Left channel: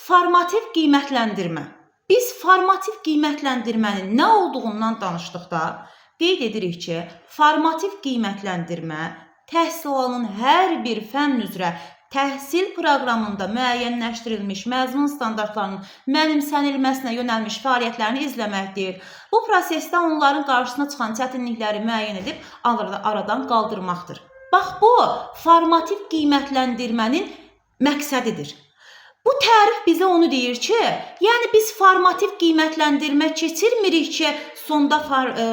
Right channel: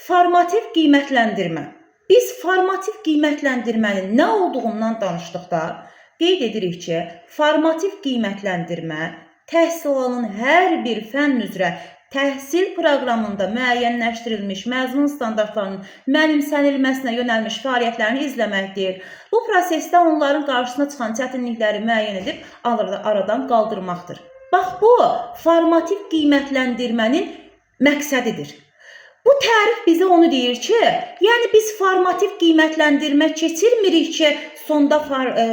Formativ qiymətləndirmə. Biz formativ qiymətləndirmənin nə olduğundan danışdıqda qeyd edirik ki, formativ qiymətləndirmə təhsil alanın hər bir fənn üzrə təhsil proqramında müəyyənləşdirilmiş məzmun standartlarının mənimsənilməsinə yönəlmiş fəaliyyətlərini izləməkdir. Bu prosesdə onların qarşısına çıxan çətinlikləri müəyyən edib aradan qaldırmaqdır. Bax, bu formativ qiymətləndirmənin məqsədidir. Bu tərif bizə onu deyir ki, yəni biz formativ qiymətləndirmə keçirmirik ki, sonda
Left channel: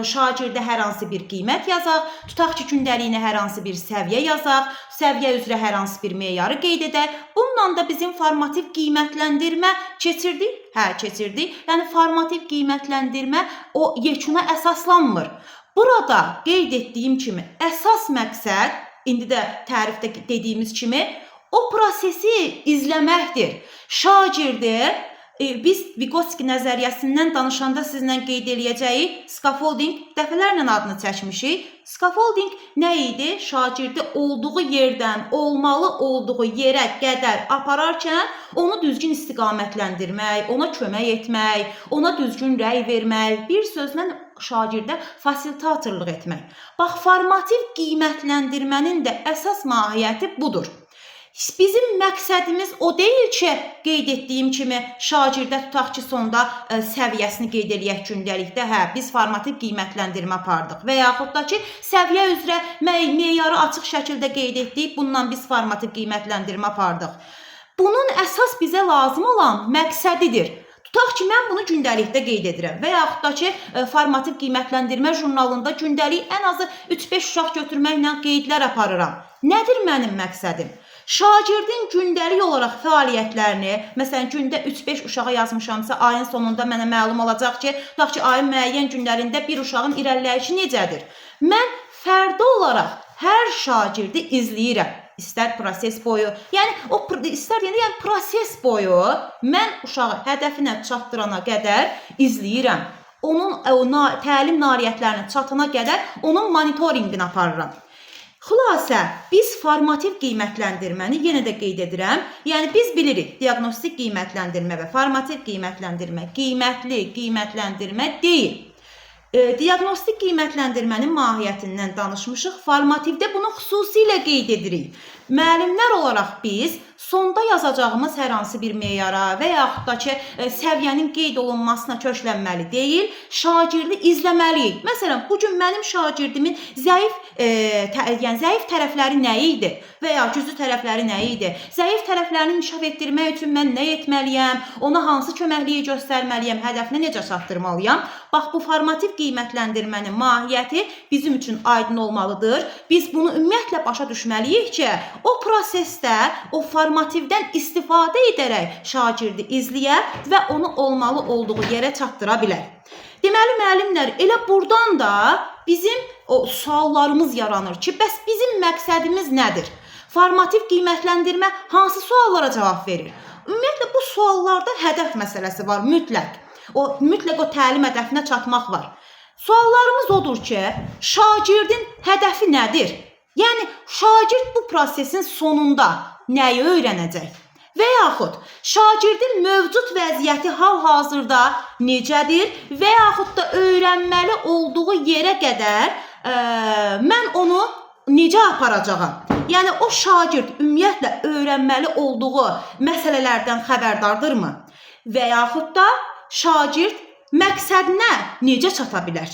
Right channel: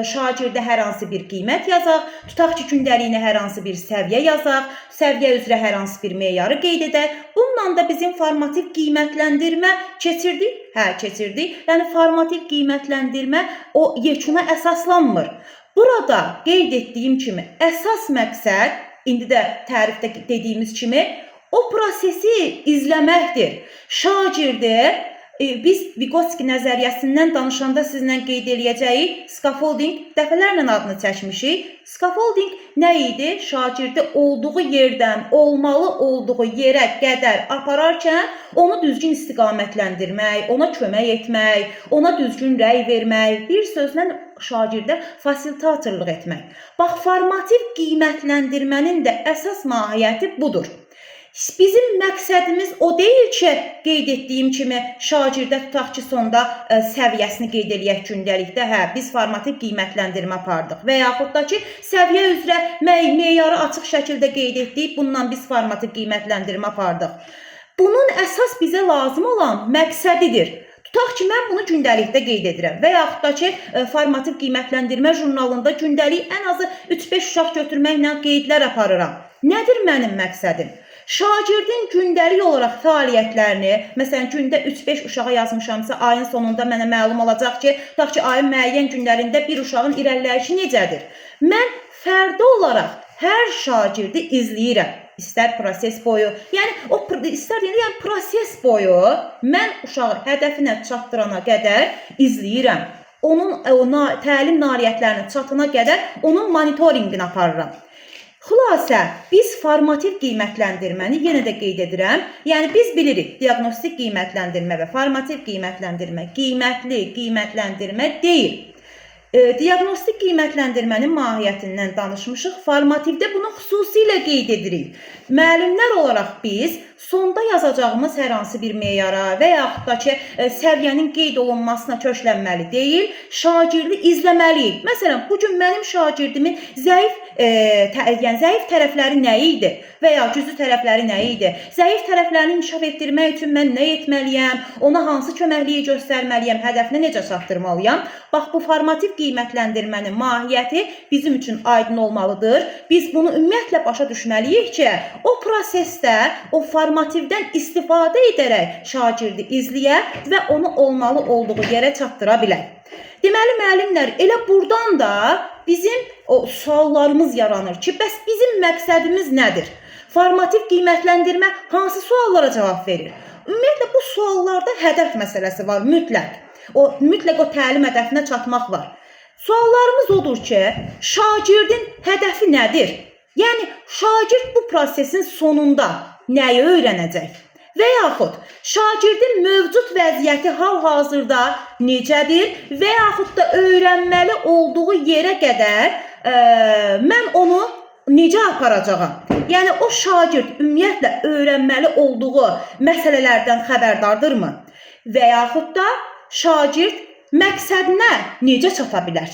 şagirdə hər hansı bir qiymət yazaq, tutaq ki, gündəliyinə hər hansı bir səviyyə yazaq, səviyyə üzrə hər hansı bir meyarı qeyd edək. Bununla da bizim formativ qiymətləndirmə keçirdik? Hə, keçirdik. Yəni, formativ qiymətləndirmə o yekuna əsaslanmır. Burada qeyd etdiyim kimi, əsas məqsəd, indi də tərifdə dediyimiz kimi, o prosesi izləməkdir. Şagirdi, biz Vygotsky nəzəriyyəsindən danışanda sizlə qeyd eləyəcəyik, scaffolding dəfələrlə adını çəkmişik. Scaffolding nə idi? Şagirdi olduğu yerdən olmalı olduğu yerə qədər apararkən onu düzgün istiqamətləndirmək, ona kömək etmək, ona düzgün rəy vermək, bir sözlə şagirdə fasilitatorluq etmək. Bax, formativ qiymətləndirmənin də əsas mahiyyəti budur. Bizim məqsədimiz o deyil ki, qeyd etdiyim kimi, şagirdə tutaq ki, sonda səviyyəsini qeyd eləyək gündəlikdə, hə, biz formativ qiymətləndirmə apardıq və yaxud da ki, səviyyə üzrə meyarı açıq şəkildə qeyd etdik, bununla biz formativ qiymətləndirmə apardıq. Bunun əsas bizə lazım olan məqsədidir. Tutaq ki, mən bunu gündəlikdə qeyd edirəm və yaxud da ki, formativ qiymətləndirmə jurnalında gündəlik ən azı 3-5 uşaq götürməklə qeydlər aparıram. Nədir mənim məqsədim? Şagirdin gündəlik olaraq fəaliyyətlərini, məsələn, gündə 3-5 uşağa yazmışamsa, ayın sonunda mənə məlum olacaq ki, tutaq ki, ayın müəyyən günlərində bir uşağın irəliləyişi necədir? Mən fərdi olaraq hər şagirdi izləyirəm. İstər proses boyu, yəni proses boyu mən uşağı hədəfinə çatdırana qədər izləyirəm. Onun təlim nailiyyətlərinə çatana qədər onun monitorinqini aparıram. Xülasə, biz formativ qiymətləndirməni yenə də qeyd edirəm. Yəni, biz bilirik, diaqnostik qiymətləndirmə və formativ qiymətləndirmə qiymətli qiymətləndirmə deyil. Diaqnostik qiymətləndirmənin mahiyyətindən danışmışıq, formativdə bunu xüsusilə qeyd edirik. Müəllimlər olaraq biz sonda yazacağımız hər hansı bir meyara və yaxud da ki, səviyyənin qeyd olunmasına köklənməli deyil, şagirdi izləməliyik. Məsələn, bugün mənim şagirdimin zəif tərəfləri nə idi və ya güclü tərəfləri nə idi? Zəif tərəflərini inkişaf etdirmək üçün mən nə etməliyəm? Ona hansı köməkliyi göstərməliyəm? Hədəfinə necə çatdırmalıyam? Bax, bu formativ qiymətləndirmənin mahiyyəti bizim üçün aydın olmalıdır. Biz bunu ümumiyyətlə başa düşməliyik ki, o prosesdə, o formativdən istifadə edərək şagirdi izləyə və onu olmalı olduğu yerə çatdıra bilər. Deməli, müəllimlər, elə buradan da bizim suallarımız yaranır ki, bəs bizim məqsədimiz nədir? Formativ qiymətləndirmə hansı suallara cavab verir? Ümumiyyətlə, bu suallarda hədəf məsələsi var, mütləq. Mütləq o təlim hədəfinə çatmaq var. Suallarımız odur ki, şagirdin hədəfi nədir? Yəni, şagird bu prosesin sonunda nəyi öyrənəcək? Və yaxud, şagirdin mövcud vəziyyəti hal-hazırda necədir və yaxud da öyrənməli olduğu yerə qədər mən onu necə aparacağam? Yəni, o şagird ümumiyyətlə öyrənməli olduğu məsələlərdən xəbərdardırmı? Və yaxud da şagird məqsədinə necə çata bilər?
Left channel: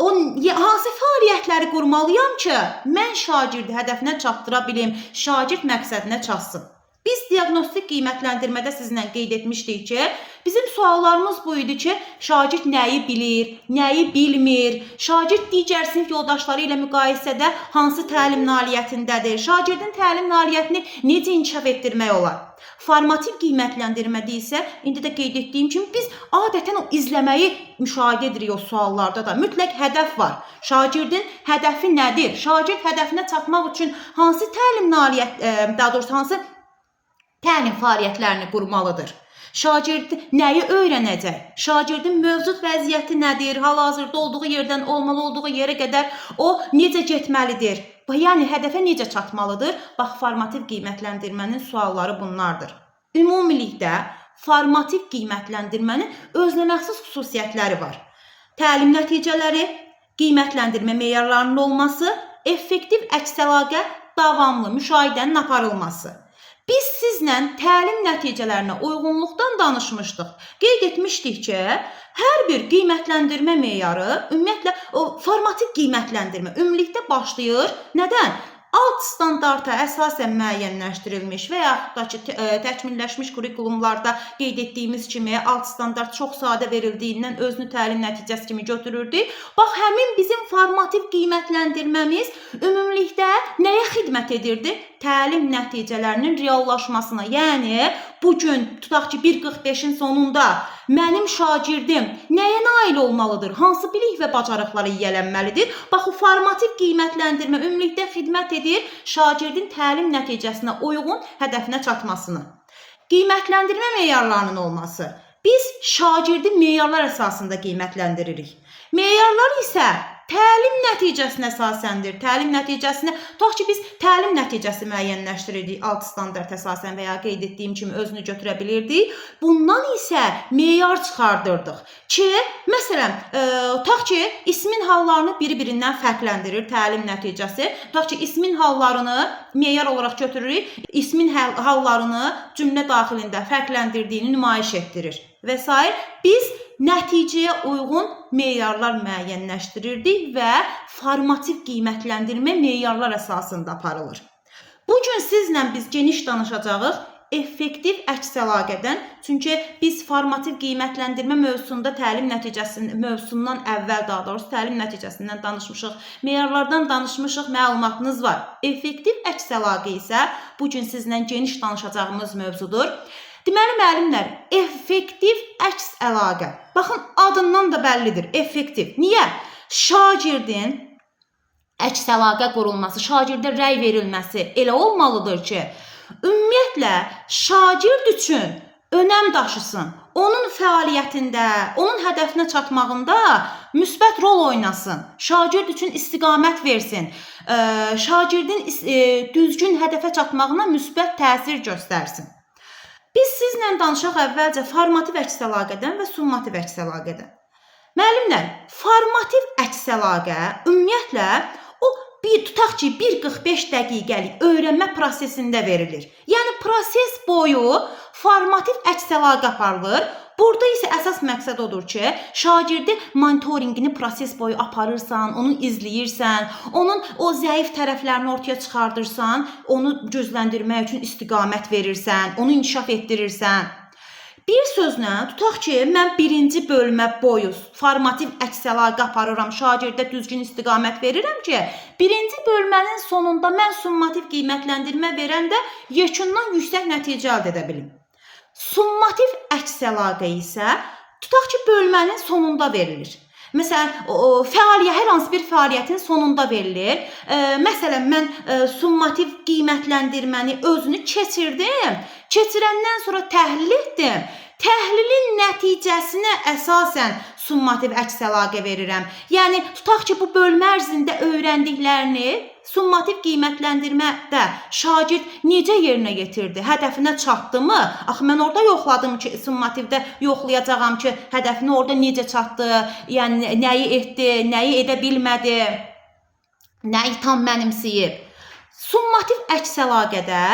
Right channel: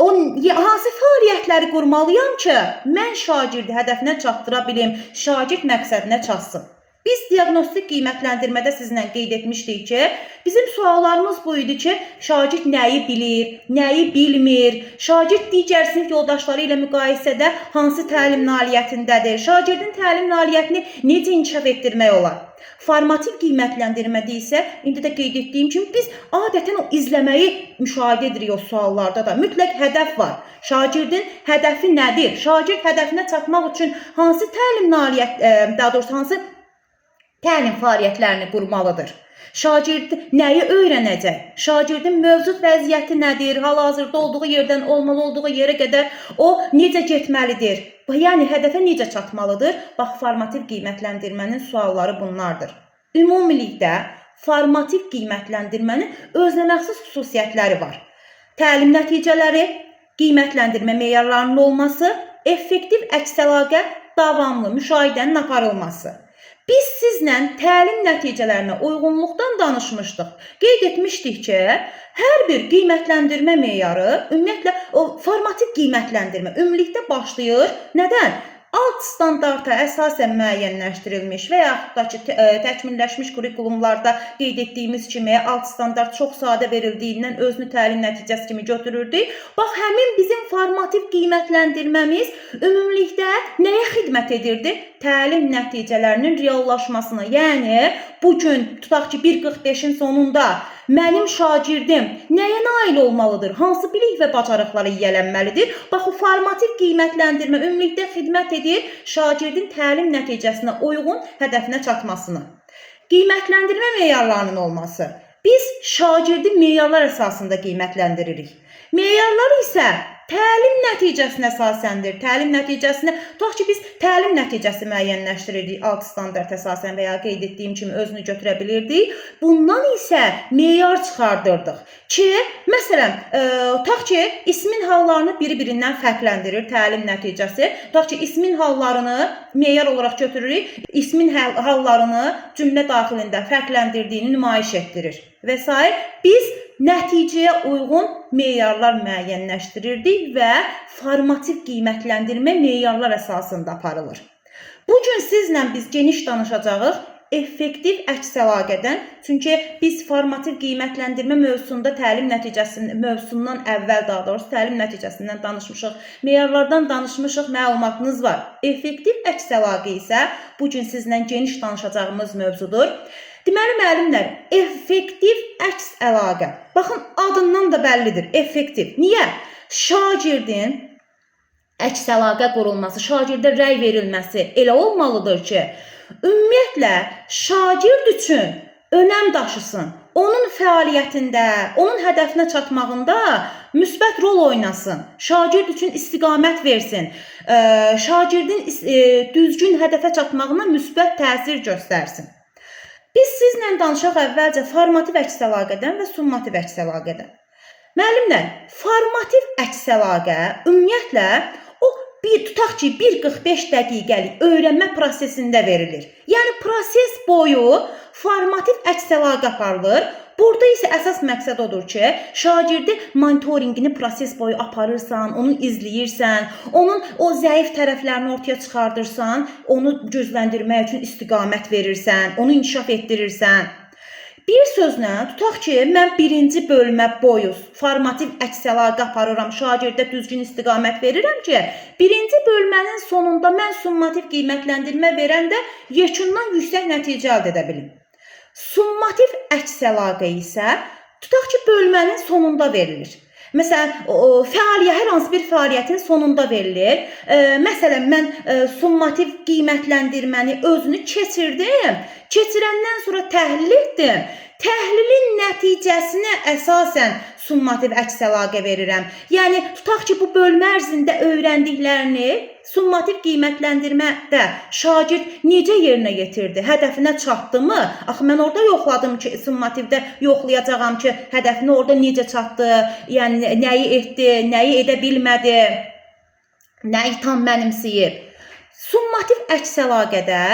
Hansı fəaliyyətləri qurmalıyam ki, mən şagirdi hədəfinə çatdıra bilim, şagird məqsədinə çatsın? Biz diaqnostik qiymətləndirmədə sizinlə qeyd etmişdik ki, bizim suallarımız bu idi ki, şagird nəyi bilir, nəyi bilmir, şagird digər sinif yoldaşları ilə müqayisədə hansı təlim nailiyyətindədir, şagirdin təlim nailiyyətini necə inkişaf etdirmək olar? Formativ qiymətləndirmədə isə, indi də qeyd etdiyim kimi, biz adətən o izləməyi müşahidə edirik o suallarda da. Mütləq hədəf var. Şagirdin hədəfi nədir? Şagird hədəfinə çatmaq üçün hansı təlim nailiyyət, daha doğrusu hansı təlim fəaliyyətlərini qurmalıdır? Şagird nəyi öyrənəcək? Şagirdin mövcud vəziyyəti nədir? Hal-hazırda olduğu yerdən olmalı olduğu yerə qədər o necə getməlidir? Yəni, hədəfə necə çatmalıdır? Bax, formativ qiymətləndirmənin sualları bunlardır. Ümumilikdə, formativ qiymətləndirmənin özünəməxsus xüsusiyyətləri var. Təlim nəticələri, qiymətləndirmə meyarlarının olması, effektiv əks-əlaqə, davamlı müşahidənin aparılması. Biz sizlə təlim nəticələrinə uyğunluqdan danışmışdıq. Qeyd etmişdik ki, hər bir qiymətləndirmə meyarı, ümumiyyətlə o formativ qiymətləndirmə ümumilikdə başlayır. Nədən? Alt standarta əsasən müəyyənləşdirilmiş və yaxud da ki, təkmilləşmiş kurikulumlarda qeyd etdiyimiz kimi alt standart çox sadə verildiyindən özünü təlim nəticəsi kimi götürürdü. Bax, həmin bizim formativ qiymətləndirməmiz ümumilikdə nəyə xidmət edirdi? Təlim nəticələrinin reallaşmasına. Yəni, bugün tutaq ki, 1.45-in sonunda mənim şagirdim nəyə nail olmalıdır? Hansı bilik və bacarıqlara yiyələnməlidir? Bax, o formativ qiymətləndirmə ümumilikdə xidmət edir şagirdin təlim nəticəsinə uyğun hədəfinə çatmasını. Qiymətləndirmə meyarlarının olması. Biz şagirdi meyarlar əsasında qiymətləndiririk. Meyarlar isə təlim nəticəsinə əsasendir. Təlim nəticəsini, tutaq ki, biz təlim nəticəsi müəyyənləşdiririk alt standart əsasən və ya qeyd etdiyim kimi özünü götürə bilirdik. Bundan isə meyar çıxardırdıq ki, məsələn, tutaq ki, ismin hallarını biri-birindən fərqləndirir təlim nəticəsi. Tutaq ki, ismin hallarını meyar olaraq götürürük, ismin hallarını cümlə daxilində fərqləndirdiyini nümayiş etdirir və s. Biz nəticəyə uyğun meyarlar müəyyənləşdirirdik və formativ qiymətləndirmə meyarlar əsasında aparılır. Bugün sizlə biz geniş danışacağıq effektiv əks-əlaqədən. Çünki biz formativ qiymətləndirmə mövzusunda təlim mövzusundan əvvəl, daha doğrusu təlim nəticəsindən danışmışıq, meyarlardan danışmışıq, məlumatınız var. Effektiv əks-əlaqə isə bugün sizlə geniş danışacağımız mövzudur. Deməli, müəllimlər, effektiv əks-əlaqə. Baxın, adından da bəllidir, effektiv. Niyə? Şagirdin əks-əlaqə qurulması, şagirdə rəy verilməsi elə olmalıdır ki, ümumiyyətlə, şagird üçün önəm daşısın. Onun fəaliyyətində, onun hədəfinə çatmağında müsbət rol oynasın. Şagird üçün istiqamət versin. Şagirdin düzgün hədəfə çatmağına müsbət təsir göstərsin. Biz sizlə danışaq əvvəlcə formativ əks-əlaqədən və summativ əks-əlaqədən. Müəllimlər, formativ əks-əlaqə ümumiyyətlə o tutaq ki, 1.45 dəqiqəlik öyrənmə prosesində verilir. Yəni, proses boyu formativ əks-əlaqə aparılır. Burada isə əsas məqsəd odur ki, şagirdi monitorinqini proses boyu aparırsan, onu izləyirsən, onun o zəif tərəflərini ortaya çıxardırsan, onu gücləndirmək üçün istiqamət verirsən, onu inkişaf etdirirsən. Bir sözlə, tutaq ki, mən birinci bölmə boyu formativ əks-əlaqə aparıram, şagirdə düzgün istiqamət verirəm ki, birinci bölmənin sonunda mən summativ qiymətləndirmə verəndə yekundan yüksək nəticə əldə edə bilim. Summativ əks-əlaqə isə tutaq ki, bölmənin sonunda verilir. Məsələn, hər hansı bir fəaliyyətin sonunda verilir. Məsələn, mən summativ qiymətləndirməni özünü keçirdim. Keçirəndən sonra təhlil etdim. Təhlilin nəticəsinə əsasən summativ əks-əlaqə verirəm. Yəni, tutaq ki, bu bölmə ərzində öyrəndiklərini summativ qiymətləndirmədə şagird necə yerinə yetirdi? Hədəfinə çatdımı? Axı, mən orada yoxladım ki, summativdə yoxlayacağam ki, hədəfinə orada necə çatdı? Yəni, nəyi etdi, nəyi edə bilmədi? Nəyi tam mənimsəyib? Summativ əks-əlaqədə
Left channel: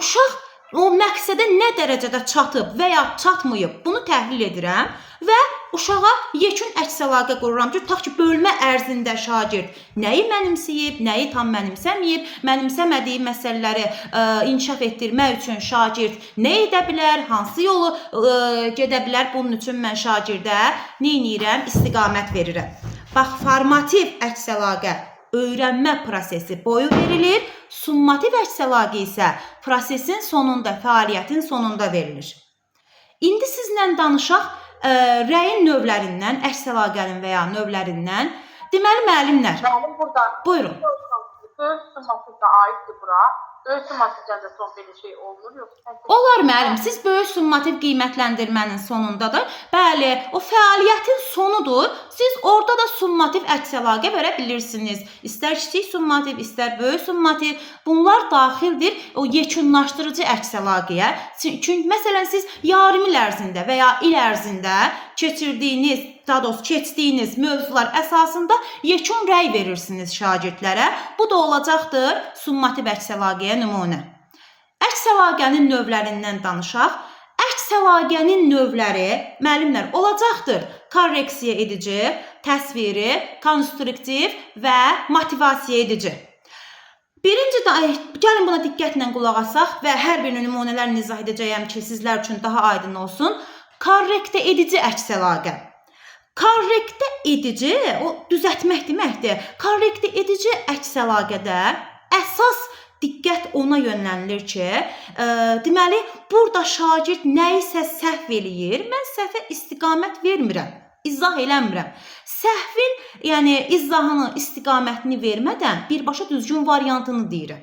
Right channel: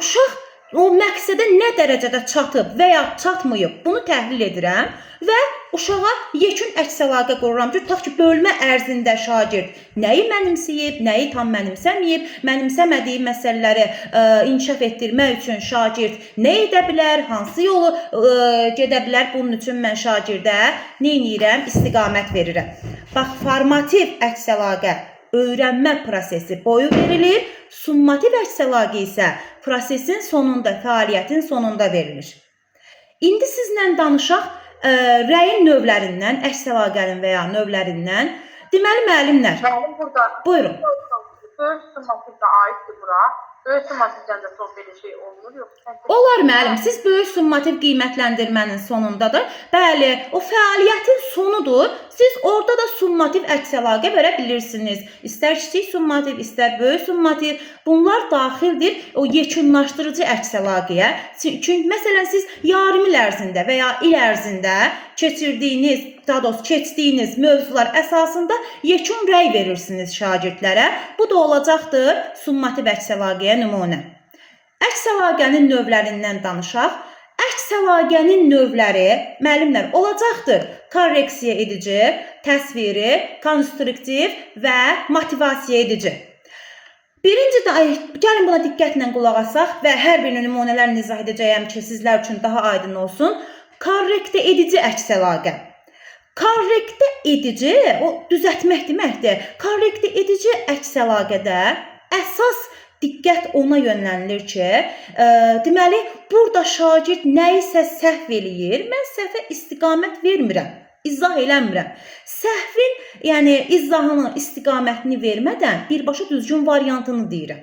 uşaq o məqsədə nə dərəcədə çatıb və ya çatmayıb, bunu təhlil edirəm və uşağa yekun əks-əlaqə qururam ki, tutaq ki, bölmə ərzində şagird nəyi mənimsəyib, nəyi tam mənimsəməyib, mənimsəmədiyi məsələləri inkişaf etdirmək üçün şagird nə edə bilər, hansı yolu gedə bilər, bunun üçün mən şagirdə nə edirəm, istiqamət verirəm. Bax, formativ əks-əlaqə öyrənmə prosesi boyu verilir, summativ əks-əlaqə isə prosesin sonunda, fəaliyyətin sonunda verilir. İndi sizlə danışaq rəyin növlərindən, əks-əlaqənin və ya növlərindən. Deməli, müəllimlər. Müəllim, burada. Buyurun. Söz summativdə aiddir bura. Böyük summativdən də çox belə şey olmur, yoxsa Olar müəllim, siz böyük summativ qiymətləndirmənin sonunda da, bəli, o fəaliyyətin sonudur. Siz orada da summativ əks əlaqə verə bilirsiniz. İstər kiçik summativ, istər böyük summativ, bunlar daxildir o yekunlaşdırıcı əks əlaqəyə. Çünki məsələn siz yarım il ərzində və ya il ərzində keçirdiyiniz, daha doğrusu keçdiyiniz mövzular əsasında yekun rəy verirsiniz şagirdlərə. Bu da olacaqdır summativ əks əlaqəyə nümunə. Əks əlaqənin növlərindən danışaq. Əks əlaqənin növləri müəllimlər olacaqdır. Korreksiya edici, təsviri, konstruktiv və motivasiya edici. Birinci gəlin buna diqqətlə qulaq asaq və hər bir nümunələr izah edəcəyəm ki, sizlər üçün daha aydın olsun. Korrektə edici əks əlaqə. Korrektə edici, o düzəltmək deməkdir. Korrektə edici əks əlaqədə əsas diqqət ona yönlənilir ki, deməli, burada şagird nəyisə səhv eləyir, mən səhvə istiqamət vermirəm, izah eləmirəm. Səhvin, yəni izahını, istiqamətini vermədən birbaşa düzgün variantını deyirəm.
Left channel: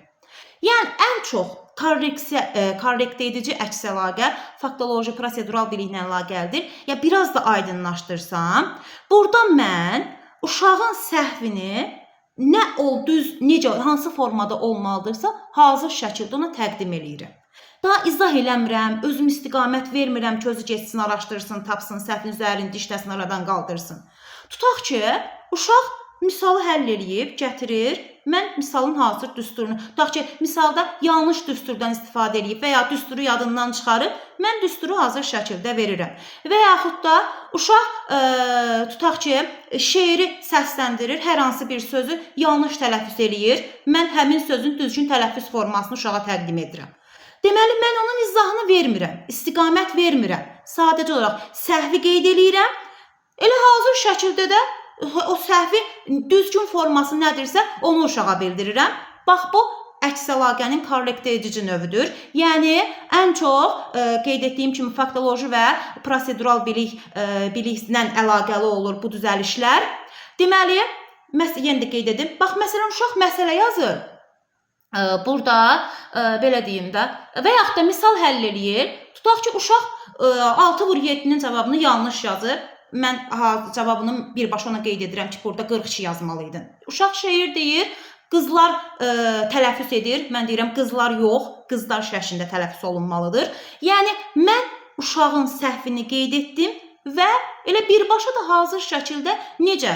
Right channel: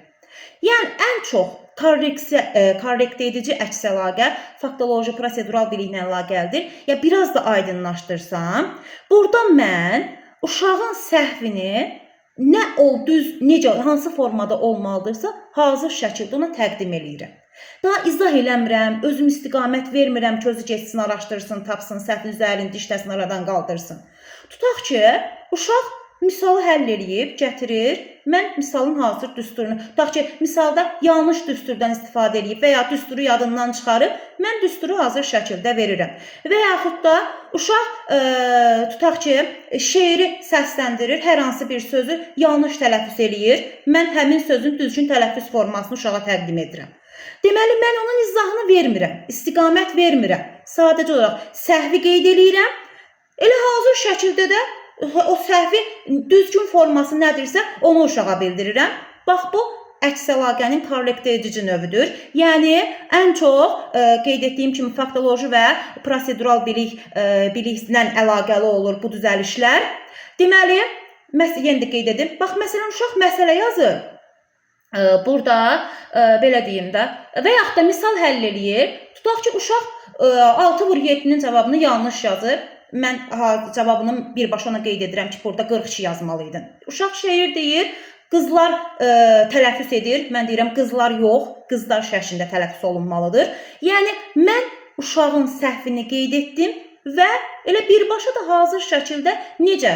Yəni, ən çox korrektə edici əks əlaqə faktoloji, prosedural biliklə əlaqəlidir. Ya, biraz da aydınlaşdırsam, burada mən uşağın səhvini nə düz, necə, hansı formada olmalıdırsa, hazır şəkildə ona təqdim eləyirəm. Daha izah eləmirəm, özüm istiqamət vermirəm ki, özü geçsin, araşdırsın, tapsın, səhvin üzərini dişləsin, aradan qaldırsın. Tutaq ki, uşaq misalı həll eləyib, gətirir, mən misalın hazır düsturunu, tutaq ki, misalda yanlış düsturdan istifadə eləyib və ya düsturu yadından çıxarıb, mən düsturu hazır şəkildə verirəm. Və yaxud da uşaq, tutaq ki, şeiri səsləndirir, hər hansı bir sözü yanlış tələffüz eləyir, mən həmin sözün düzgün tələffüz formasını uşağa təqdim edirəm. Deməli, mən onun izahını vermirəm, istiqamət vermirəm. Sadəcə olaraq səhvi qeyd eləyirəm, elə hazır şəkildə də o səhvi düzgün forması nədirsə, onu uşağa bildirirəm. Bax, bu əks əlaqənin korrektə edici növüdür. Yəni, ən çox qeyd etdiyim kimi faktoloji və prosedural biliklə əlaqəli olur bu düzəlişlər. Deməli, yenə də qeyd edim. Bax, məsələn, uşaq məsələ yazır. Burada, belə deyim də, və yaxud da misal həll eləyir. Tutaq ki, uşaq 6/7-nin cavabını yanlış yazır. Mən cavabını birbaşa ona qeyd edirəm ki, burada 42 yazmalıydın. Uşaq şeir deyir, qızlar tələffüz edir. Mən deyirəm, qızlar yox, qızlar şəklində tələffüz olunmalıdır. Yəni, mən uşağın səhvini qeyd etdim və elə birbaşa da hazır şəkildə necə,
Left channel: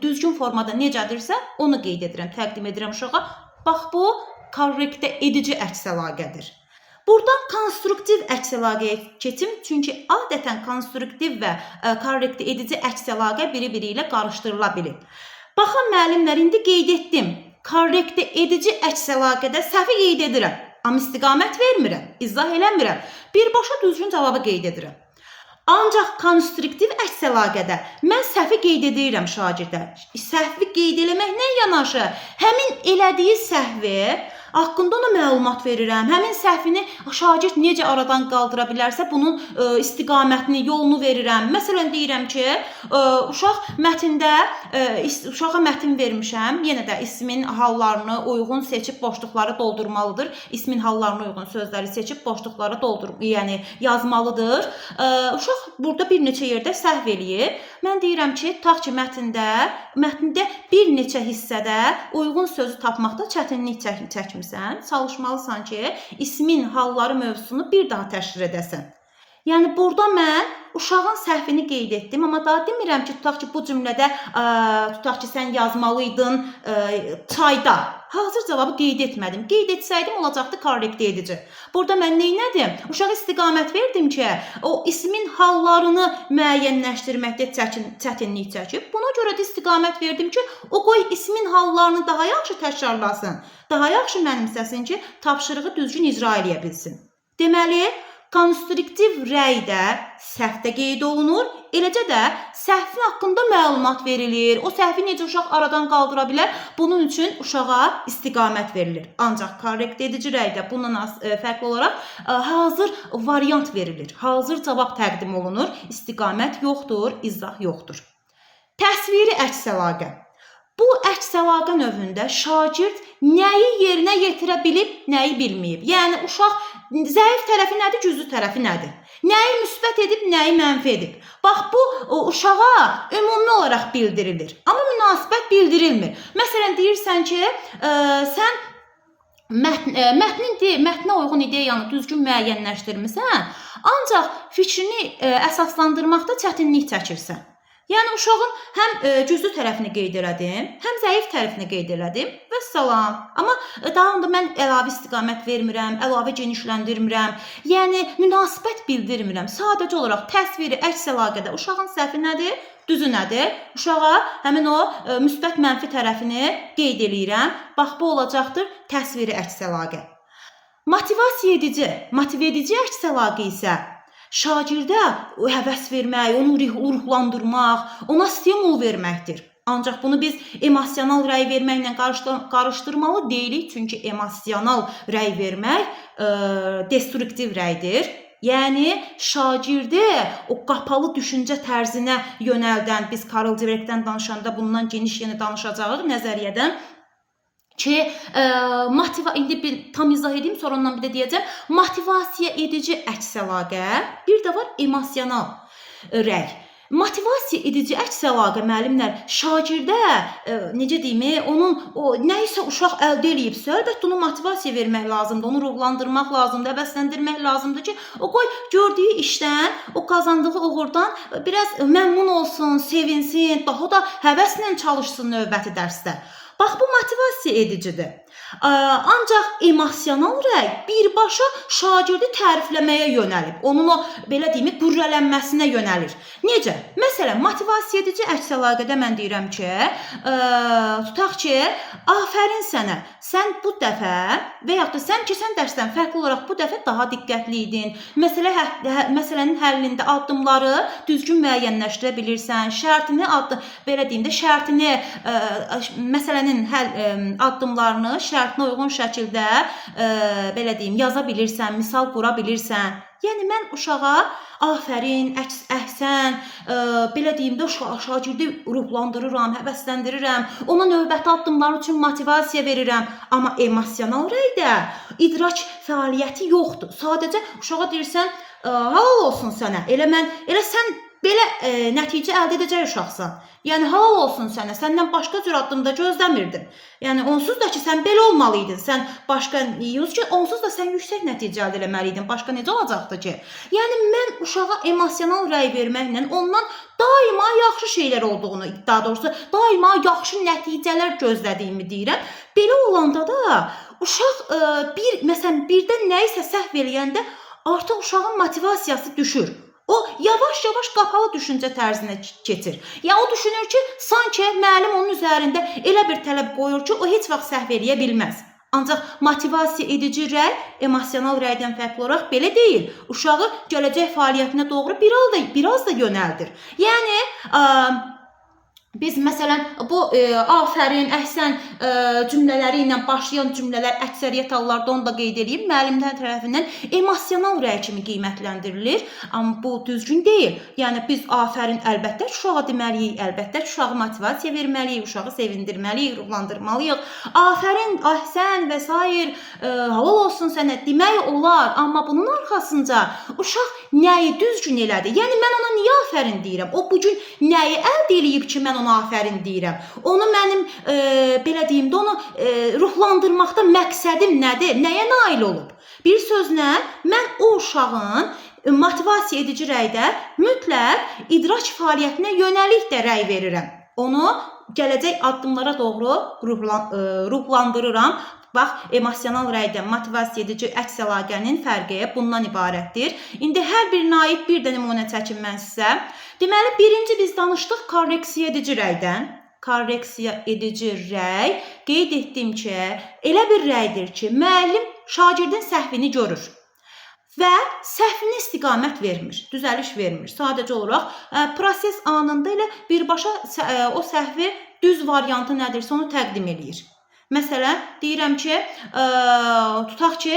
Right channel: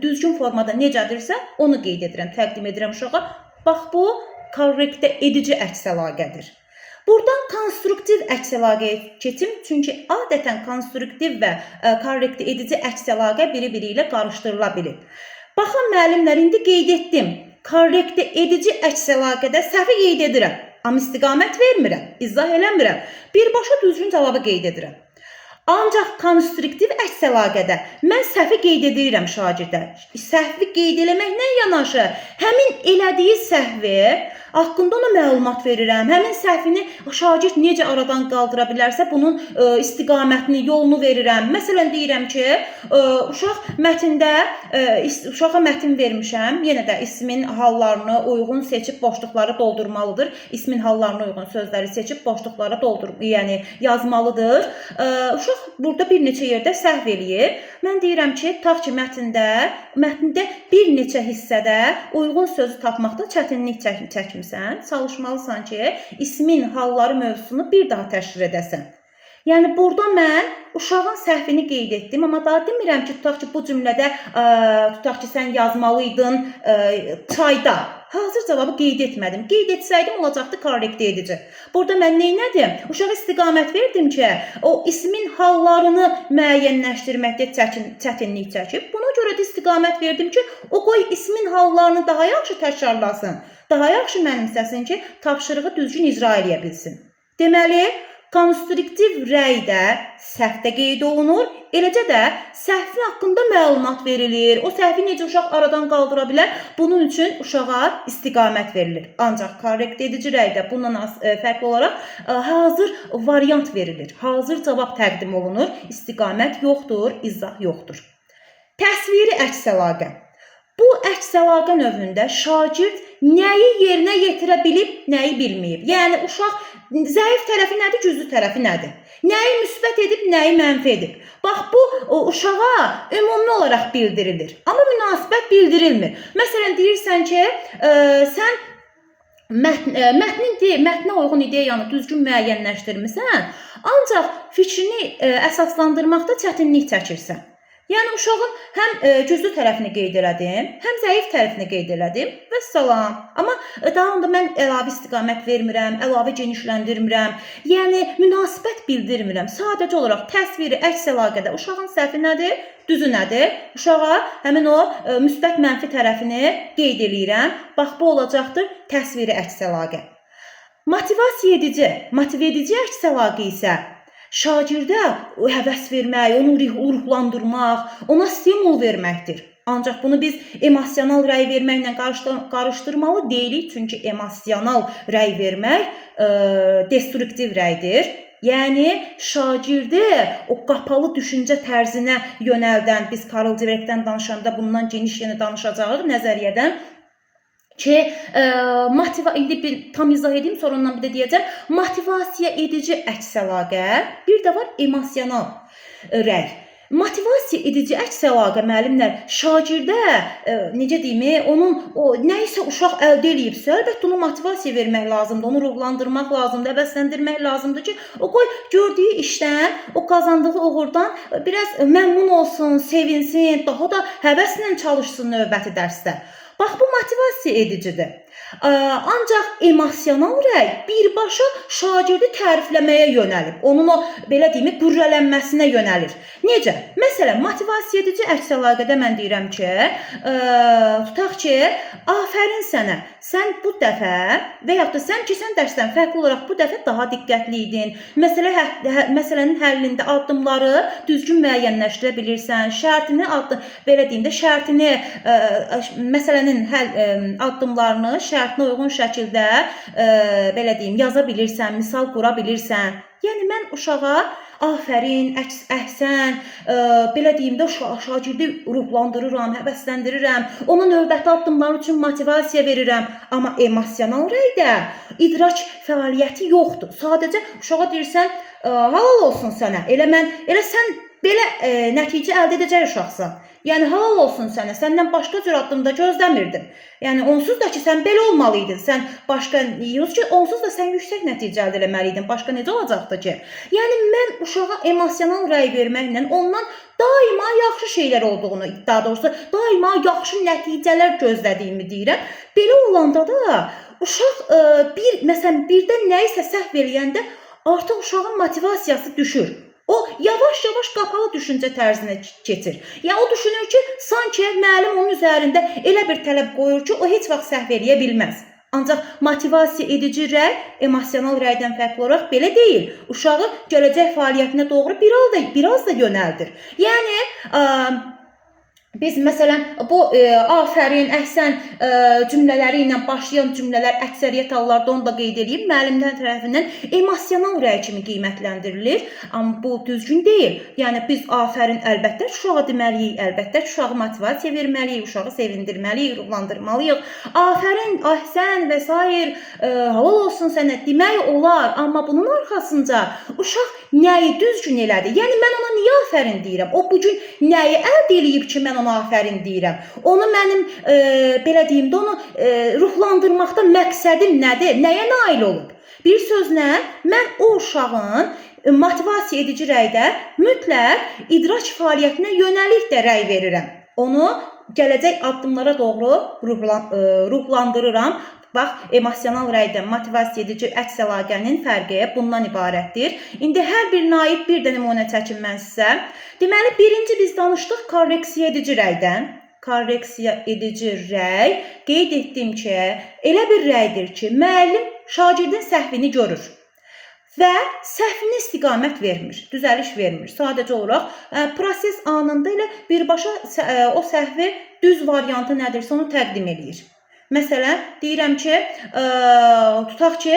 düzgün formada necədirsə, onu qeyd edirəm, təqdim edirəm uşağa. Bax, bu korrektə edici əks əlaqədir. Buradan konstruktiv əks əlaqəyə keçim, çünki adətən konstruktiv və korrektə edici əks əlaqə biri-biri ilə qarışdırıla bilir. Baxın, müəllimlər, indi qeyd etdim. Korrektə edici əks əlaqədə səhvi qeyd edirəm, amma istiqamət vermirəm, izah eləmirəm. Birbaşa düzgün cavabı qeyd edirəm. Ancaq konstruktiv əks əlaqədə mən səhvi qeyd edirəm şagirdə. Səhvi qeyd eləməklə yanaşı, həmin elədiyi səhvi haqqında ona məlumat verirəm. Həmin səhvini şagird necə aradan qaldıra bilərsə, bunun istiqamətini, yolunu verirəm. Məsələn, deyirəm ki, uşağa mətin vermişəm. Yenə də ismin hallarını uyğun seçib boşluqları doldurmalıdır. İsmin hallarına uyğun sözləri seçib boşluqları yəni yazmalıdır. Uşaq burada bir neçə yerdə səhv eləyir. Mən deyirəm ki, tutaq ki, mətndə bir neçə hissədə uyğun sözü tapmaqda çətinlik çəkmirsən, çalışmalısan ki, ismin halları mövzusunu bir daha təşkil edəsən. Yəni, burada mən uşağın səhvini qeyd etdim, amma daha demirəm ki, tutaq ki, bu cümlədə, tutaq ki, sən yazmalıydın çayda. Hazır cavabı qeyd etmədim. Qeyd etsəydim, olacaqdı korrektə edici. Burada mən neynədim? Uşağa istiqamət verdim ki, o ismin hallarını müəyyənləşdirməkdə çətinlik çəkib. Buna görə də istiqamət verdim ki, o qoy ismin hallarını daha yaxşı təkrarlasın, daha yaxşı mənimsəsin ki, tapşırığı düzgün icra edə bilsin. Deməli, konstruktiv rəydə səhvdə qeyd olunur, eləcə də səhvin haqqında məlumat verilir. O səhvi necə uşaq aradan qaldıra bilər? Bunun üçün uşağa istiqamət verilir. Ancaq korrektə edici rəydə bundan fərqli olaraq hazır variant verilir. Hazır cavab təqdim olunur. İstiqamət yoxdur, izah yoxdur. Təsviri əks əlaqə. Bu əks əlaqə növündə şagird nəyi yerinə yetirə bilib, nəyi bilməyib. Yəni uşaq zəif tərəfi nədir, güclü tərəfi nədir? Nəyi müsbət edib, nəyi mənfi edib? Bax bu uşağa ümumi olaraq bildirilir, amma münasibət bildirilmir. Məsələn deyirsən ki, sən mətnə uyğun ideyanı düzgün müəyyənləşdirmisən, ancaq fikrini əsaslandırmaqda çətinlik çəkirsən. Yəni uşağın həm güclü tərəfini qeyd elədim, həm zəif tərəfini qeyd elədim və salam. Amma daha onda mən əlavə istiqamət vermirəm, əlavə genişləndirmirəm. Yəni münasibət bildirmirəm. Sadəcə olaraq təsviri əks əlaqədə uşağın səhvi nədir, düzü nədir? Uşağa həmin o müsbət mənfi tərəfini qeyd eləyirəm. Bax bu olacaqdır təsviri əks əlaqə. Motivasiya edici əks əlaqə isə şagirdə həvəs vermək, onu ruhlandırmaq, ona stimul verməkdir. Ancaq bunu biz emosional rəy verməklə qarışdırmalı deyilik, çünki emosional rəy vermək destruktiv rəydir. Yəni şagirdi o qapalı düşüncə tərzinə yönəldən, biz Karl Dweck'dən danışanda bundan geniş danışacağıq nəzəriyyədən ki, indi bir tam izah edeyim, sonra ondan bir də deyəcəm. Motivasiya edici əks əlaqə, bir də var emosional rəy. Motivasiya edici əks əlaqə müəllimlər şagirdə necə deyim, onun nə isə uşaq əldə eləyibsə, əlbəttə ona motivasiya vermək lazımdır, onu ruhlandırmaq lazımdır, həvəsləndirmək lazımdır ki, o qoy gördüyü işdən, o qazandığı uğurdan biraz məmnun olsun, sevinsin, daha da həvəslə çalışsın növbəti dərsdə. Bax bu motivasiya edicidir. Ancaq emosional rəy birbaşa şagirdi tərifləməyə yönəlib. Onun o belə deyim, qürrələnməsinə yönəlir. Necə? Məsələn, motivasiya edici əks əlaqədə mən deyirəm ki, tutaq ki, afərin sənə. Sən bu dəfə və yaxud da sən keçən dərsdən fərqli olaraq bu dəfə daha diqqətli idin. Məsələnin həllində addımları düzgün müəyyənləşdirə bilirsən. Belə deyim də, məsələnin addımlarını şərtinə uyğun şəkildə belə deyim, yaza bilirsən, misal qura bilirsən. Yəni mən uşağa afərin, əhsən, belə deyim də şagirdi ruhlandırıram, həvəsləndirirəm, ona növbəti addımlar üçün motivasiya verirəm. Amma emosional rəydə idrak fəaliyyəti yoxdur. Sadəcə uşağa deyirsən, halal olsun sənə, elə sən belə nəticə əldə edəcək uşaqsan. Yəni halal olsun sənə, səndən başqa cür addımda gözləmirdim. Yəni onsuz da ki, sən belə olmalıydın, onsuz da sən yüksək nəticə əldə etməliydin, başqa necə olacaqdı ki? Yəni mən uşağa emosional rəy verməklə ondan daima yaxşı şeylər olduğunu, daha doğrusu daima yaxşı nəticələr gözlədiyimi deyirəm. Belə olanda da uşaq məsələn birdən nəyisə səhv eləyəndə artıq uşağın motivasiyası düşür. O yavaş-yavaş qapalı düşüncə tərzinə keçir. Yəni o düşünür ki, sanki müəllim onun üzərində elə bir tələb qoyur ki, o heç vaxt səhv eləyə bilməz. Ancaq motivasiya edici rəy emosional rəydən fərqli olaraq belə deyil. Uşağı gələcək fəaliyyətinə doğru biraz da yönəldir. Yəni biz məsələn bu afərin, əhsən cümlələri ilə başlayan cümlələr əksəriyyət hallarda onu da qeyd edeyim, müəllimlər tərəfindən emosional rəy kimi qiymətləndirilir. Amma bu düzgün deyil. Yəni biz afərin əlbəttə uşağa deməliyik, əlbəttə uşağa motivasiya verməliyik, uşağı sevindirməliyik, ruhlandırmalıyıq. Afərin, əhsən və s. halal olsun sənə demək olar, amma bunun arxasında uşaq nəyi düzgün elədi? Yəni mən ona niyə afərin deyirəm? O bugün nəyi əldə eləyib ki, mən ona afərin deyirəm? Onu mənim belə deyim də, onu ruhlandırmaqda məqsədim nədir? Nəyə nail olub? Bir sözlə, mən o uşağın motivasiya edici rəydə mütləq idrak fəaliyyətinə yönəlik də rəy verirəm. Onu gələcək addımlara doğru ruhlandırıram. Bax, emosional rəydən motivasiya edici əks əlaqənin fərqi bundan ibarətdir. İndi hər bir naib bir də nümunə çəkim mən sizə. Deməli, birinci biz danışdıq korreksiya edici rəydən. Korreksiya edici rəy qeyd etdim ki, elə bir rəydir ki, müəllim şagirdin səhvini görür və səhvinə istiqamət vermir, düzəliş vermir. Sadəcə olaraq proses anında elə birbaşa o səhvi düz variantı nədirsə onu təqdim edir. Məsələn, deyirəm ki, tutaq ki,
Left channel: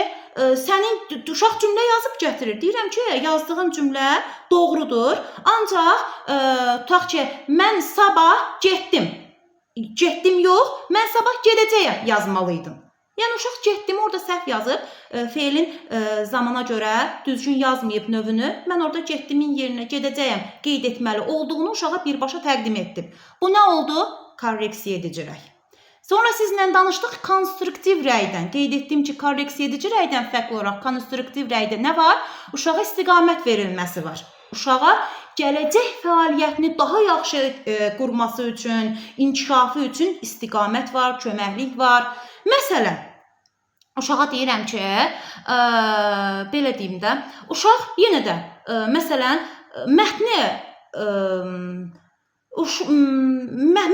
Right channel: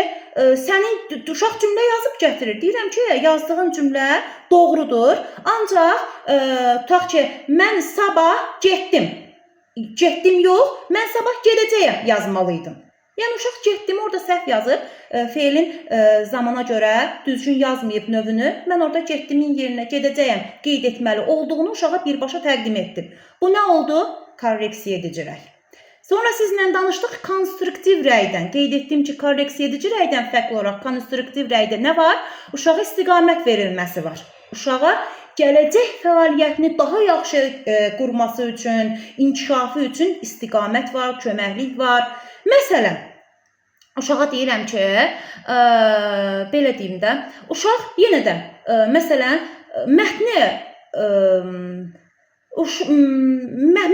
sənin uşaq cümlə yazıb gətirir. Deyirəm ki, yazdığın cümlə doğrudur. Ancaq tutaq ki, mən sabah getdim. getdim yox, mən sabah gedəcəyəm yazmalıydım. Yəni uşaq getdim orada səhv yazıb, feilin zamana görə düzgün yazmayıb növünü. Mən orada getdimin yerinə gedəcəyəm qeyd etməli olduğunu uşağa birbaşa təqdim etdim. Bu nə oldu? Korreksiya edici rəy. Sonra sizlə danışdıq konstruktiv rəydən. Qeyd etdim ki, korreksiya edici rəydən fərqli olaraq konstruktiv rəydə nə var? Uşağa istiqamət verilməsi var. Uşağa gələcək fəaliyyətini daha yaxşı qurması üçün, inkişafı üçün istiqamət var, köməklik var. Məsələn, uşağa deyirəm ki, belə deyim də, uşaq yenə də, məsələn, mətni,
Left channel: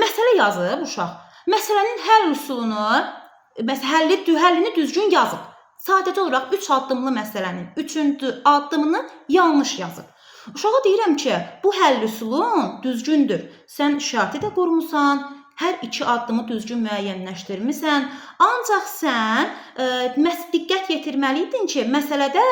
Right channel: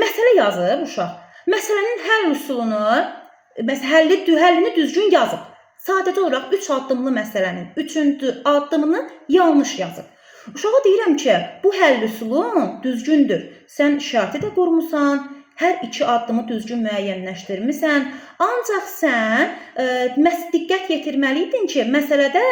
məsələ yazıb uşaq. Məsələnin həll üsulunu, həllini düzgün yazıb. Sadəcə olaraq 3 addımlı məsələnin 3-cü addımını yanlış yazıb. Uşağa deyirəm ki, bu həll üsulun düzgündür. Sən işarəti də qurmusan, hər 2 addımı düzgün müəyyənləşdirmisən. Ancaq sən diqqət yetirməliydin ki, məsələdə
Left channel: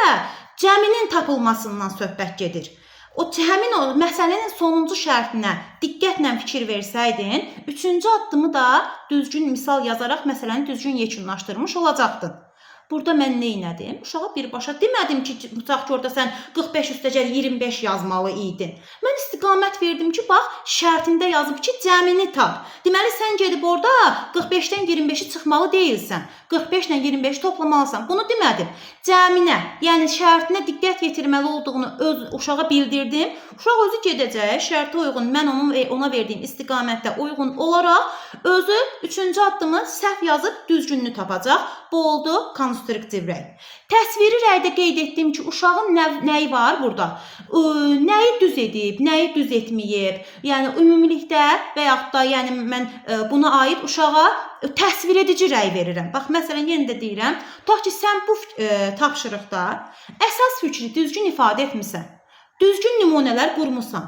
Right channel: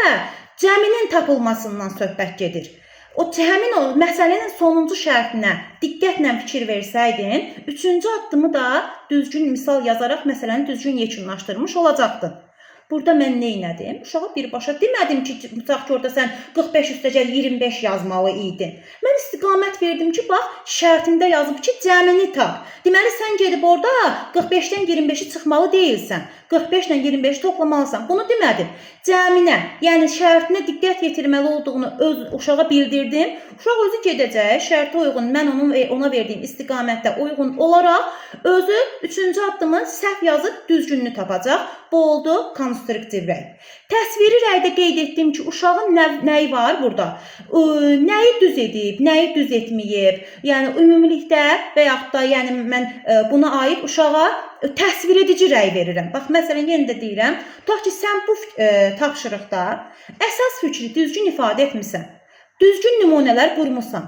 cəminin tapılmasından söhbət gedir. Həmin o məsələnin sonuncu şərtinə diqqətlə fikir versəydin, 3-cü addımı da düzgün misal yazaraq məsələni düzgün yekunlaşdırmış olacaqdın. Burada mən nə etdim? Uşağa birbaşa demədim ki, tutaq ki, orada sən 45 üstəcə 25 yazmalı idin. Mən istiqamət verdim ki, bax, şərtində yazıb ki, cəmini tap. Deməli, sən gedib orada 45-dən 25-i çıxmalı deyilsən. 45 ilə 25 toplamalısan. Bunu demədim. Cəminə, yəni şərtinə diqqət yetirməli olduğunu uşağa bildirdim. Uşaq özü gedəcək, şərtə uyğun, mən ona verdiyim istiqamətdə uyğun olaraq özü 3-cü addımı səhv yazıb düzgününü tapacaq. Bu oldu konstruktiv rəy. Təsviri rəydə qeyd etdim ki, uşağın nəyi var burada? Nəyi düz edib, nəyi düz etməyib? Yəni ümumilikdə və yaxud da yəni mən buna aid uşağa təsvir edici rəy verirəm. Bax, məsələn, yenə də deyirəm, tutaq ki, sən bu tapşırıqda əsas fikri düzgün ifadə etmisən, düzgün nümunələr qurmusan.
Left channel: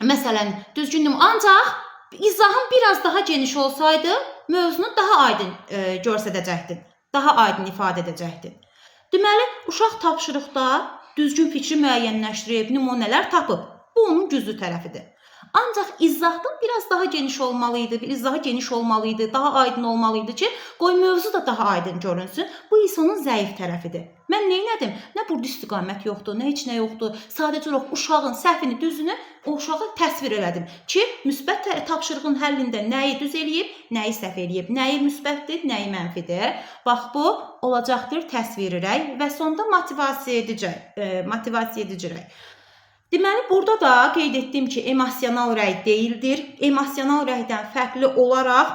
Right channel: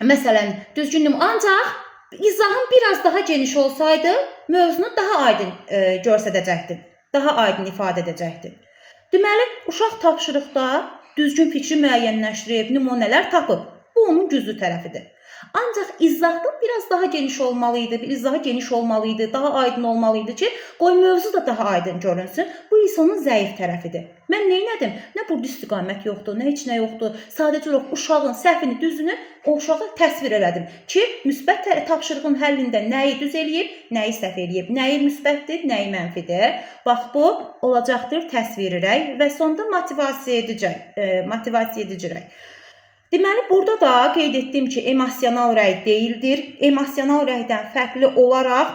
Məsələn, düzgün nümunə, ancaq izahın biraz daha geniş olsaydı, mövzunu daha aydın göstərəcəkdin, daha aydın ifadə edəcəkdin. Deməli, uşaq tapşırıqda düzgün fikri müəyyənləşdirib, nümunələr tapıb. Bu onun güclü tərəfidir. Ancaq izahdan biraz daha geniş olmalıydı, daha aydın olmalıydı ki, qoy mövzu da daha aydın görünsün. Bu isə onun zəif tərəfidir. Mən nə etdim? Nə burada istiqamət yoxdur, nə heç nə yoxdur. Sadəcə olaraq uşağın səhvini, düzünü o uşağa təsvir elədim ki, müsbət tapşırığın həllində nəyi düz eləyib, nəyi səhv eləyib, nəyi müsbətdir, nəyi mənfidir. Bax, bu olacaqdır təsviri rəy və sonda motivasiya edici rəy. Deməli, burada da qeyd etdim ki, emosional rəy deyildir. Emosional rəydən fərqli olaraq,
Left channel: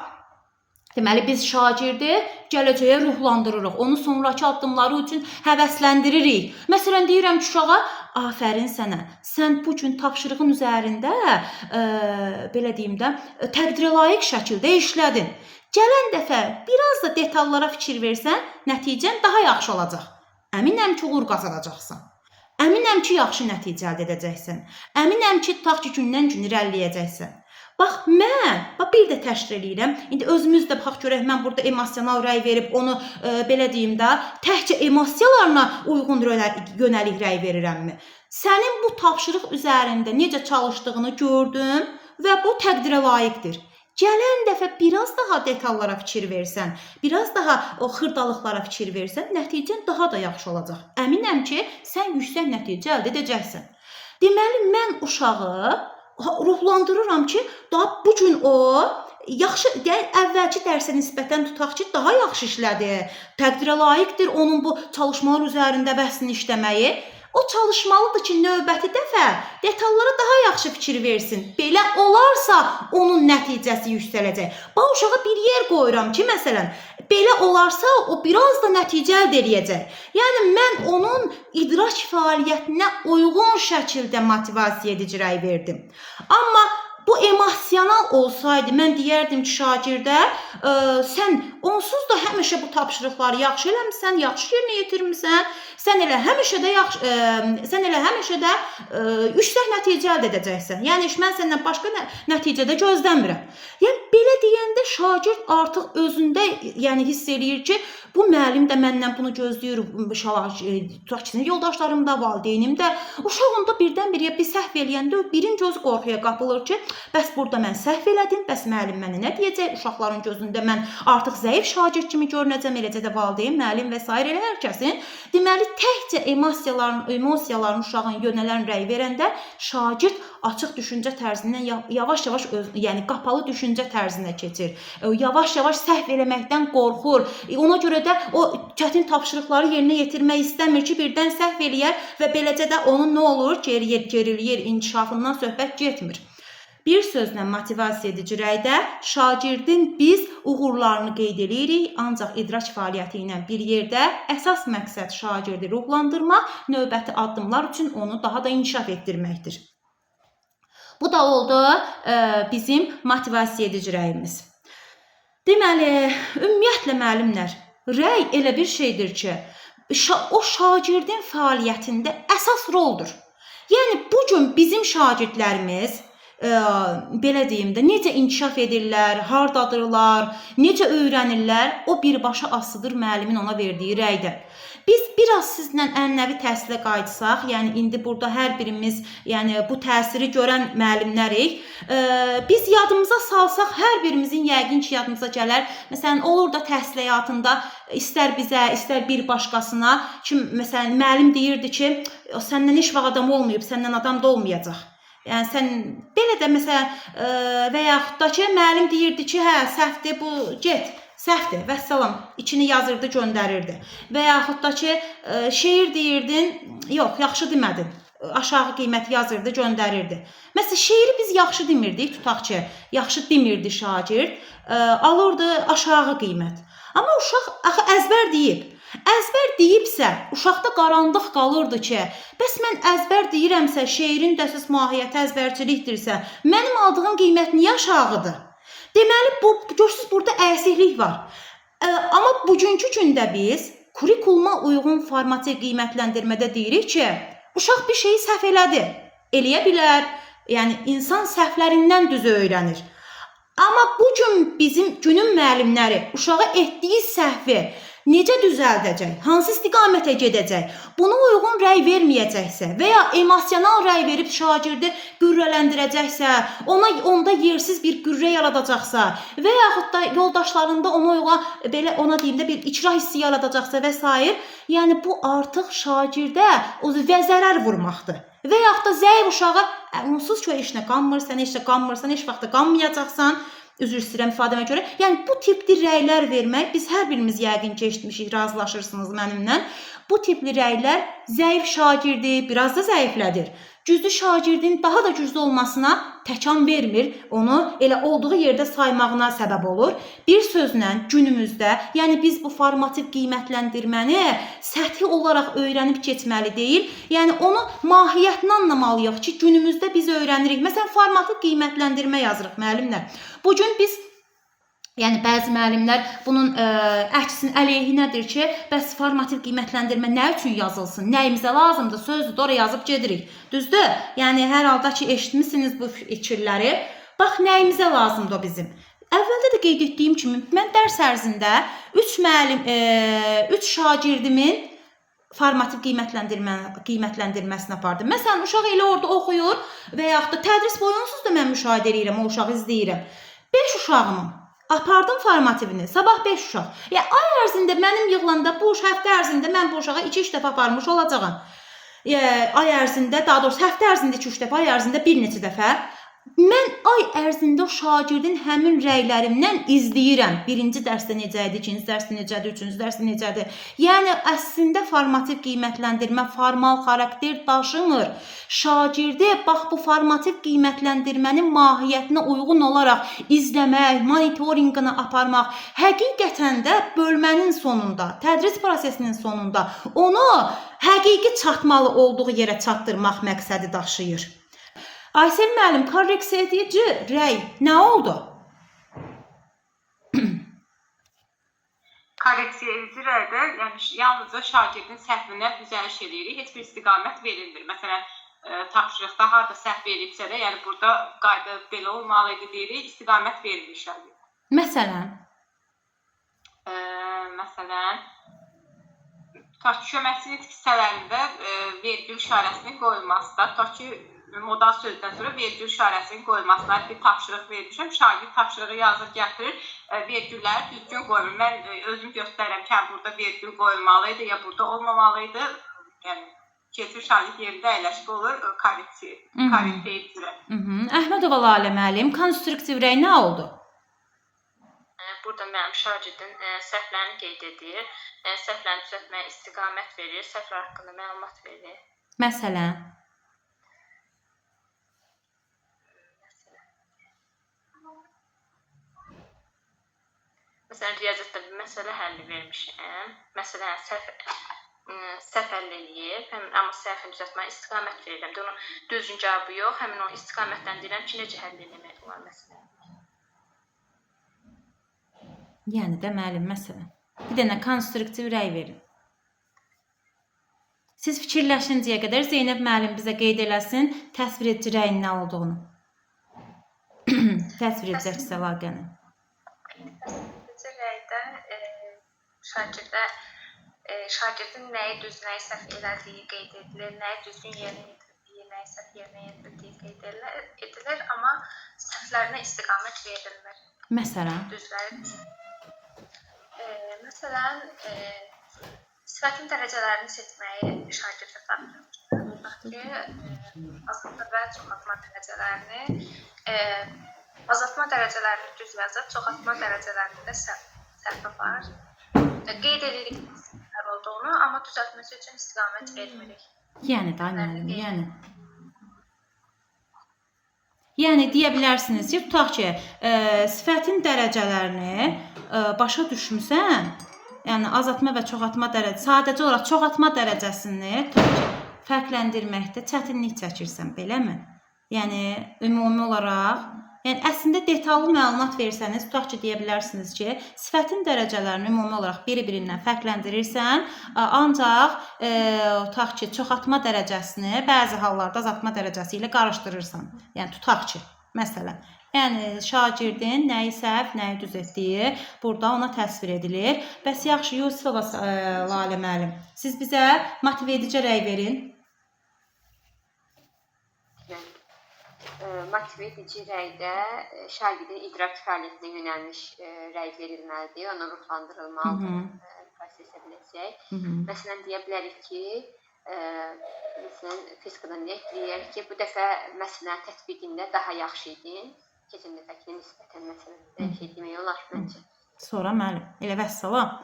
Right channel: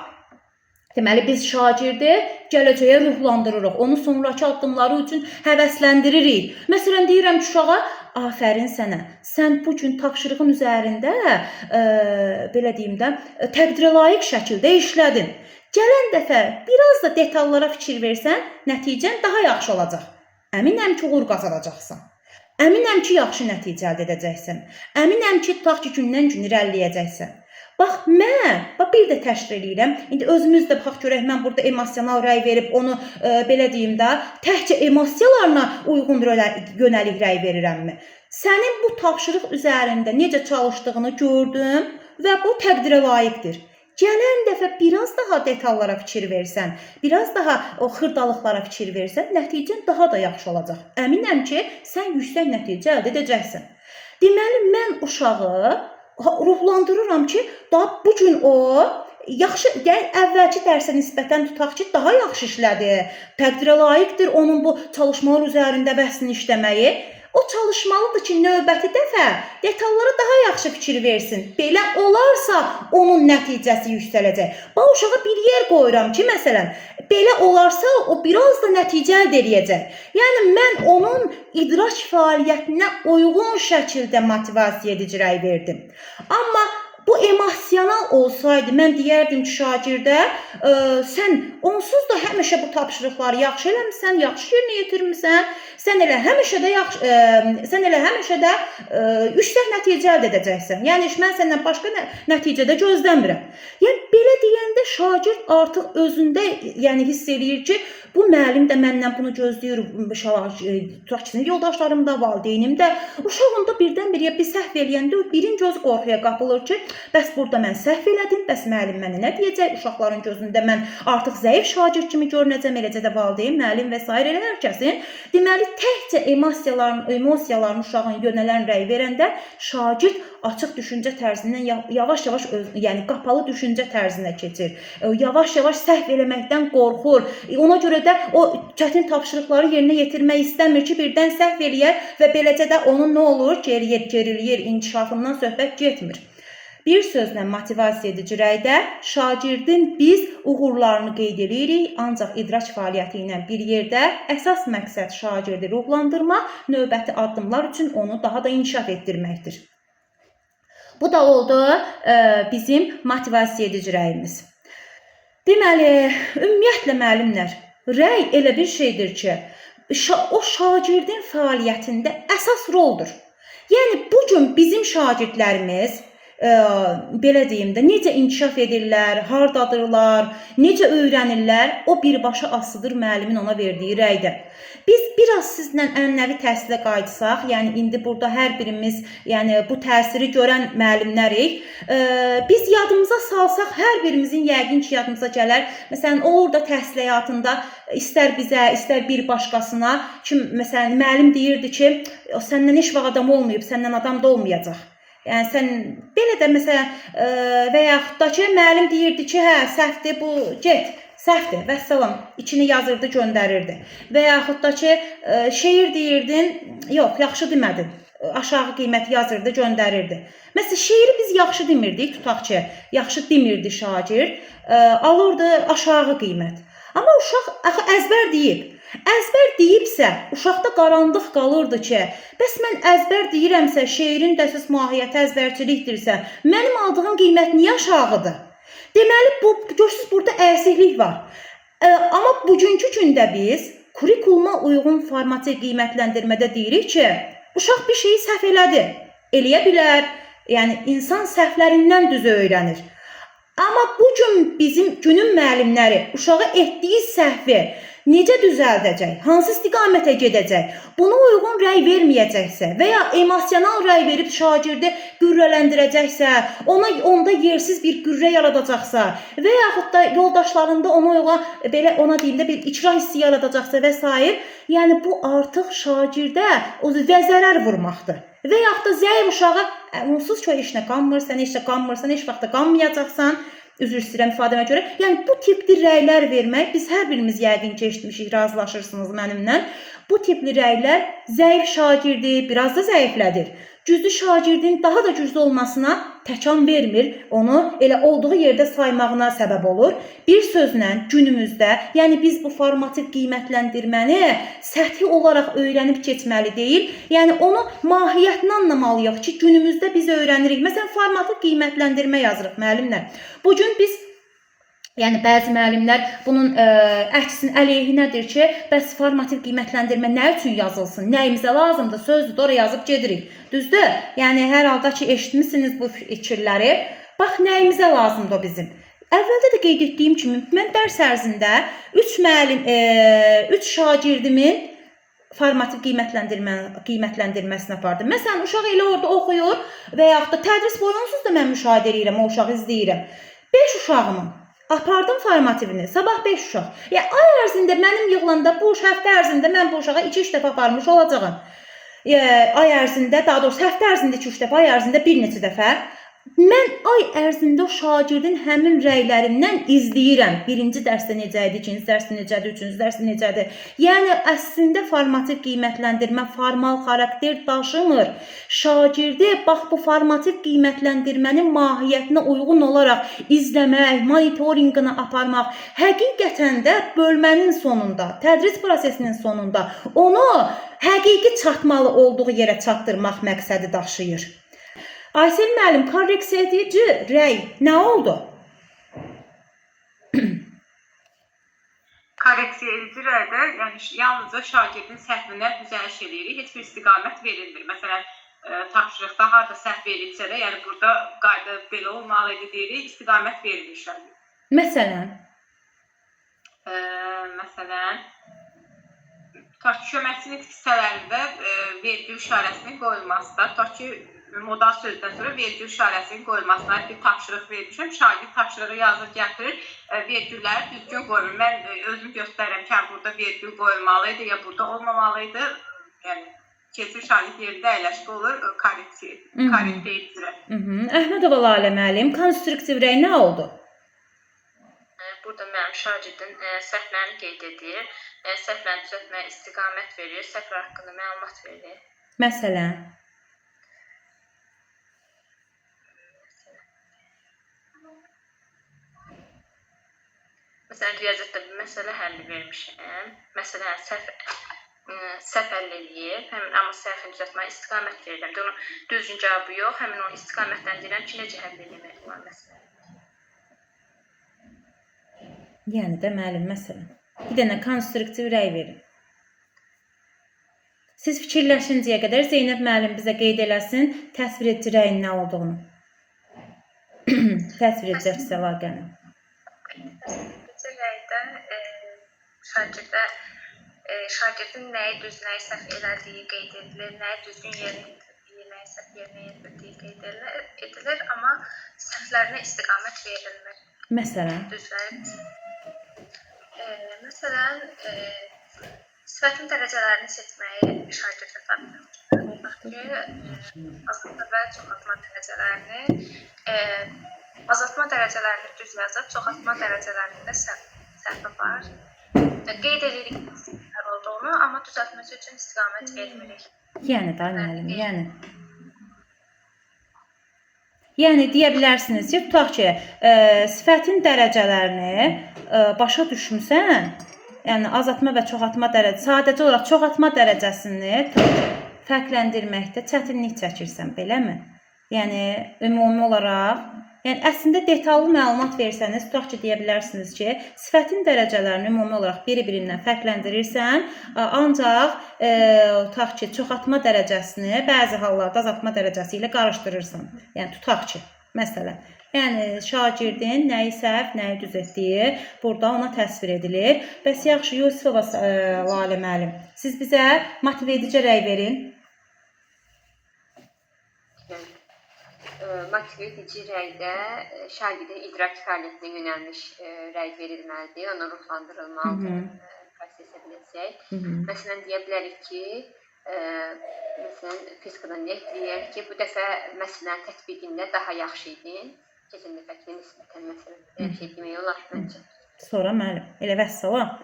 deməli, biz şagirdi gələcəyə ruhlandırırıq. Onu sonraki addımları üçün həvəsləndiririk. Məsələn, deyirəm ki, uşağa, afərin sənə, sən bu gün tapşırığın üzərində, belə deyim də, təqdirə layiq şəkildə işlədin. Gələn dəfə biraz da detallara fikir versən, nəticən daha yaxşı olacaq. Əminəm ki, uğur qazanacaqsan. Əminəm ki, yaxşı nəticə əldə edəcəksən. Əminəm ki, tutaq ki, gündən-gün irəliləyəcəksən. Bax, mən bir də təşkil edirəm. İndi özümüz də bax görək, mən burada emosional rəy verib onu, belə deyim də, təkcə emosiyalarına uyğun yönəlik rəy verirəmmi? Sənin bu tapşırıq üzərində necə çalışdığını gördüm və bu təqdirə layiqdir. Gələn dəfə biraz daha detallara fikir versən, biraz daha o xırdalıqlara fikir versən, nəticən daha da yaxşı olacaq. Əminəm ki, sən yüksək nəticə əldə edəcəksən. Deməli, mən uşağı ruhlandırıram ki, bu gün o yaxşı, əvvəlki dərsə nisbətən tutaq ki, daha yaxşı işlədi. Təqdirə layiqdir onun bu çalışmalar üzərində bəhsini işləməyi. O çalışmalıdır ki, növbəti dəfə detallara daha yaxşı fikir versin. Belə olarsa, onun nəticəsi yüksələcək. Bax, uşağa bir yer qoyuram ki, məsələn, belə olarsa, o biraz da nəticə əldə edəcək. Yəni, mən onun idrak fəaliyyətinə uyğun şəkildə motivasiya edici rəy verdim. Amma bu emosional olsaydı, mən deyərdim ki, şagirdə, sən onsuz da həmişə bu tapşırıqları yaxşı eləmişsən, yaxşı yerinə yetirmişsən, sən elə həmişə də yüksək nəticə əldə edəcəksən. Yəni mən səndən başqa nəticə də gözləmirəm. Yəni belə deyəndə şagird artıq özündə yəni hiss eləyir ki, bu müəllim də məndən bunu gözləyir, yoldaşlarım da, valideynim də. Uşaq onda birdən-birə bir səhv eləyəndə birin gözü qorxuya qapılır ki, bəs burada mən səhv elədim, bəs müəllim mənə nə deyəcək? Uşaqların gözündə mən artıq zəif şagird kimi görünəcəm, eləcə də valideyn, müəllim və s. elə hər kəsin. Deməli, təkcə emosiyaların uşağın yönələn rəy verəndə şagird açıq düşüncə tərzindən yavaş-yavaş yəni qapalı düşüncə tərzinə keçir. Yavaş-yavaş səhv eləməkdən qorxur. Ona görə də o çətin tapşırıqları yerinə yetirmək istəmir ki, birdən səhv eləyər və beləcə də onun nə olur? Geriliyir, inkişafından söhbət getmir. Bir sözlə motivasiya edici rəydə şagirdin biz uğurlarını qeyd edirik, ancaq idrak fəaliyyəti ilə bir yerdə əsas məqsəd şagirdi ruhlandırmaq, növbəti addımlar üçün onu daha da inkişaf etdirməkdir. Bu da oldu bizim motivasiya edici rəyimiz. Deməli, ümumiyyətlə müəllimlər, rəy elə bir şeydir ki, o şagirdin fəaliyyətində əsas roldur. Yəni, bugün bizim şagirdlərimiz, belə deyim də, necə inkişaf edirlər, hardadırlar, necə öyrənirlər, o birbaşa asılıdır müəllimin ona verdiyi rəydə. Biz biraz sizlə ənənəvi təhsilə qayıtsaq, yəni indi burada hər birimiz yəni bu təsiri görən müəllimlərik. Biz yadımıza salsaq, hər birimizin yəqin ki, yadımıza gələr. Məsələn, olur da təhsil həyatında istər bizə, istər bir başqasına ki, məsələn, müəllim deyirdi ki, səndən heç vaxt adam olmayıb, səndən adam da olmayacaq. Yəni sən belə də məsələn və yaxud da ki, müəllim deyirdi ki, hə, səhvdir, bu get. Səhvdir, vəssalam, içini yazırdı, göndərirdi. Və yaxud da ki, şeir deyirdin, yox, yaxşı demədin, aşağı qiymət yazırdı, göndərirdi. Məsələn, şeiri biz yaxşı demirdik, tutaq ki, yaxşı demirdi şagird, alırdı aşağı qiymət. Amma uşaq axı əzbər deyib. Əzbər deyibsə, uşaqda qarandıq qalırdı ki, bəs mən əzbər deyirəmsə, şeirin də əsas mahiyyəti əzbərçilikdirsə, mənim aldığım qiymət niyə aşağıdır? Deməli, görürsünüz, burada əysiklik var. Amma bugünkü gündə biz kurikuluma uyğun formativ qiymətləndirmədə deyirik ki, uşaq bir şeyi səhv elədi, eləyə bilər. Yəni, insan səhvlərindən düz öyrənir. Amma bugün bizim günün müəllimləri uşağa etdiyi səhvi necə düzəldəcək, hansı istiqamətə gedəcək, buna uyğun rəy verməyəcəksə və ya emosional rəy verib şagirdi qürrələndirəcəksə, onda yersiz bir qürrə yaradacaqsa və yaxud da yoldaşlarında ona deyim də bir icra hissi yaradacaqsa və s. Yəni, bu artıq şagirdə zərər vurmaqdır. Və yaxud da zəif uşağa, onsuz ki, işinə qanmırsan, heç vaxt da qanmayacaqsan, üzr istəyirəm ifadəmə görə. Yəni, bu tipli rəylər vermək, biz hər birimiz yəqin ki, eşitmişik, razılaşırsınız mənimlə. Bu tipli rəylər zəif şagirdi biraz da zəiflədir. Güclü şagirdin daha da güclü olmasına təkan vermir, onu elə olduğu yerdə saymağına səbəb olur. Bir sözlə günümüzdə, yəni biz bu formativ qiymətləndirməni səthi olaraq öyrənib keçməli deyil, yəni onu mahiyyətini anlamalıyıq ki, günümüzdə biz öyrənirik. Məsələn, formativ qiymətləndirmə yazırıq müəllimlər. Bugün biz yəni bəzi müəllimlər bunun əksin əleyhinədir ki, bəs formativ qiymətləndirmə nə üçün yazılsın, nəyimizə lazımdır, sözdür, oraya yazıb gedirik. Düzdür? Yəni hər halda ki, eşitmişsiniz bu fikirləri. Bax, nəyimizə lazımdır o bizim. Əvvəldə də qeyd etdiyim kimi, mən dərs ərzində 3 şagirdimin formativ qiymətləndirməsini apardım. Məsələn, uşaq elə orada oxuyur və yaxud da tədris boyunsuz da mən müşahidə edirəm, o uşağı izləyirəm. 5 uşağımın apardım formativini, sabah 5 uşaq. Yəni, ay ərzində mənim yığılanda bu həftə ərzində mən bu uşağa 2-3 dəfə aparmış olacağım. Ay ərzində, daha doğrusu həftə ərzində 2-3 dəfə, ay ərzində bir neçə dəfə. Mən ay ərzində o şagirdin həmin rəylərindən izləyirəm. Birinci dərsdə necə idi, ikinci dərsdə necədir, üçüncü dərsdə necədir. Yəni, əslində formativ qiymətləndirmə formal xarakter daşımır. Şagirdi, bax, bu formativ qiymətləndirmənin mahiyyətinə uyğun olaraq izləmək, monitorinqini aparmaq, həqiqətən də bölmənin sonunda, tədris prosesinin sonunda onu həqiqi çatmalı olduğu yerə çatdırmaq məqsədi daşıyır. Aysel müəllim, korreksiya edici rəy nə oldu? korreksiya edici rəydə, yəni yalnızca şagirdin səhvinə düzəliş edirik, heç bir istiqamət verilmir. Məsələn, tapşırıqda harda səhv verilsə də, yəni burada qayda belə olmalıdır deyirik, istiqamət verilir şagirdə. Məsələn, Məsələn, köməkçi nitq hissələrində vergül işarəsinin qoyulmasında, ki, modal sözdən sonra vergül işarəsinin qoyulmasına bir tapşırıq vermişəm. Şagird tapşırığı yazır, gətirir, vergülləri düzgün qoyulur. Mən özüm göstərirəm ki, burada vergül qoyulmalıydı ya burada olmamalıydı. Yəni, keçir şagird yerində əyləşmə olur, korreksiya edici rəy. Əhmədova Lalə müəllim, konstruktiv rəy nə oldu? Burada mənim şagirdin səhvlərini qeyd edir, səhvlərini düzəltməyə istiqamət verir, səhvlər haqqında məlumat verir. Məsələn, Məsələn, riyaziyyatda bir məsələ həlli vermişəm. Məsələn, səhv həll eləyib, amma səhvini düzəltməyə istiqamət verirəm. Onun düzgün cavabı yox, həmin o istiqamətləndirirəm ki, necə həll eləmək olar məsələn. yəni də müəllim, məsələn, bir dənə konstruktiv rəy verin. Siz fikirləşincəyə qədər Zeynəb müəllim bizə qeyd eləsin təsvir edici rəyin nə olduğunu. Təsvir edici əks əlaqəni. Təsvir rəydə şagirdin nəyi düz, nəyi səhv elədiyi qeyd edilir, nəyi düzgün yerinə yetirdiyi, nəyi səhv yerinə yetirdiyi qeyd edilir, amma səhvlərinə istiqamət verilmir. Məsələn, Məsələn, sifətin dərəcələrini seçməyi şagirdə tapşırır. Azaltma və çoxaltma dərəcələrini, azaltma dərəcələrini düz yazır, çoxaltma dərəcələrində səhv var. Qeyd edirik səhv olduğunu, amma düzəltməsi üçün istiqamət vermirik. yəni da müəllim, yəni deyə bilərsiniz ki, tutaq ki, sifətin dərəcələrini başa düşmüsən, yəni azaltma və çoxaltma dərəcəsi, sadəcə olaraq çoxaltma dərəcəsini fərqləndirməkdə çətinlik çəkirsən, beləmi? Yəni ümumi olaraq, yəni əslində detallı məlumat versəniz, tutaq ki, deyə bilərsiniz ki, sifətin dərəcələrini ümumi olaraq biri-birindən fərqləndirirsən, ancaq tutaq ki, çoxaltma dərəcəsini bəzi hallarda azaltma dərəcəsi ilə qarışdırırsan. Yəni tutaq ki, məsələn, yəni şagirdin nəyi səhv, nəyi düz etdiyi burada ona təsvir edilir. Bəs yaxşı, Yusifova Lalə müəllim, siz bizə motiv edici rəy verin. Motiv edici rəydə şagirdin idrak fəaliyyətinə yönəlmiş rəy verilməlidir, ona ruhlandırılmalıdır, prosesə biləcək. Məsələn, deyə bilərik ki, məsələn, fizikadan deyək ki, bu dəfə məsələn tətbiqində daha yaxşı idin, keçən dəfəkinə nisbətən məsələn şey demək olar məncə. Sonra müəllim, elə vəssalam.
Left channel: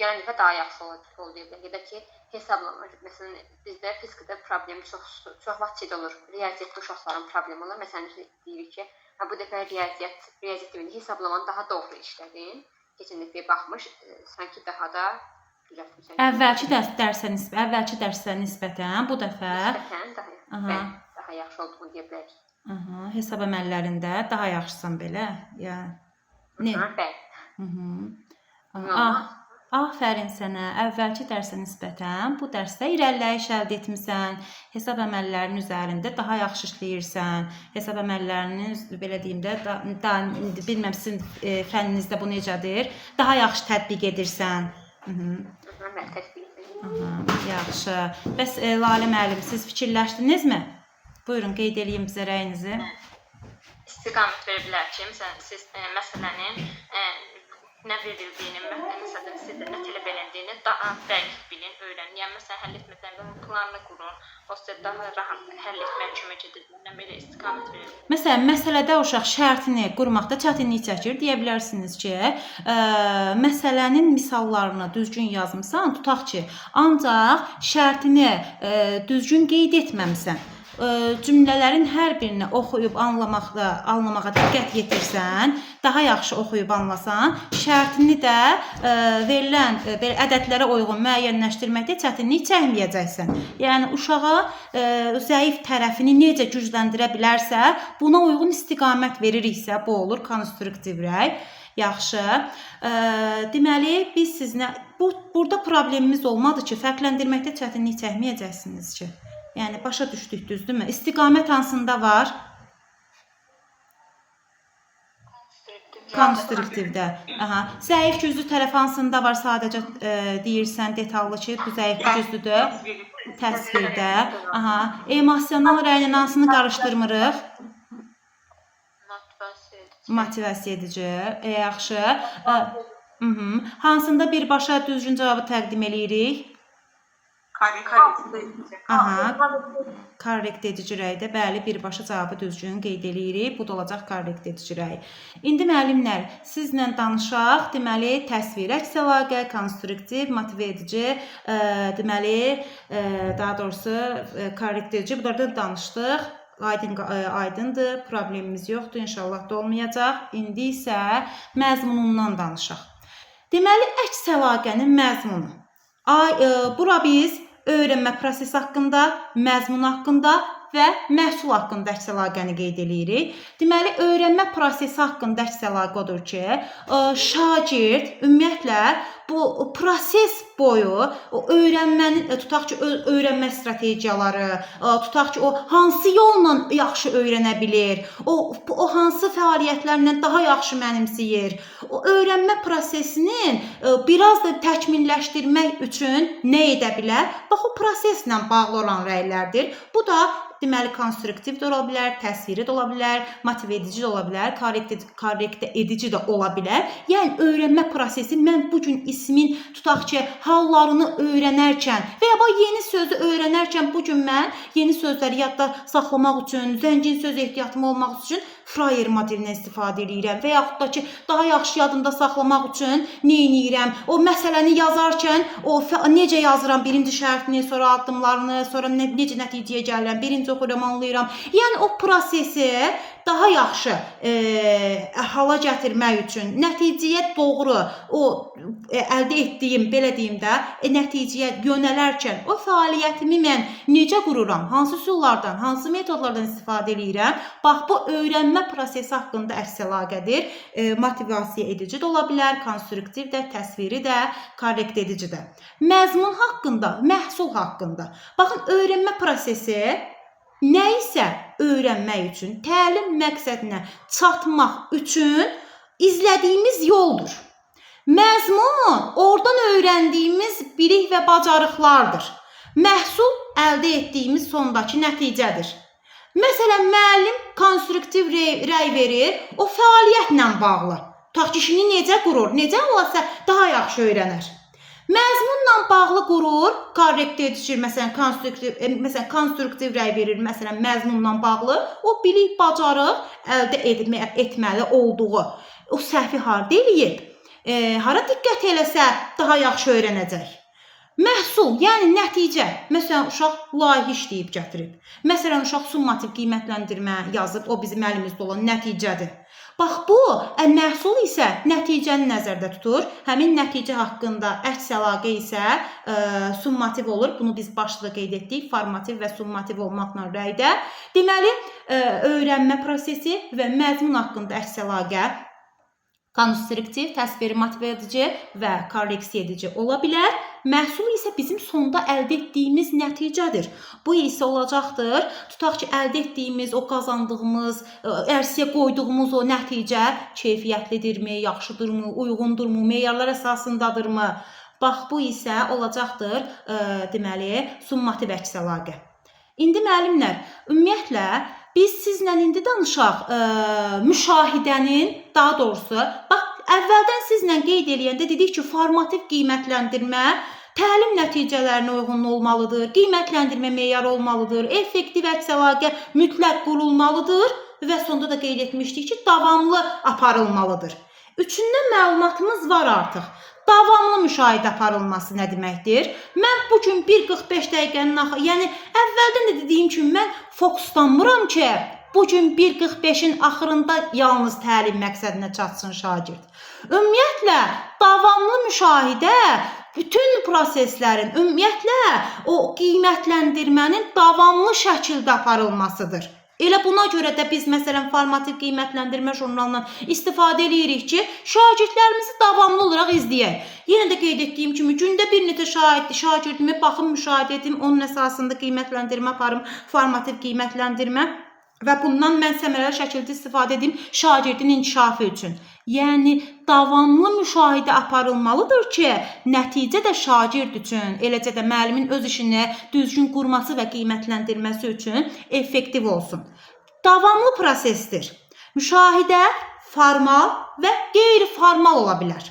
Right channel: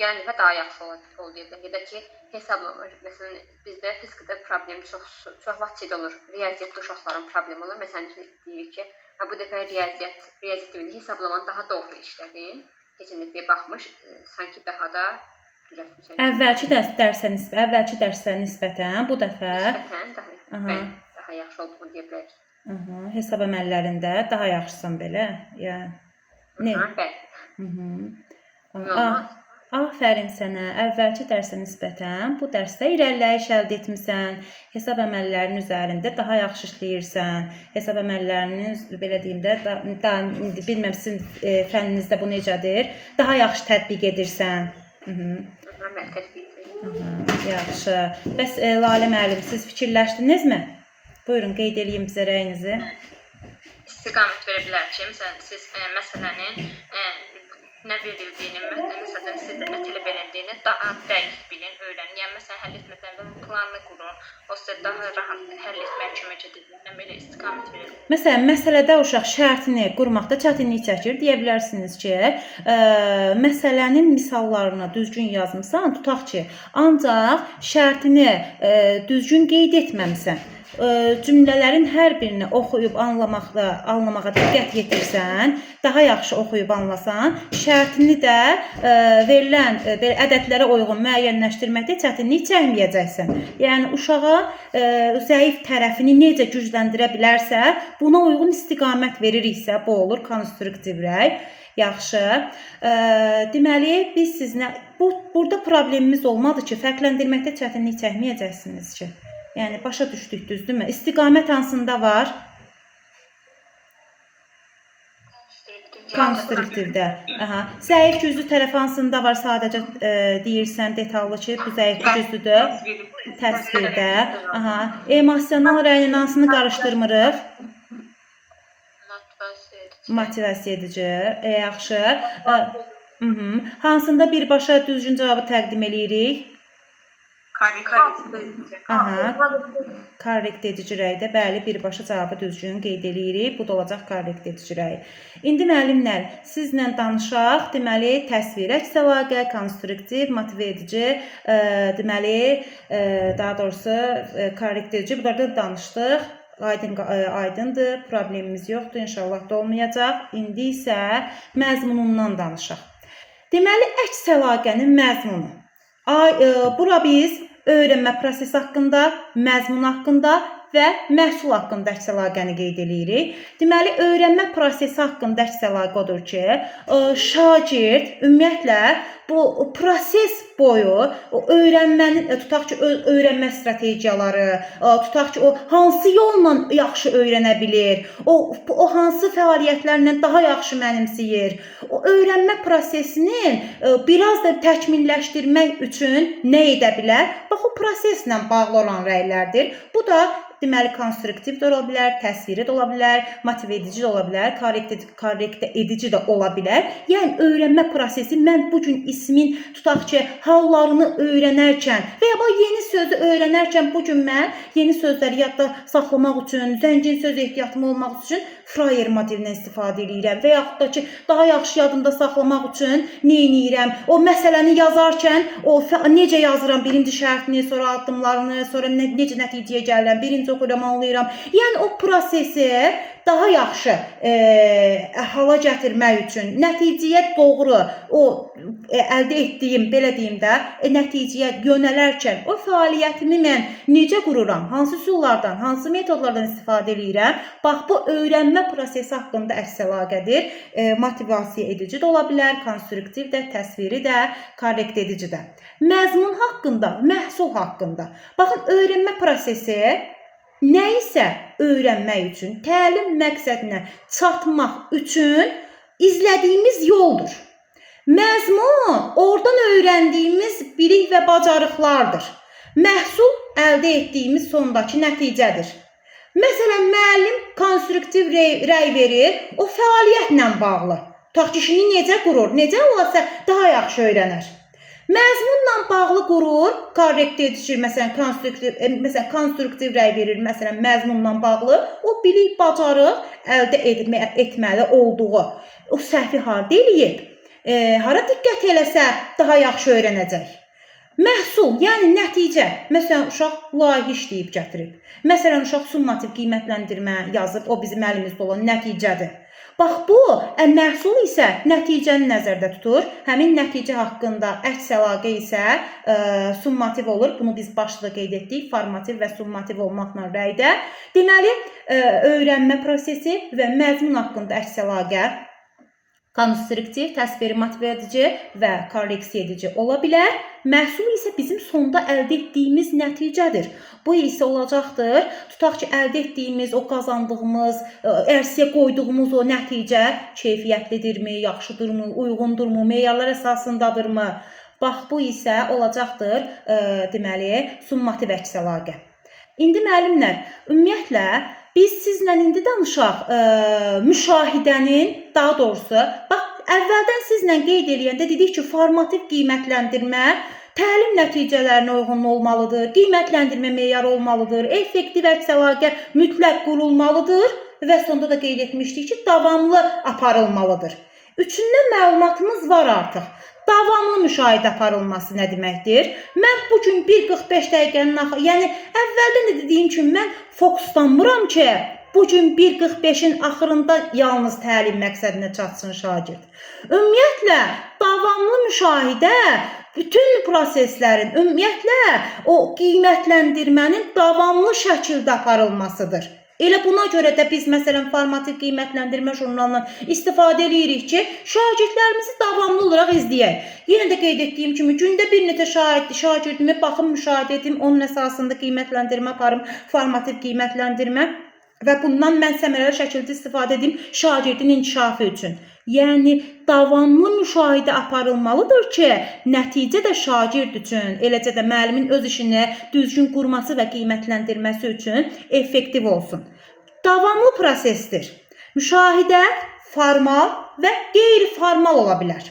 Gələn dəfə daha yaxşı oldu deyə bilər. Ya da ki, hesablama, məsələn, bizdə fizikada problem çox vaxt şey olur, riyaziyyatda uşaqların problemi olur. Məsələn, deyirik ki, bu dəfə riyaziyyat dilində hesablamanı daha doğru işlədin. Keçən dəfəyə baxmış, sanki daha da düzəltmişəm. Əvvəlki dərsə nisbətən bu dəfə daha yaxşı olduğunu deyə bilərik. Hesab əməllərində daha yaxşısan belə. Afərin sənə. Əvvəlki dərsə nisbətən bu dərsdə irəliləyiş əldə etmisən. Hesab əməllərinin üzərində daha yaxşı işləyirsən. Hesab əməllərinin belə deyim də, bilmirəm sizin fənninizdə bu necədir? Daha yaxşı tətbiq edirsən. Yaxşı. Bəs Lalə müəllim, siz fikirləşdinizmi? Buyurun, qeyd edin bizə rəyinizi. İstiqamət verə bilər ki, məsələn, siz məsələnin nə verildiyini, məsələn, sizdə nə tələb edildiyini daha dəqiq bilin, öyrənin. Yəni, məsələn, həll etmədən və planını qurun. O sizə daha rahat həll etməyə kömək edir. Belə istiqamət verə bilər. Məsələn, məsələdə uşaq şərtini qurmaqda çətinlik çəkir. Deyə bilərsiniz ki, məsələnin misallarını düzgün yazmısan, tutaq ki, ancaq şərtini düzgün qeyd etməmisən. Cümlələrin hər birini oxuyub anlamağa diqqət yetirsən, daha yaxşı oxuyub anlasan, şərtini də verilən ədədlərə uyğun müəyyənləşdirməkdə çətinlik çəkməyəcəksən. Yəni uşağa zəif tərəfini necə gücləndirə bilərsə, buna uyğun istiqamət veririksə, bu olur konstruktiv rəy. Yaxşı. Deməli biz sizinlə burada problemimiz olmadı ki, fərqləndirməkdə çətinlik çəkməyəcəksiniz ki. Yəni başa düşdük, düzdürmü? İstiqamət hansında var? Konstruktivdə. Aha. Zəif güclü tərəf hansında var? Sadəcə deyirsən detallı ki, bu zəif güclüdür. Təsvirdə. Aha. Emosional rəyin hansını qarışdırmırıq? Motivasiya edici. Yaxşı. Hansında birbaşa düzgün cavabı təqdim edirik? Aha. Korrekt edici rəydə, bəli, birbaşa cavabı düzgün qeyd edirik. Bu da olacaq korrekt edici rəy. İndi müəllimlər, sizlə danışaq. Deməli, təsvir, əks əlaqə, konstruktiv, motive edici, deməli, daha doğrusu korrekt edici. Bunlardan danışdıq. Aydındır, problemimiz yoxdur, inşallah da olmayacaq. İndi isə məzmunundan danışaq. Deməli, əks əlaqənin məzmunu. Bura biz öyrənmə prosesi haqqında, məzmun haqqında və məhsul haqqında əks əlaqəni qeyd edirik. Deməli, öyrənmə prosesi haqqında əks əlaqə odur ki, şagird ümumiyyətlə bu proses boyu öyrənmənin, tutaq ki, öyrənmə strategiyaları, tutaq ki, o hansı yolla yaxşı öyrənə bilir, o hansı fəaliyyətlərlə daha yaxşı mənimsəyir, o öyrənmə prosesinin biraz da təkmilləşdirmək üçün nə edə bilər? Bax, o proseslə bağlı olan rəylərdir. Bu da deməli, konstruktiv də ola bilər, təsviri də ola bilər, motive edici də ola bilər, korrekt edici də ola bilər. Yəni, öyrənmə prosesi, mən bugün ismin, tutaq ki, hallarını öyrənərkən və ya yeni sözü öyrənərkən bugün mən yeni sözləri yadda saxlamaq üçün, zəngin söz ehtiyatım olmaq üçün Fryer modelindən istifadə edirəm və yaxud da ki, daha yaxşı yadımda saxlamaq üçün nə edirəm? O məsələni yazarkən, necə yazıram, birinci şərtini, sonra addımlarını, sonra necə nəticəyə gəlirəm, birinci oxuyuram, anlayıram. Yəni, o prosesi daha yaxşı hala gətirmək üçün, nəticəyə doğru, o əldə etdiyim, belə deyim də, nəticəyə yönələrkən o fəaliyyətimi mən necə qururam, hansı üsullardan, hansı metodlardan istifadə edirəm? Bax, bu öyrənmə prosesi haqqında əks əlaqədir. Motivasiya edici də ola bilər, konstruktiv də, təsviri də, korrekt edici də. Məzmun haqqında, məhsul haqqında. Baxın, öyrənmə prosesi nə isə öyrənmək üçün, təlim məqsədinə çatmaq üçün izlədiyimiz yoldur. Məzmun oradan öyrəndiyimiz bilik və bacarıqlardır. Məhsul əldə etdiyimiz sondakı nəticədir. Məsələn, müəllim konstruktiv rəy verir, o fəaliyyətlə bağlı. Tutaq ki, işini necə qurur, necə olsa daha yaxşı öyrənər. Məzmunla bağlı qurur, korrekt edici, məsələn, konstruktiv rəy verir, məsələn, məzmunla bağlı, o bilik, bacarıq əldə etməli olduğu, o səhvi harda eləyib, hara diqqət eləsə daha yaxşı öyrənəcək. Məhsul, yəni nəticə. Məsələn, uşaq layihə işləyib gətirib. Məsələn, uşaq summativ qiymətləndirmə yazıb, o bizim əlimizdə olan nəticədir. Bax, bu məhsul isə nəticəni nəzərdə tutur. Həmin nəticə haqqında əks əlaqə isə summativ olur. Bunu biz başda qeyd etdik. Formativ və summativ olmaqla rəydə. Deməli, öyrənmə prosesi və məzmun haqqında əks əlaqə konstruktiv, təsviri, motive edici və korreksiya edici ola bilər. Məhsul isə bizim sonda əldə etdiyimiz nəticədir. Bu isə olacaqdır. Tutaq ki, əldə etdiyimiz, o qazandığımız, ərsəyə qoyduğumuz o nəticə keyfiyyətlidirmi, yaxşıdırmı, uyğundurmu, meyarlar əsasındadırmı? Bax, bu isə olacaqdır, deməli, summativ əks əlaqə. İndi müəllimlər, ümumiyyətlə, biz sizlə indi danışaq müşahidənin, daha doğrusu, bax, əvvəldən sizlə qeyd eləyəndə dedik ki, formativ qiymətləndirmə təlim nəticələrinə uyğun olmalıdır, qiymətləndirmə meyarı olmalıdır, effektiv əks əlaqə mütləq qurulmalıdır və sonda da qeyd etmişdik ki, davamlı aparılmalıdır. Üçündən məlumatımız var artıq. Davamlı müşahidə aparılması nə deməkdir? Mən bugün 1:45 dəqiqənin axı, yəni əvvəldən də dediyim kimi mən fokuslanmıram ki, bugün 1:45-in axırında yalnız təlim məqsədinə çatsın şagird. Ümumiyyətlə, davamlı müşahidə bütün proseslərin, ümumiyyətlə, o qiymətləndirmənin davamlı şəkildə aparılmasıdır. Elə buna görə də biz məsələn formativ qiymətləndirmə jurnalından istifadə edirik ki, şagirdlərimizi davamlı olaraq izləyək. Yenə də qeyd etdiyim kimi gündə bir neçə şagirdimi baxım, müşahidə edim, onun əsasında qiymətləndirmə aparım, formativ qiymətləndirmə və bundan mən səmərəli şəkildə istifadə edim şagirdin inkişafı üçün. Yəni davamlı müşahidə aparılmalıdır ki, nəticə də şagird üçün, eləcə də müəllimin öz işini düzgün qurması və qiymətləndirməsi üçün effektiv olsun. Davamlı prosesdir. Müşahidə formal və qeyri-formal ola bilər.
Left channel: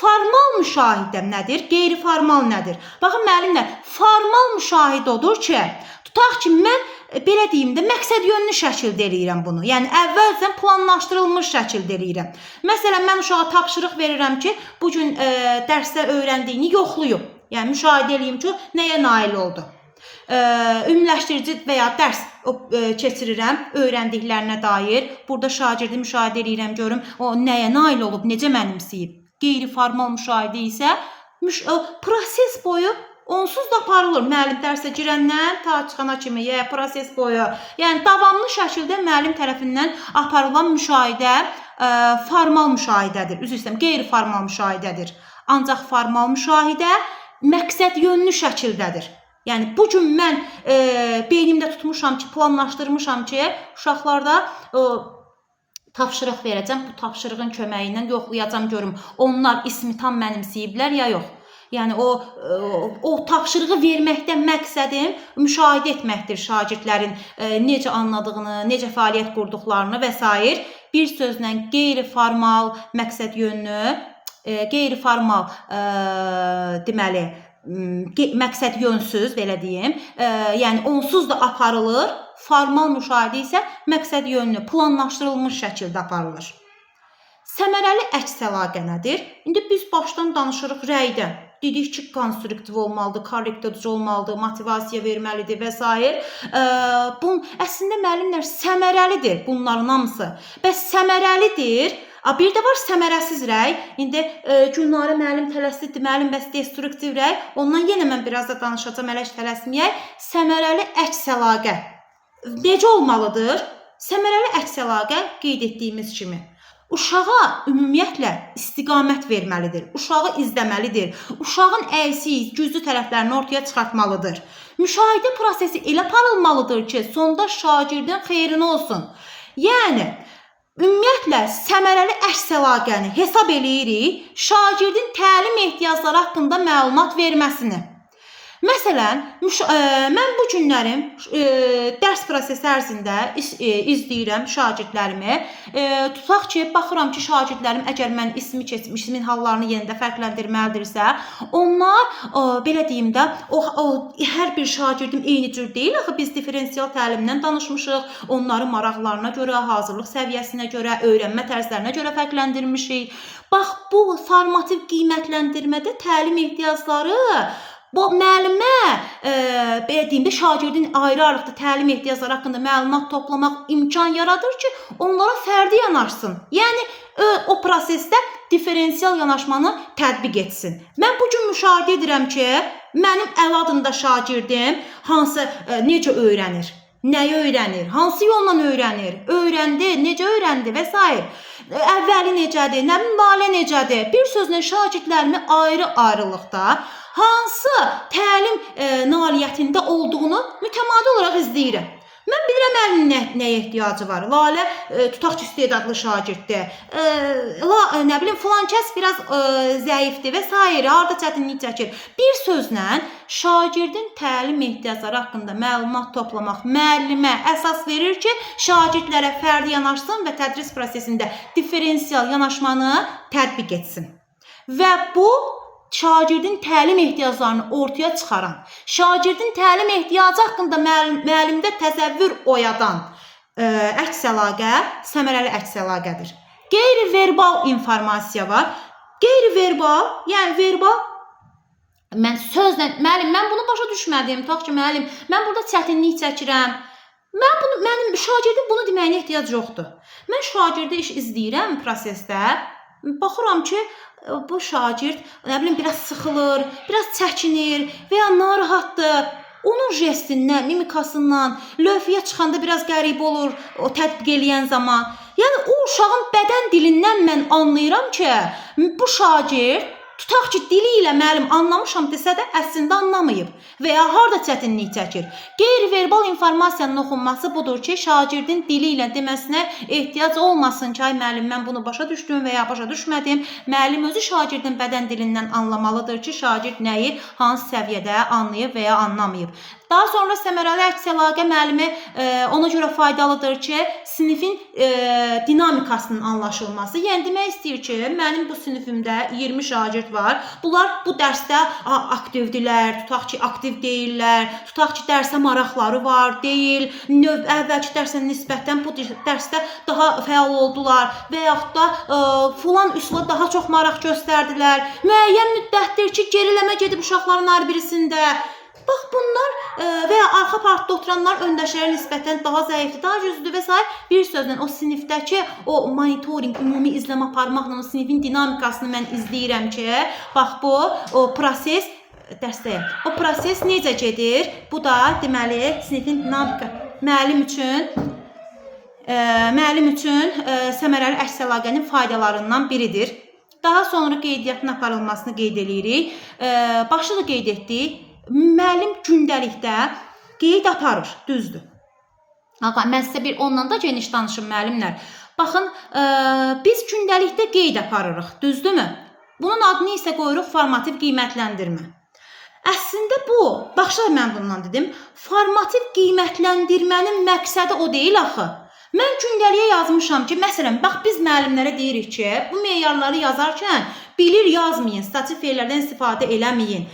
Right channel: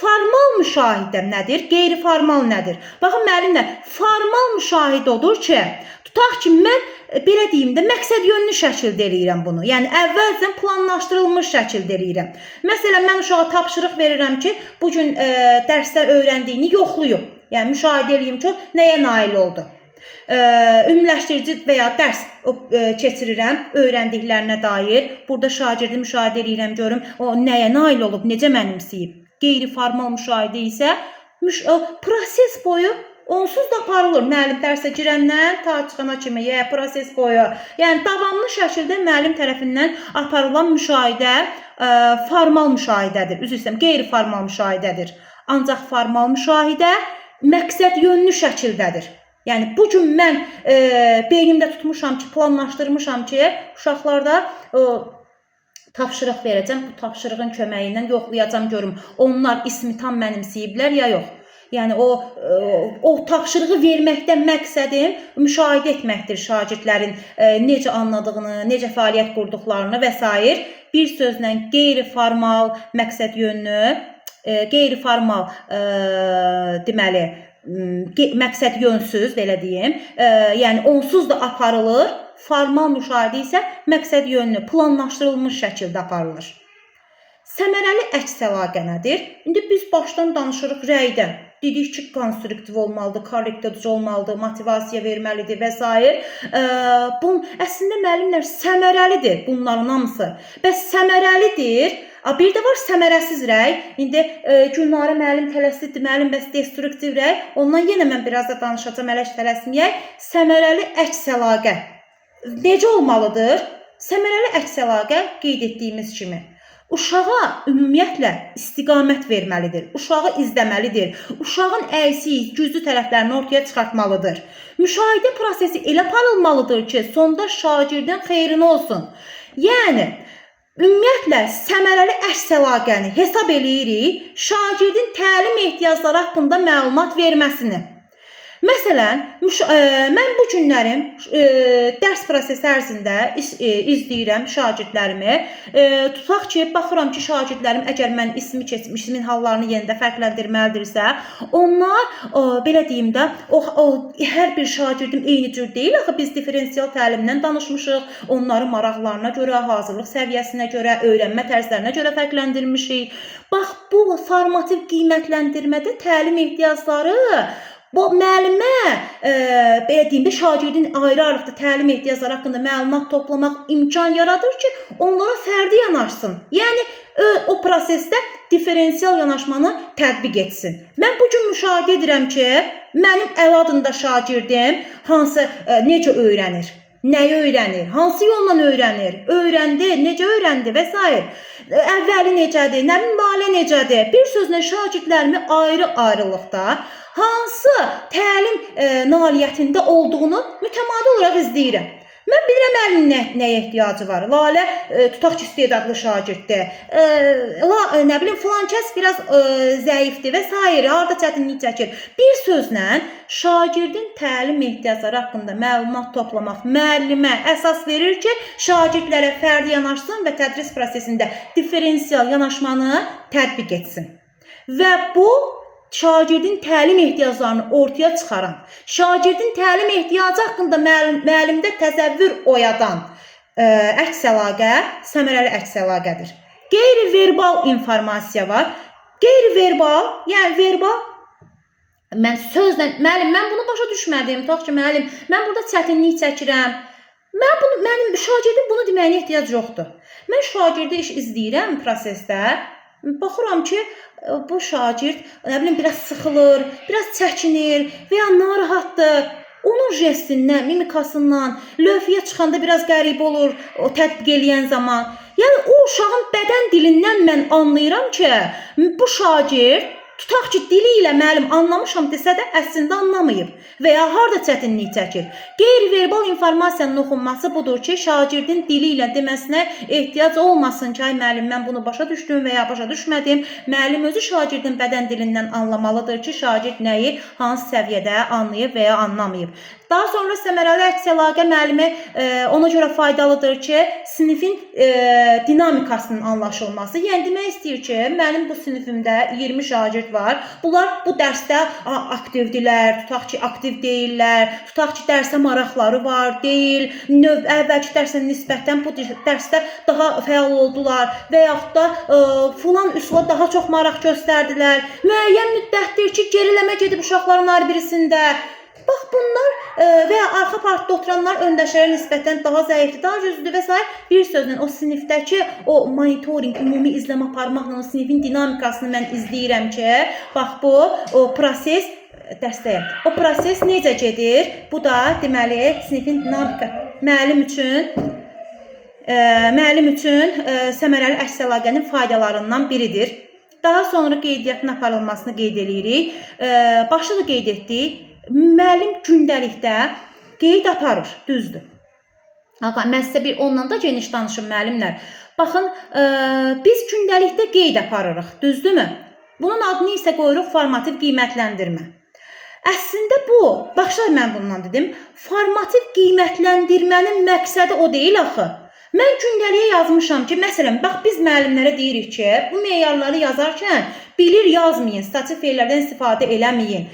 Formal müşahidə nədir? Qeyri-formal nədir? Baxın müəllimlər, formal müşahidə odur ki, tutaq ki, mən belə deyim də məqsəd yönlü şəkildə eləyirəm bunu. Yəni əvvəlcədən planlaşdırılmış şəkildə eləyirəm. Məsələn, mən uşağa tapşırıq verirəm ki, bu gün dərsdə öyrəndiyini yoxlayıb. Yəni müşahidə eləyim ki, nəyə nail oldu. Ümumiləşdirici və ya dərs keçirirəm öyrəndiklərinə dair. Burada şagirdi müşahidə eləyirəm, görüm o nəyə nail olub, necə mənimsəyib. Qeyri-formal müşahidə isə proses boyu onsuz da aparılır. Müəllim dərsə girəndən ta çıxana kimi proses boyu. Yəni davamlı şəkildə müəllim tərəfindən aparılan müşahidə formal müşahidədir. Üzr istəyirəm, qeyri-formal müşahidədir. Ancaq formal müşahidə məqsəd yönlü şəkildədir. Yəni bu gün mən beynimdə tutmuşam ki, planlaşdırmışam ki, uşaqlarda tapşırıq verəcəm. Bu tapşırığın köməyi ilə yoxlayacam görüm onlar ismi tam mənimsəyiblər ya yox. Yəni o tapşırığı verməkdən məqsədim müşahidə etməkdir şagirdlərin necə anladığını, necə fəaliyyət qurduqlarını və s. Bir sözlə qeyri-formal məqsəd yönlü, qeyri-formal deməli məqsəd yönsüz belə deyim. Yəni onsuz da aparılır. Formal müşahidə isə məqsəd yönlü, planlaşdırılmış şəkildə aparılır. Səmərəli əks əlaqə nədir? İndi biz başdan danışırıq rəydən. Dedik ki, konstruktiv olmalıdır, korrektiv olmalıdır, motivasiya verməlidir və s. Əslində müəllimlər səmərəlidir bunların hamısı. Bəs səmərəlidir. Bir də var səmərəsiz rəy. İndi Gülnarə müəllim tələsidir, müəllim bəs destruktiv rəy. Ondan yenə mən biraz da danışacağam, ələş tələsməyək. Səmərəli əks əlaqə necə olmalıdır? Səmərəli əks əlaqə qeyd etdiyimiz kimi uşağa ümumiyyətlə istiqamət verməlidir. Uşağı izləməlidir. Uşağın əksiz, güclü tərəflərini ortaya çıxartmalıdır. Müşahidə prosesi elə aparılmalıdır ki, sonda şagirdin xeyrinə olsun. Yəni ümumiyyətlə səmərəli əks əlaqəni hesab eləyirik şagirdin təlim ehtiyacları haqqında məlumat verməsini. Məsələn, mən bu günlərim dərs prosesi ərzində izləyirəm şagirdlərimi. Tutaq ki, baxıram ki, şagirdlərim əgər mən ismi keçmiş, ismin hallarını yenidə fərqləndirməlidirsə, onlar belə deyim də, hər bir şagirdim eyni cür deyil. Axı biz diferensial təlimdən danışmışıq. Onları maraqlarına görə, hazırlıq səviyyəsinə görə, öyrənmə tərzlərinə görə fərqləndirmişik. Bax, bu formativ qiymətləndirmədə təlim ehtiyacları bu müəllimə belə deyim də şagirdin ayrı-ayrılıqda təlim ehtiyacları haqqında məlumat toplamaq imkan yaradır ki, onlara fərdi yanaşsın. Yəni o prosesdə diferensial yanaşmanı tətbiq etsin. Mən bu gün müşahidə edirəm ki, mənim əl adında şagirdim necə öyrənir, nəyi öyrənir, hansı yolla öyrənir, öyrəndi, necə öyrəndi və s. Əvvəli necədir, nə bilim Lalə necədir? Bir sözlə şagirdlərimi ayrı-ayrılıqda hansı təlim nailiyyətində olduğunu mütəmadi olaraq izləyirəm. Mən bilirəm əlinin nəyə ehtiyacı var. Lalə tutaq ki, istedadlı şagirddir. Nə bilim filan kəs biraz zəifdir və s. Harda çətinlik çəkir. Bir sözlə şagirdin təlim ehtiyacları haqqında məlumat toplamaq müəllimə əsas verir ki, şagirdlərə fərdi yanaşsın və tədris prosesində diferensial yanaşmanı tətbiq etsin. Və bu şagirdin təlim ehtiyaclarını ortaya çıxaran, şagirdin təlim ehtiyacı haqqında müəllimdə təsəvvür oyadan əks əlaqə səmərəli əks əlaqədir. Qeyri-verbal informasiya var. Qeyri-verbal, yəni verbal mən sözlə, müəllim, mən bunu başa düşmədim. Tutaq ki, müəllim, mən burada çətinlik çəkirəm. Mənim şagirdim bunu deməyinə ehtiyac yoxdur. Mən şagirdi iş izləyirəm prosesdə. Baxıram ki, bu şagird, nə bilim, biraz sıxılır, biraz çəkinir və ya narahatdır. onun jestindən, mimikasından, lövhəyə çıxanda biraz qəribə olur o tətbiq eləyən zaman. Yəni o uşağın bədən dilindən mən anlayıram ki, bu şagird tutaq ki, dili ilə müəllim anlamışam desə də əslində anlamayıb və ya harda çətinlik çəkir. Qeyri-verbal informasiyanın oxunması budur ki, şagirdin dili ilə deməsinə ehtiyac olmasın ki, ay müəllim mən bunu başa düşdüm və ya başa düşmədim. Müəllim özü şagirdin bədən dilindən anlamalıdır ki, şagird nəyi hansı səviyyədə anlayıb və ya anlamayıb. Daha sonra səmərəli əks əlaqə müəllimi ona görə faydalıdır ki, sinifin dinamikasının anlaşılması. Yəni demək istəyir ki, mənim bu sinifimdə 20 şagird var. Bunlar bu dərsdə aktivdirlər, tutaq ki, aktiv deyirlər, tutaq ki, dərsə maraqları var, deyil, əvvəlki dərsə nisbətən bu dərsdə daha fəal oldular və yaxud da filan üsula daha çox maraq göstərdilər. Müəyyən müddətdir ki, geriləmə gedib uşaqların hər birisində. Bax bunlar və ya arxa partda oturanlar öndəşlərə nisbətən daha zəifdir, daha güclüdür və s. Bir sözlə o sinifdəki o monitoring, ümumi izləmə aparmaqla o sinifin dinamikasını mən izləyirəm ki, bax bu o proses dərsdəyəm. O proses necə gedir? Bu da deməli sinifin dinamika müəllim üçün səmərəli əks əlaqənin faydalarından biridir. Daha sonra qeydiyyatın aparılmasını qeyd edirik. Başda da qeyd etdik. Müəllim gündəlikdə qeyd aparır, düzdür. Mən sizə ondan da geniş danışım müəllimlər. Baxın, biz gündəlikdə qeyd aparırıq, düzdürmü? Bunun adını isə qoyuruq formativ qiymətləndirmə. Əslində bu, baxışlar mən bundan dedim, formativ qiymətləndirmənin məqsədi o deyil axı. Mən gündəliyə yazmışam ki, məsələn, bax biz müəllimlərə deyirik ki, bu meyarları yazarkən bilir yazmayın, stativ feillərdən istifadə eləməyin.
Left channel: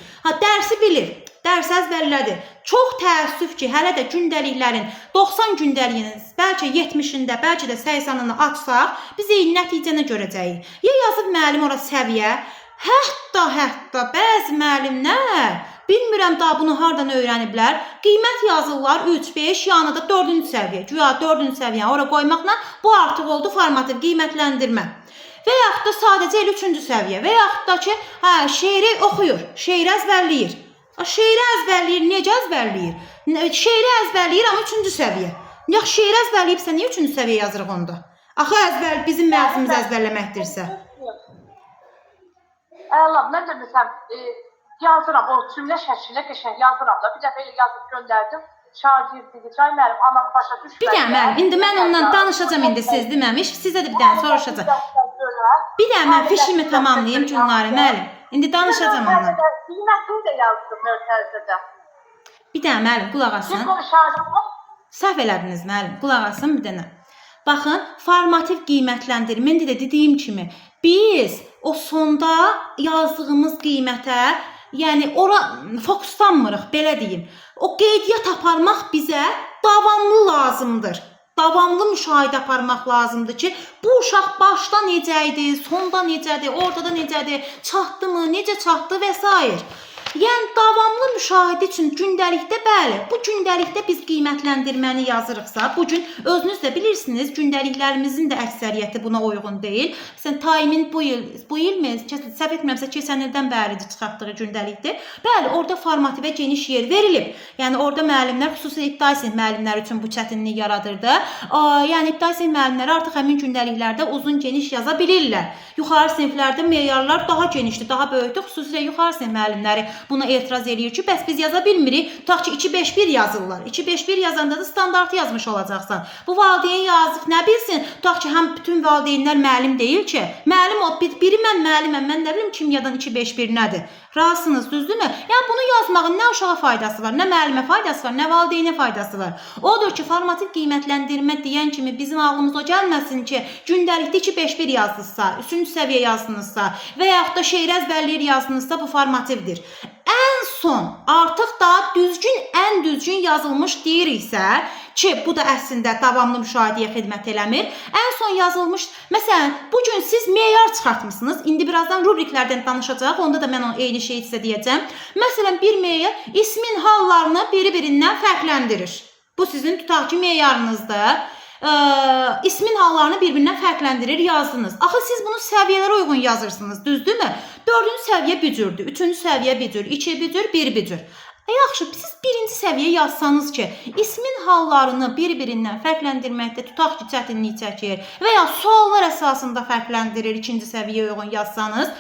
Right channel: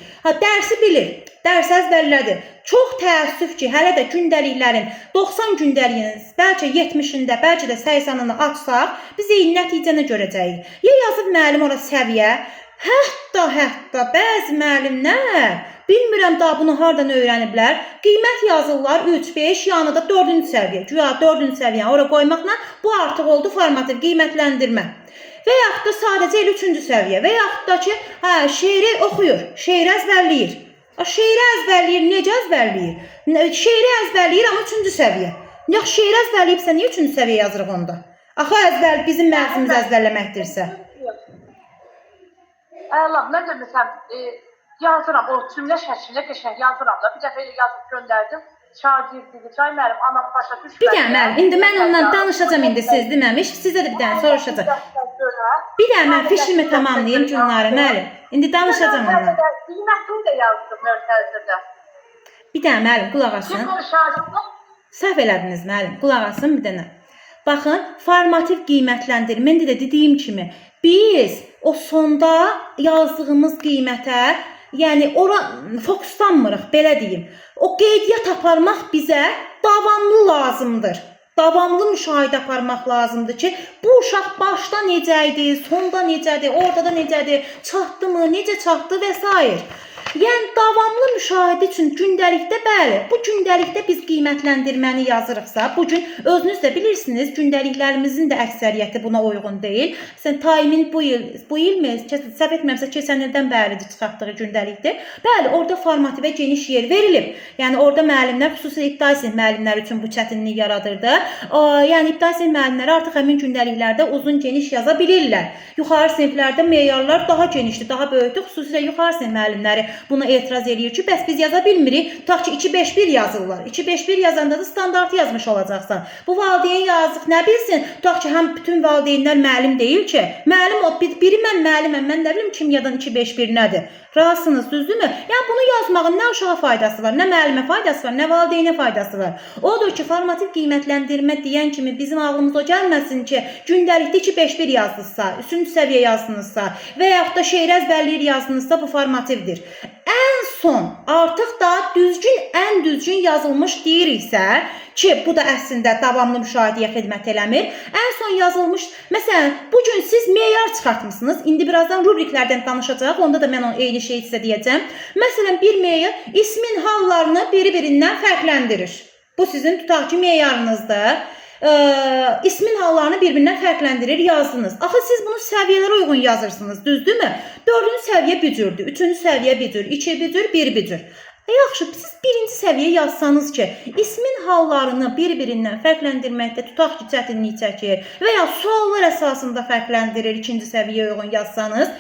Dərsi bilir, dərs əzbərlədir. Çox təəssüf ki, hələ də gündəliklərin 90 gündəliyinin, bəlkə 70-ində, bəlkə də 80-ını açsaq, biz eyni nəticəni görəcəyik. Ya yazıb müəllim ora səviyyə, hətta bəzi müəllimlər, bilmirəm daha bunu hardan öyrəniblər, qiymət yazırlar 3-5, yanı da 4-cü səviyyə. Güya 4-cü səviyyə ora qoymaqla bu artıq oldu formativ qiymətləndirmə. Və yaxud da sadəcə elə 3-cü səviyyə və yaxud da ki, şeiri oxuyur, şeiri əzbərləyir. Şeiri əzbərləyir, necə əzbərləyir? Şeiri əzbərləyir, amma 3-cü səviyyə. Yaxşı, şeiri əzbərləyibsə, niyə 3-cü səviyyə yazırıq onda? Axı bizim məqsədimiz əzbərləməkdirsə. Allah, mən də məsələn, yazıram, o cümlə şəklinə qəşəng yazıram da, bir dəfə elə yazıb göndərdim. Şagirdidir, çay müəllim, anam başa düşmədi. Bir dənə müəllim, indi mən ondan danışacağam indi siz deməmiş, sizə də bir dənə soruşacağam. Bir dənə mən fişimi tamamlayayım Gülnarə müəllim. İndi danışacağam ondan. Qiymətini də yazdım mövtəzədə. Bir dənə müəllim, qulaq asın. Səhv elədiniz müəllim, qulaq asın bir dənə. Baxın, formativ qiymətləndirmə, indi də dediyim kimi, biz o sonda yazdığımız qiymətə, yəni ora fokuslanmırıq, belə deyim. O qeydiyyat aparmaq bizə davamlı lazımdır. Davamlı müşahidə aparmaq lazımdır ki, bu uşaq başda necə idi, sonda necədir, ortada necədir, çatdı mı, necə çatdı və s. Yəni davamlı müşahidə üçün gündəlikdə bəli, bu gündəlikdə biz qiymətləndirməni yazırıqsa, bu gün özünüz də bilirsiniz, gündəliklərimizin də əksəriyyəti buna uyğun deyil. Məsələn, Taimin bu ilmi, səhv etmirəmsə keçən ildən bəridir çıxartdığı gündəlikdir. Bəli, orada formativə geniş yer verilib. Yəni orada müəllimlər, xüsusilə ibtidai sinif müəllimləri üçün bu çətinlik yaradırdı. Yəni ibtidai sinif müəllimləri artıq həmin gündəliklərdə uzun geniş yaza bilirlər. Yuxarı siniflərdə meyarlar daha genişdir, daha böyükdür. Xüsusilə yuxarı sinif müəllimləri buna etiraz eləyir ki, bəs biz yaza bilmirik. Tutaq ki, 2-5-1 yazırlar. 2-5-1 yazanda da standartı yazmış olacaqsan. Bu valideyn yazıq nə bilsin? Tutaq ki, həm bütün valideynlər müəllim deyil ki. Müəllim o, biri mən müəlliməm, mən nə bilim kimyadan 2-5-1 nədir? Razısınız, düzdürmü? Yəni bunu yazmağın nə uşağa faydası var, nə müəllimə faydası var, nə valideynə faydası var. Odur ki, formativ qiymətləndirmə deyən kimi bizim ağlımıza o gəlməsin ki, gündəlikdə 2-5-1 yazdınızsa, 3-cü səviyyə yazdınızsa və yaxud da şeir əzbərləyir yazdınızsa bu formativdir. Ən son artıq da ən düzgün yazılmış deyiriksə ki, bu da əslində davamlı müşahidəyə xidmət eləmir. Ən son yazılmış, məsələn, bugün siz meyar çıxartmışsınız. İndi birazdan rubriklərdən danışacaq. Onda da mən eyni şeyi sizə deyəcəm. Məsələn, bir meyar ismin hallarını biri-birindən fərqləndirir. Bu sizin tutaq ki, meyarınızdır. İsmin hallarını bir-birindən fərqləndirir, yazdınız. Axı siz bunu səviyyələrə uyğun yazırsınız, düzdürmü? 4-cü səviyyə bücürdür, 3-cü səviyyə bücür, 2 bücür, 1 bücür. Yaxşı, siz birinci səviyyə yazsanız ki, ismin hallarını bir-birindən fərqləndirməkdə tutaq ki, çətinlik çəkir və ya suallar əsasında fərqləndirir, ikinci səviyyəyə uyğun yazsanız,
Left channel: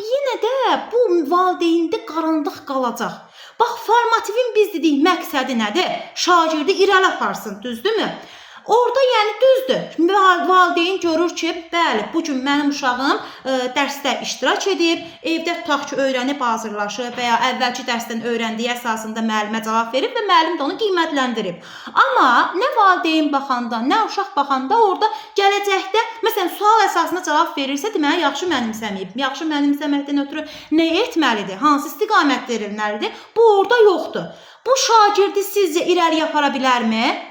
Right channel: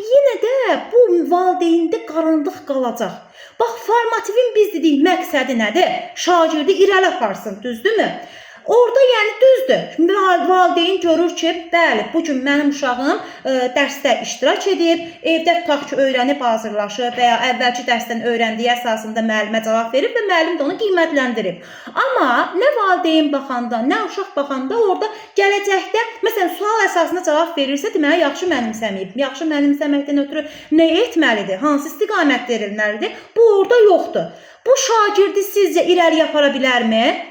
yenə də bu valideyndə qaranlıq qalacaq. Bax, formativin biz dedik məqsədi nədir? Şagirdi irəli aparsın, düzdürmü? Orada yəni düzdür. Valideyn görür ki, bəli, bu gün mənim uşağım dərsdə iştirak edib, evdə tutaq ki, öyrənib hazırlaşıb və ya əvvəlki dərsdən öyrəndiyi əsasında müəllimə cavab verib və müəllim də onu qiymətləndirib. Amma nə valideyn baxanda, nə uşaq baxanda orada gələcəkdə, məsələn, sual əsasında cavab verirsə, deməli, yaxşı mənimsəməyib. Yaxşı mənimsəməkdən ötürü nə etməlidir? Hansı istiqamət verilməlidir? Bu orada yoxdur. Bu şagirdi sizcə irəliyə apara bilərmi?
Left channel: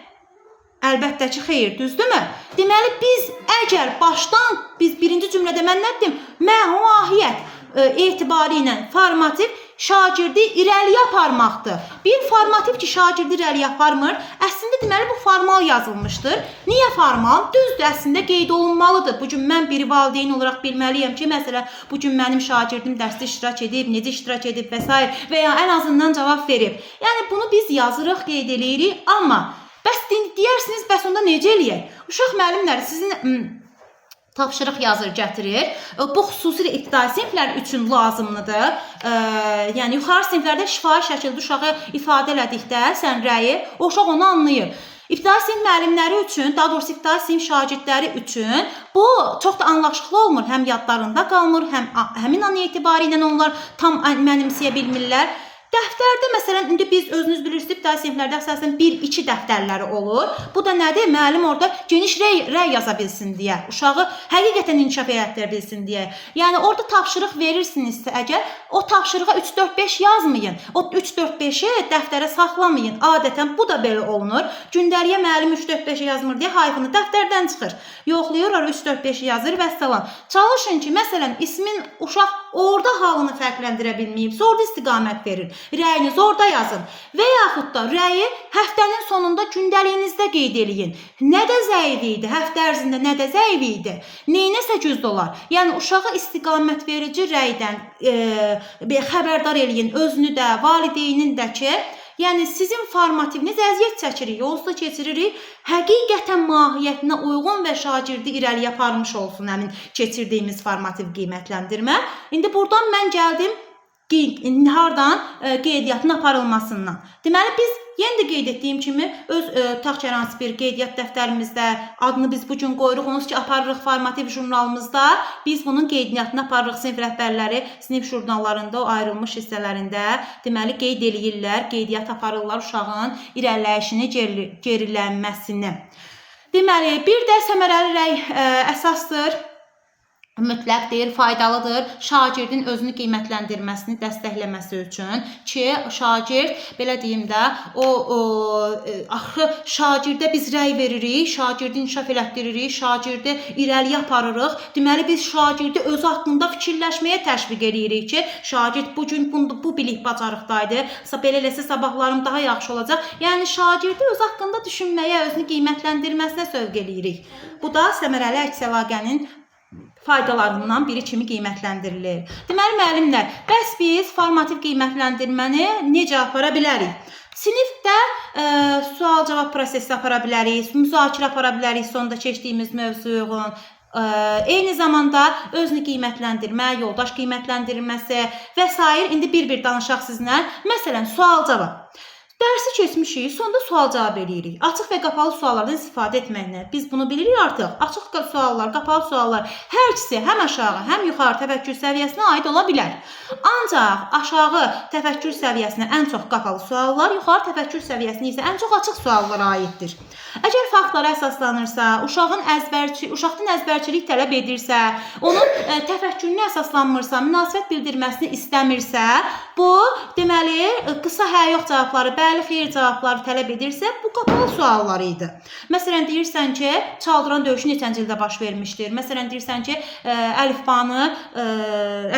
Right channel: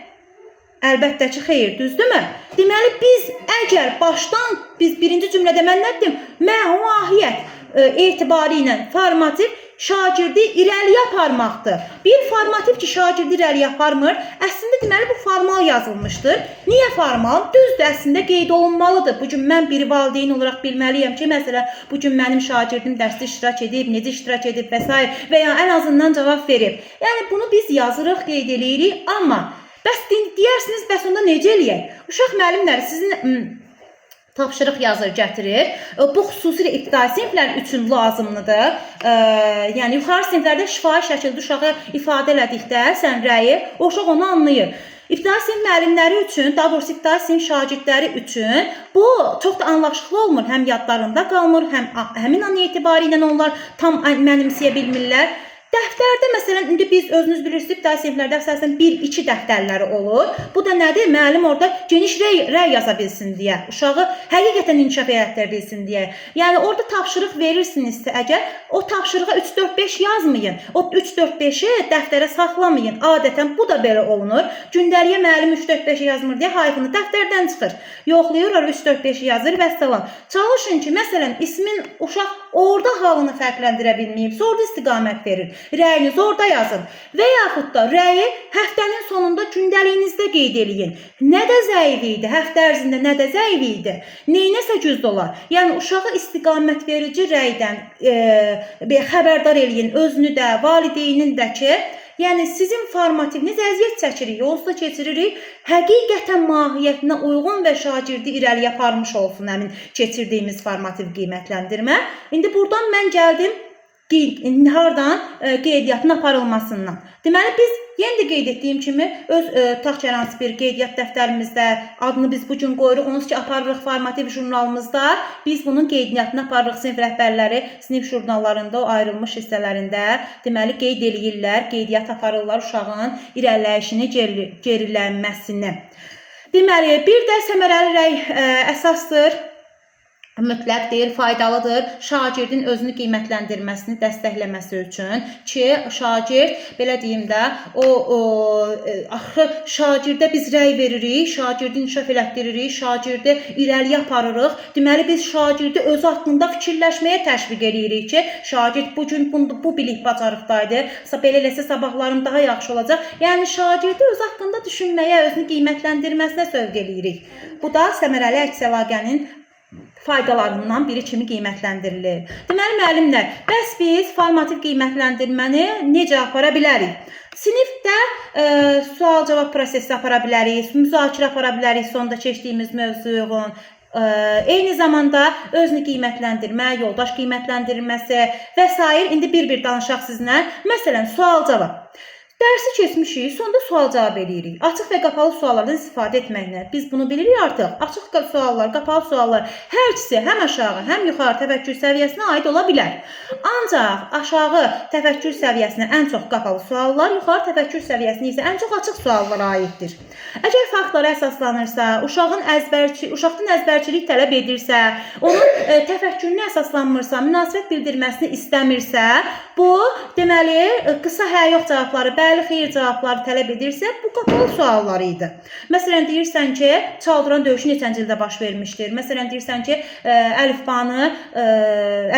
Əlbəttə ki, xeyr, düzdürmü? Deməli, biz əgər başdan, biz birinci cümlədə mən nə dedim? Mahiyyət etibarı ilə formativ şagirdi irəliyə aparmaqdır. Bir formativ ki, şagirdi irəliyə aparmır, əslində deməli, bu formal yazılmışdır. Niyə formal? Düzdür, əslində qeyd olunmalıdır. Bugün mən bir valideyn olaraq bilməliyəm ki, məsələn, bugün mənim şagirdim dərsdə iştirak edib, necə iştirak edib və s. və ya ən azından cavab verib. Yəni, bunu biz yazırıq, qeyd edirik, amma bəs deyərsiniz, bəs onda necə eləyək? Uşaq müəllimləri sizin tapşırıq yazır, gətirir. Bu xüsusilə ibtidai siniflər üçün lazımlıdır. Yəni, yuxarı siniflərdə şifahi şəkildə uşağı ifadə elədikdə sən rəyi, o uşaq onu anlayır. İbtidai sinif müəllimləri üçün, daha doğrusu ibtidai sinif şagirdləri üçün bu çox da anlaşıqlı olmur. Həm yadlarında qalmır, həm həmin an etibarı ilə onlar tam mənimsəyə bilmirlər. Dəftərdə, məsələn, indi biz özünüz bilirsiniz, ibtidai siniflərdə əsasən 1-2 dəftərləri olur. Bu da nədir? Müəllim orada geniş rəy yaza bilsin deyə, uşağı həqiqətən inkişaf etdirə bilsin deyə. Yəni, orada tapşırıq verirsinizsə əgər, o tapşırığa 3-4-5 yazmayın. O 3-4-5-i dəftərə saxlamayın. Adətən bu da belə olunur. Gündəliyə müəllim 3-4-5-i yazmır deyə hayfını dəftərdən çıxır. Yoxlayır, 3-4-5-i yazır və salam. Çalışın ki, məsələn, ismin uşaq orada halını fərqləndirə bilməyibsə, orada istiqamət verir. Rəyiniz orada yazın və yaxud da rəyi həftənin sonunda gündəliyinizdə qeyd eləyin. Nədə zəif idi, həftə ərzində nədə zəif idi, neynəsə güclü olar. Yəni, uşağı istiqamət verici rəydən xəbərdar eləyin, özünü də, valideynin də ki, yəni sizin formativiniz əziyyət çəkirik, yolsuz keçiririk, həqiqətən mahiyyətinə uyğun və şagirdi irəliyə aparmış olsun həmin keçirdiyimiz formativ qiymətləndirmə. İndi buradan mən gəldim hardan qeydiyyatın aparılmasından. Deməli, biz yenə də qeyd etdiyim kimi öz tutaq ki, hər hansı bir qeydiyyat dəftərimizdə adını biz bugün qoyuruq, onsuz ki, aparırıq formativ jurnalımızda, biz bunun qeydiyyatını aparırıq. Sinif rəhbərləri sinif jurnallarında, o ayrılmış hissələrində deməli qeyd eləyirlər, qeydiyyat aparırlar uşağın irəliləyişini, gerilənməsini. Deməli, bir də səmərəli rəy əsasdır. Mütləqdir, faydalıdır şagirdin özünü qiymətləndirməsini dəstəkləməsi üçün ki, şagird, belə deyim də, axı şagirdə biz rəy veririk, şagirdi inkişaf elətdiririk, şagirdi irəliyə aparırıq. Deməli, biz şagirdi özü haqqında fikirləşməyə təşviq edirik ki, şagird bugün bu bilik bacarıqdaydı, belə eləsə sabahlarım daha yaxşı olacaq. Yəni, şagirdi öz haqqında düşünməyə, özünü qiymətləndirməsinə sövq edirik. Bu da səmərəli əks əlaqənin faydalarından biri kimi qiymətləndirilir. Deməli, müəllimlər, bəs biz formativ qiymətləndirməni necə apara bilərik? Sinifdə sual-cavab prosesi apara bilərik, müzakirə apara bilərik sonda keçdiyimiz mövzuya uyğun. Eyni zamanda özünü qiymətləndirmə, yoldaş qiymətləndirməsi və s. İndi bir-bir danışaq sizinlə. Məsələn, sual-cavab. Dərsi keçmişik, sonda sual-cavab edirik. Açıq və qapalı suallardan istifadə etməklə. Biz bunu bilirik artıq. Açıq suallar, qapalı suallar hər ikisi həm aşağı, həm yuxarı təfəkkür səviyyəsinə aid ola bilər. Ancaq aşağı təfəkkür səviyyəsinə ən çox qapalı suallar, yuxarı təfəkkür səviyyəsinə isə ən çox açıq suallara aiddir. Əgər faktlara əsaslanırsa, uşaqdan əzbərçilik tələb edirsə, onun təfəkkürünə əsaslanmırsa, münasibət bildirməsini istəmirsə, bu, deməli, qısa hə-yox cavabları, bəli, xeyir cavabları tələb edirsə, bu qapalı suallar idi. Məsələn, deyirsən ki, Çaldıran döyüşü neçənci ildə baş vermişdir? Məsələn, deyirsən ki, əlifbanı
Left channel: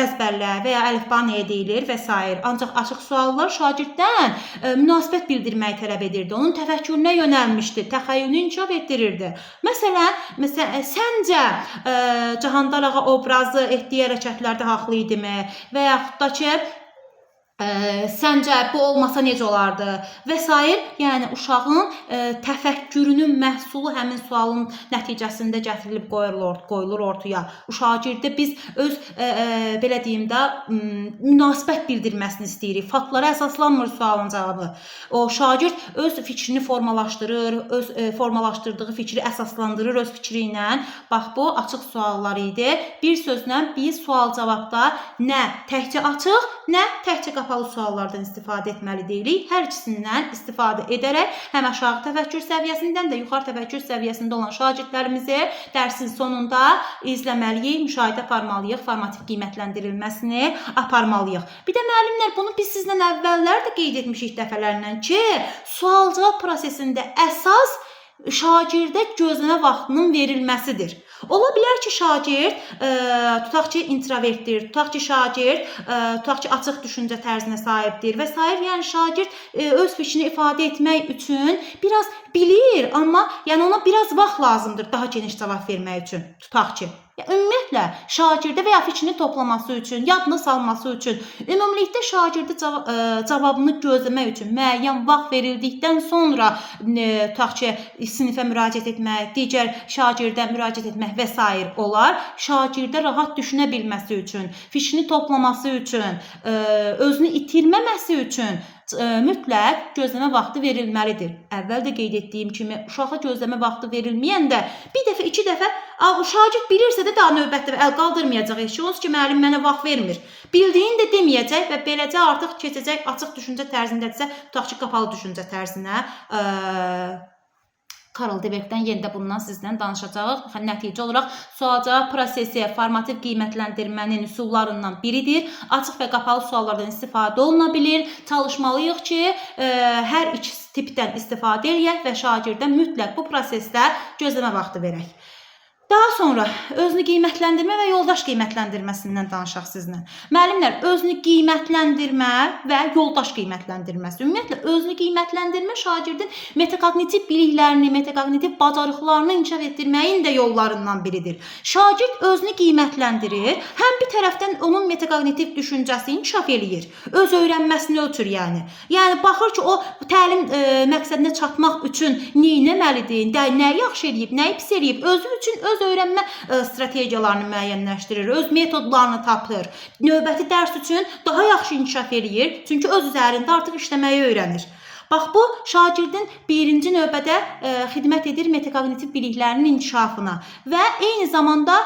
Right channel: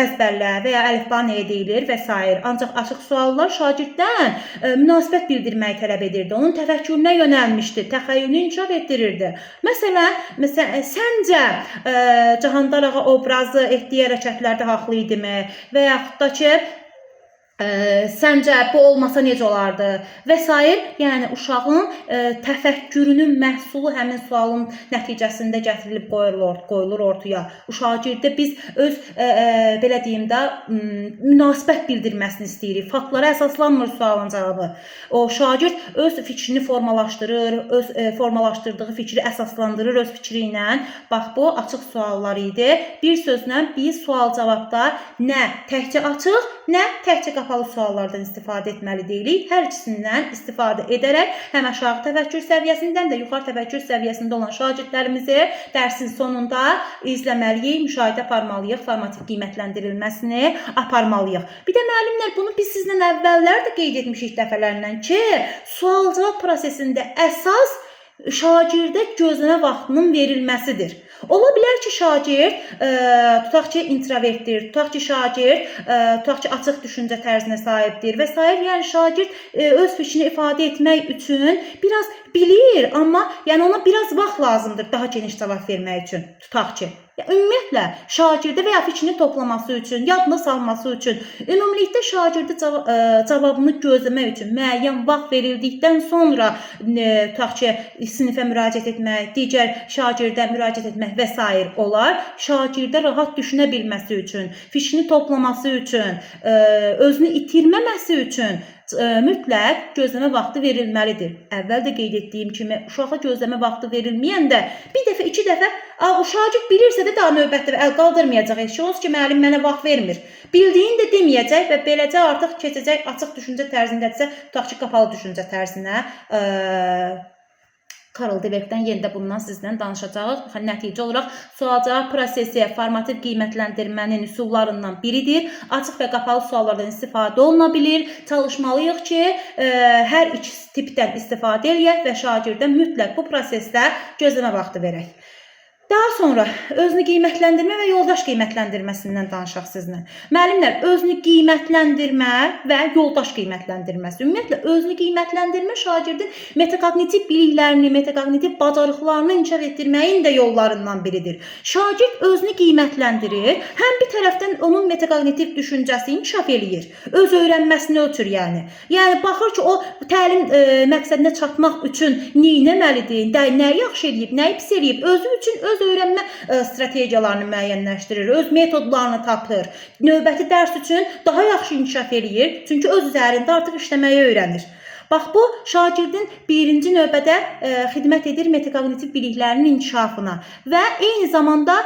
əzbərlə və ya əlifba nəyə deyilir və s. Ancaq açıq suallar şagirddən münasibət bildirməyi tələb edirdi. Onun təfəkkürünə yönəlmişdi, təxəyyülünü inkişaf etdirirdi. Məsələn, səncə Cahandar ağa obrazı etdiyi hərəkətlərdə haqlı idimi? Və yaxud da ki, Səncə bu olmasa necə olardı və s. Yəni uşağın təfəkkürünün məhsulu həmin sualın nəticəsində gətirilib qoyulur ortaya. Şagirdə biz öz belə deyim də münasibət bildirməsini istəyirik. Faktlara əsaslanmır sualın cavabı. O şagird öz fikrini formalaşdırır, öz formalaşdırdığı fikri əsaslandırır öz fikri ilə. Bax bu açıq suallar idi. Bir sözlə biz sual-cavabda nə təkcə açıq, nə təkcə qapalı suallardan istifadə etməli deyilik. Hər ikisindən istifadə edərək həm aşağı təfəkkür səviyyəsindən də yuxarı təfəkkür səviyyəsində olan şagirdlərimizi dərsin sonunda izləməliyik, müşahidə aparmalıyıq, formativ qiymətləndirilməsini aparmalıyıq. Bir də müəllimlər, bunu biz sizlə əvvəllər də qeyd etmişik dəfələrlə ki, sual-cavab prosesində əsas şagirdə gözləmə vaxtının verilməsidir. Ola bilər ki, şagird tutaq ki, introvertdir, tutaq ki, şagird tutaq ki, açıq düşüncə tərzinə sahibdir və s. Yəni şagird öz fikrini ifadə etmək üçün biraz bilir, amma yəni ona biraz vaxt lazımdır daha geniş cavab vermək üçün. Tutaq ki, ümumiyyətlə şagirdə və ya fikrini toplaması üçün, yadına salması üçün, ümumilikdə şagirdə cavabını gözləmək üçün müəyyən vaxt verildikdən sonra tutaq ki, sinifə müraciət etmək, digər şagirdə müraciət etmək və s. olar. Şagirdə rahat düşünə bilməsi üçün, fikrini toplaması üçün, özünü itirməməsi üçün mütləq gözləmə vaxtı verilməlidir. Əvvəl də qeyd etdiyim kimi, uşağa gözləmə vaxtı verilməyəndə bir dəfə, iki dəfə şagird bilirsə də daha növbətdə əl qaldırmayacaq. Heç olsun ki, müəllim mənə vaxt vermir. Bildiyini də deməyəcək və beləcə artıq keçəcək açıq düşüncə tərzindədirsə, tutaq ki, qapalı düşüncə tərzinə. Karl Dweckdən yenə də bundan sizlə danışacağıq. Nəticə olaraq sual-cavab prosesi formativ qiymətləndirmənin üsullarından biridir. Açıq və qapalı suallardan istifadə oluna bilir. Çalışmalıyıq ki, hər iki tipdən istifadə edək və şagirdə mütləq bu prosesdə gözləmə vaxtı verək. Daha sonra özünü qiymətləndirmə və yoldaş qiymətləndirməsindən danışaq sizinlə. Müəllimlər, özünü qiymətləndirmə və yoldaş qiymətləndirməsi. Ümumiyyətlə, özünü qiymətləndirmə şagirdin metakognitiv biliklərini, metakognitiv bacarıqlarını inkişaf etdirməyin də yollarından biridir. Şagird özünü qiymətləndirir, həm bir tərəfdən onun metakognitiv düşüncəsi inkişaf eləyir, öz öyrənməsini ölçür yəni. Yəni, baxır ki, o təlim məqsədinə çatmaq üçün neynəməlidir, nəyi yaxşı eləyib, nəyi pis eləyib, özü üçün öz öyrənmə strategiyalarını müəyyənləşdirir, öz metodlarını tapır, növbəti dərs üçün daha yaxşı inkişaf eləyir, çünki öz üzərində artıq işləməyi öyrənir. Bax, bu şagirdin birinci növbədə xidmət edir metakognitiv biliklərinin inkişafına və eyni zamanda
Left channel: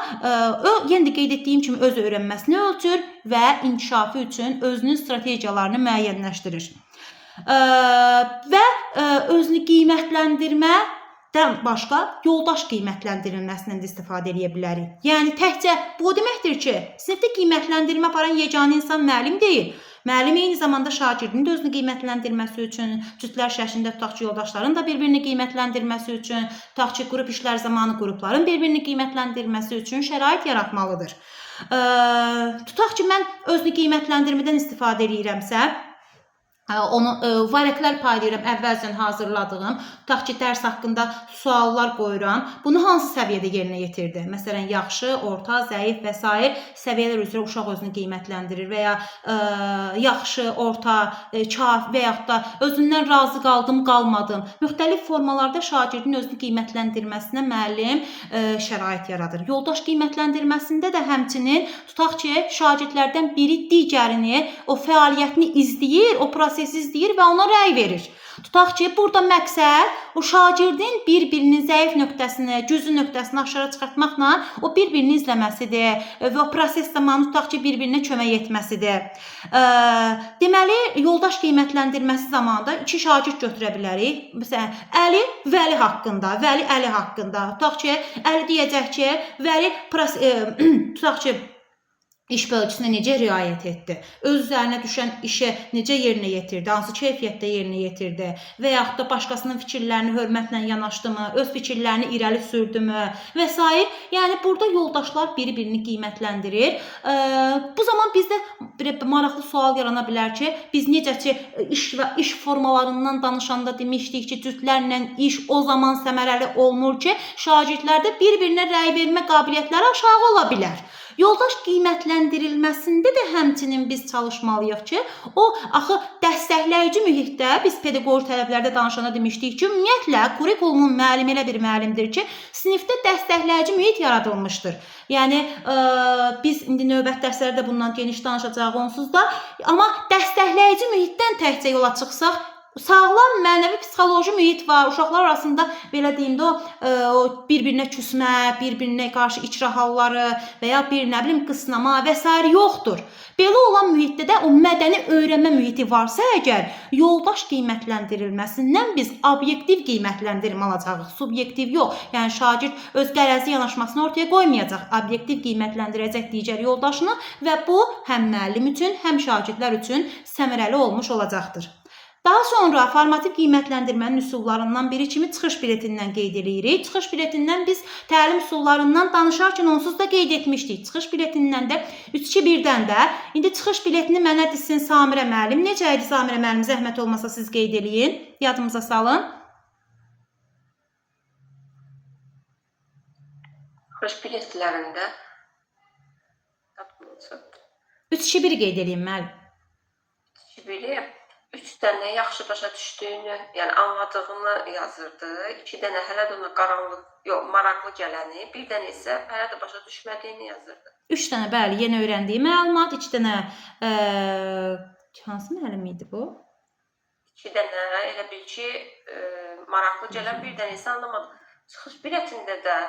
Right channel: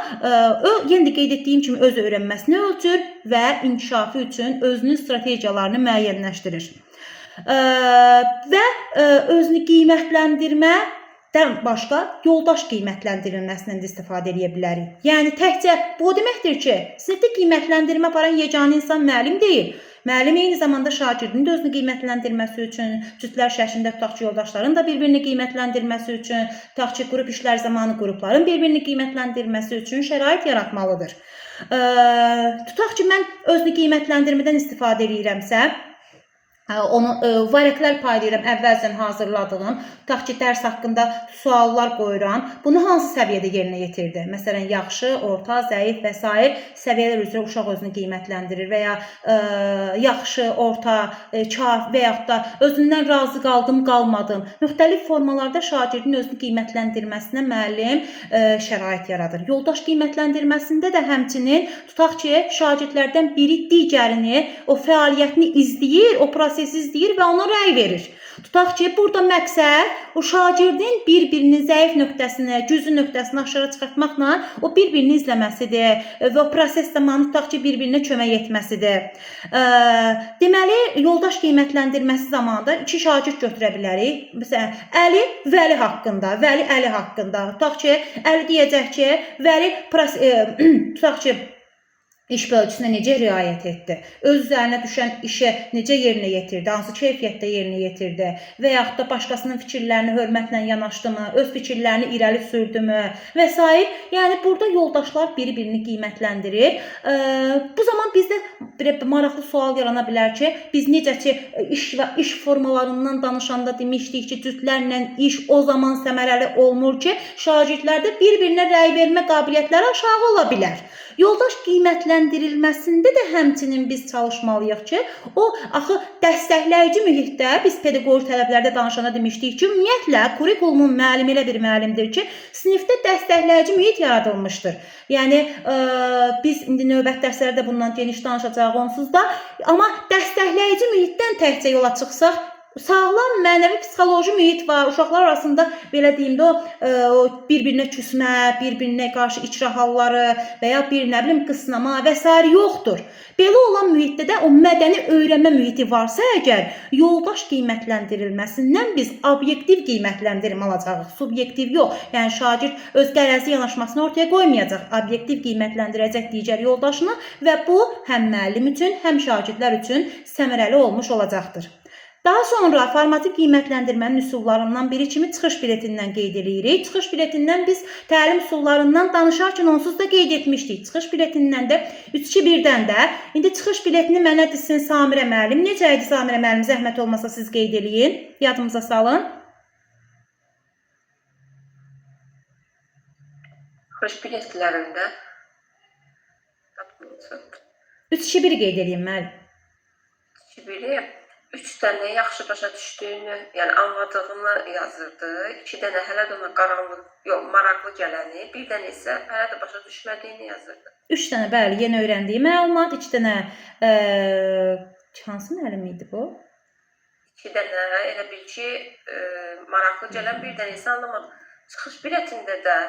yenə də qeyd etdiyim kimi öz öyrənməsini ölçür və inkişafı üçün özünün strategiyalarını müəyyənləşdirir. Və özünü qiymətləndirmə başqa yoldaş qiymətləndirilməsindən də istifadə edə bilərik. Yəni, təkcə bu deməkdir ki, sinifdə qiymətləndirmə aparan yeganə insan müəllim deyil. Müəllim eyni zamanda şagirdin də özünü qiymətləndirməsi üçün, cütlər şəklində tutaq ki, yoldaşların da bir-birini qiymətləndirməsi üçün, tutaq ki, qrup işlər zamanı qrupların bir-birini qiymətləndirməsi üçün şərait yaratmalıdır. Tutaq ki, mən özünü qiymətləndirmədən istifadə edirəmsə, onu variantlar paylayıram əvvəlcən hazırladığım, tutaq ki, dərs haqqında suallar qoyuram. Bunu hansı səviyyədə yerinə yetirdi? Məsələn, yaxşı, orta, zəif və s. səviyyələr üzrə uşaq özünü qiymətləndirir və ya yaxşı, orta, kaf və yaxud da özündən razı qaldım, qalmadım. Müxtəlif formalarda şagirdin özünü qiymətləndirməsinə müəllim şərait yaradır. Yoldaş qiymətləndirməsində də həmçinin tutaq ki, şagirdlərdən biri digərini, o fəaliyyətini izləyir, o prosesi izləyir və ona rəy verir. Tutaq ki, burada məqsəd o şagirdin bir-birinin zəif nöqtəsini, güclü nöqtəsini aşağı çıxartmaqla o bir-birini izləməsidir və o proses zamanı tutaq ki, bir-birinə kömək etməsidir. Deməli, yoldaş qiymətləndirməsi zamanında iki şagird götürə bilərik. Məsələn, Əli Vəli haqqında, Vəli Əli haqqında. Tutaq ki, Əli deyəcək ki, Vəli tutaq ki, iş bölgüsünə necə riayət etdi, öz üzərinə düşən işə necə yerinə yetirdi, hansı keyfiyyətdə yerinə yetirdi və yaxud da başqasının fikirlərini hörmətlə yanaşdımı, öz fikirlərini irəli sürdümü və s. Yəni, burada yoldaşlar bir-birini qiymətləndirir. Bu zaman bizdə maraqlı sual yarana bilər ki, biz necə ki, iş və iş formalarından danışanda demişdik ki, cütlərlə iş o zaman səmərəli olmur ki, şagirdlərdə bir-birinə rəy vermə qabiliyyətləri aşağı ola bilər. Yoldaş qiymətləndirilməsində də həmçinin biz çalışmalıyıq ki, o axı dəstəkləyici mühitdə biz pedaqoji tələblərdə danışanda demişdik ki, ümumiyyətlə kurikulumun müəllimi elə bir müəllimdir ki, sinifdə dəstəkləyici mühit yaradılmışdır. Yəni biz indi növbəti dərslərdə bundan geniş danışacağıq onsuz da, amma dəstəkləyici mühitdən təkcə yola çıxsaq, sağlam mənəvi psixoloji mühit var. Uşaqlar arasında belə deyim də o bir-birinə küsmə, bir-birinə qarşı icra halları və ya bir nə bilim qısnama və s. yoxdur. Belə olan mühitdə də o mədəni öyrənmə mühiti varsa əgər, yoldaş qiymətləndirilməsindən biz obyektiv qiymətləndirmə alacağıq, subyektiv yox. Yəni şagird öz qərəzli yanaşmasını ortaya qoymayacaq, obyektiv qiymətləndirəcək digər yoldaşını və bu həm müəllim üçün, həm şagirdlər üçün səmərəli olmuş olacaqdır. Daha sonra formativ qiymətləndirmənin üsullarından biri kimi çıxış biletindən qeyd edirik. Çıxış biletindən biz təlim üsullarından danışarkən onsuz da qeyd etmişdik. Çıxış biletindən də 3-2-1-dən də indi çıxış biletini mənə desin Samirə müəllim. Necə idi Samirə müəllim? Zəhmət olmasa siz qeyd eləyin. Yadımıza salın. Çıxış biletlərində 3-2-1 qeyd eləyin müəllim. 2-1-i 3 dənə yaxşı başa düşdüyünü, yəni anladığını yazırdı. 2 dənə hələ də ona qaranlıq, yox, maraqlı gələni, bir dənə isə hələ də başa düşmədiyini yazırdı. 3 dənə bəli, yeni öyrəndiyi məlumat, 2 dənə hansı müəllim idi bu? 2 dənə elə bil ki, maraqlı gələn, bir dənə isə anlamadı. Çıxış biletində də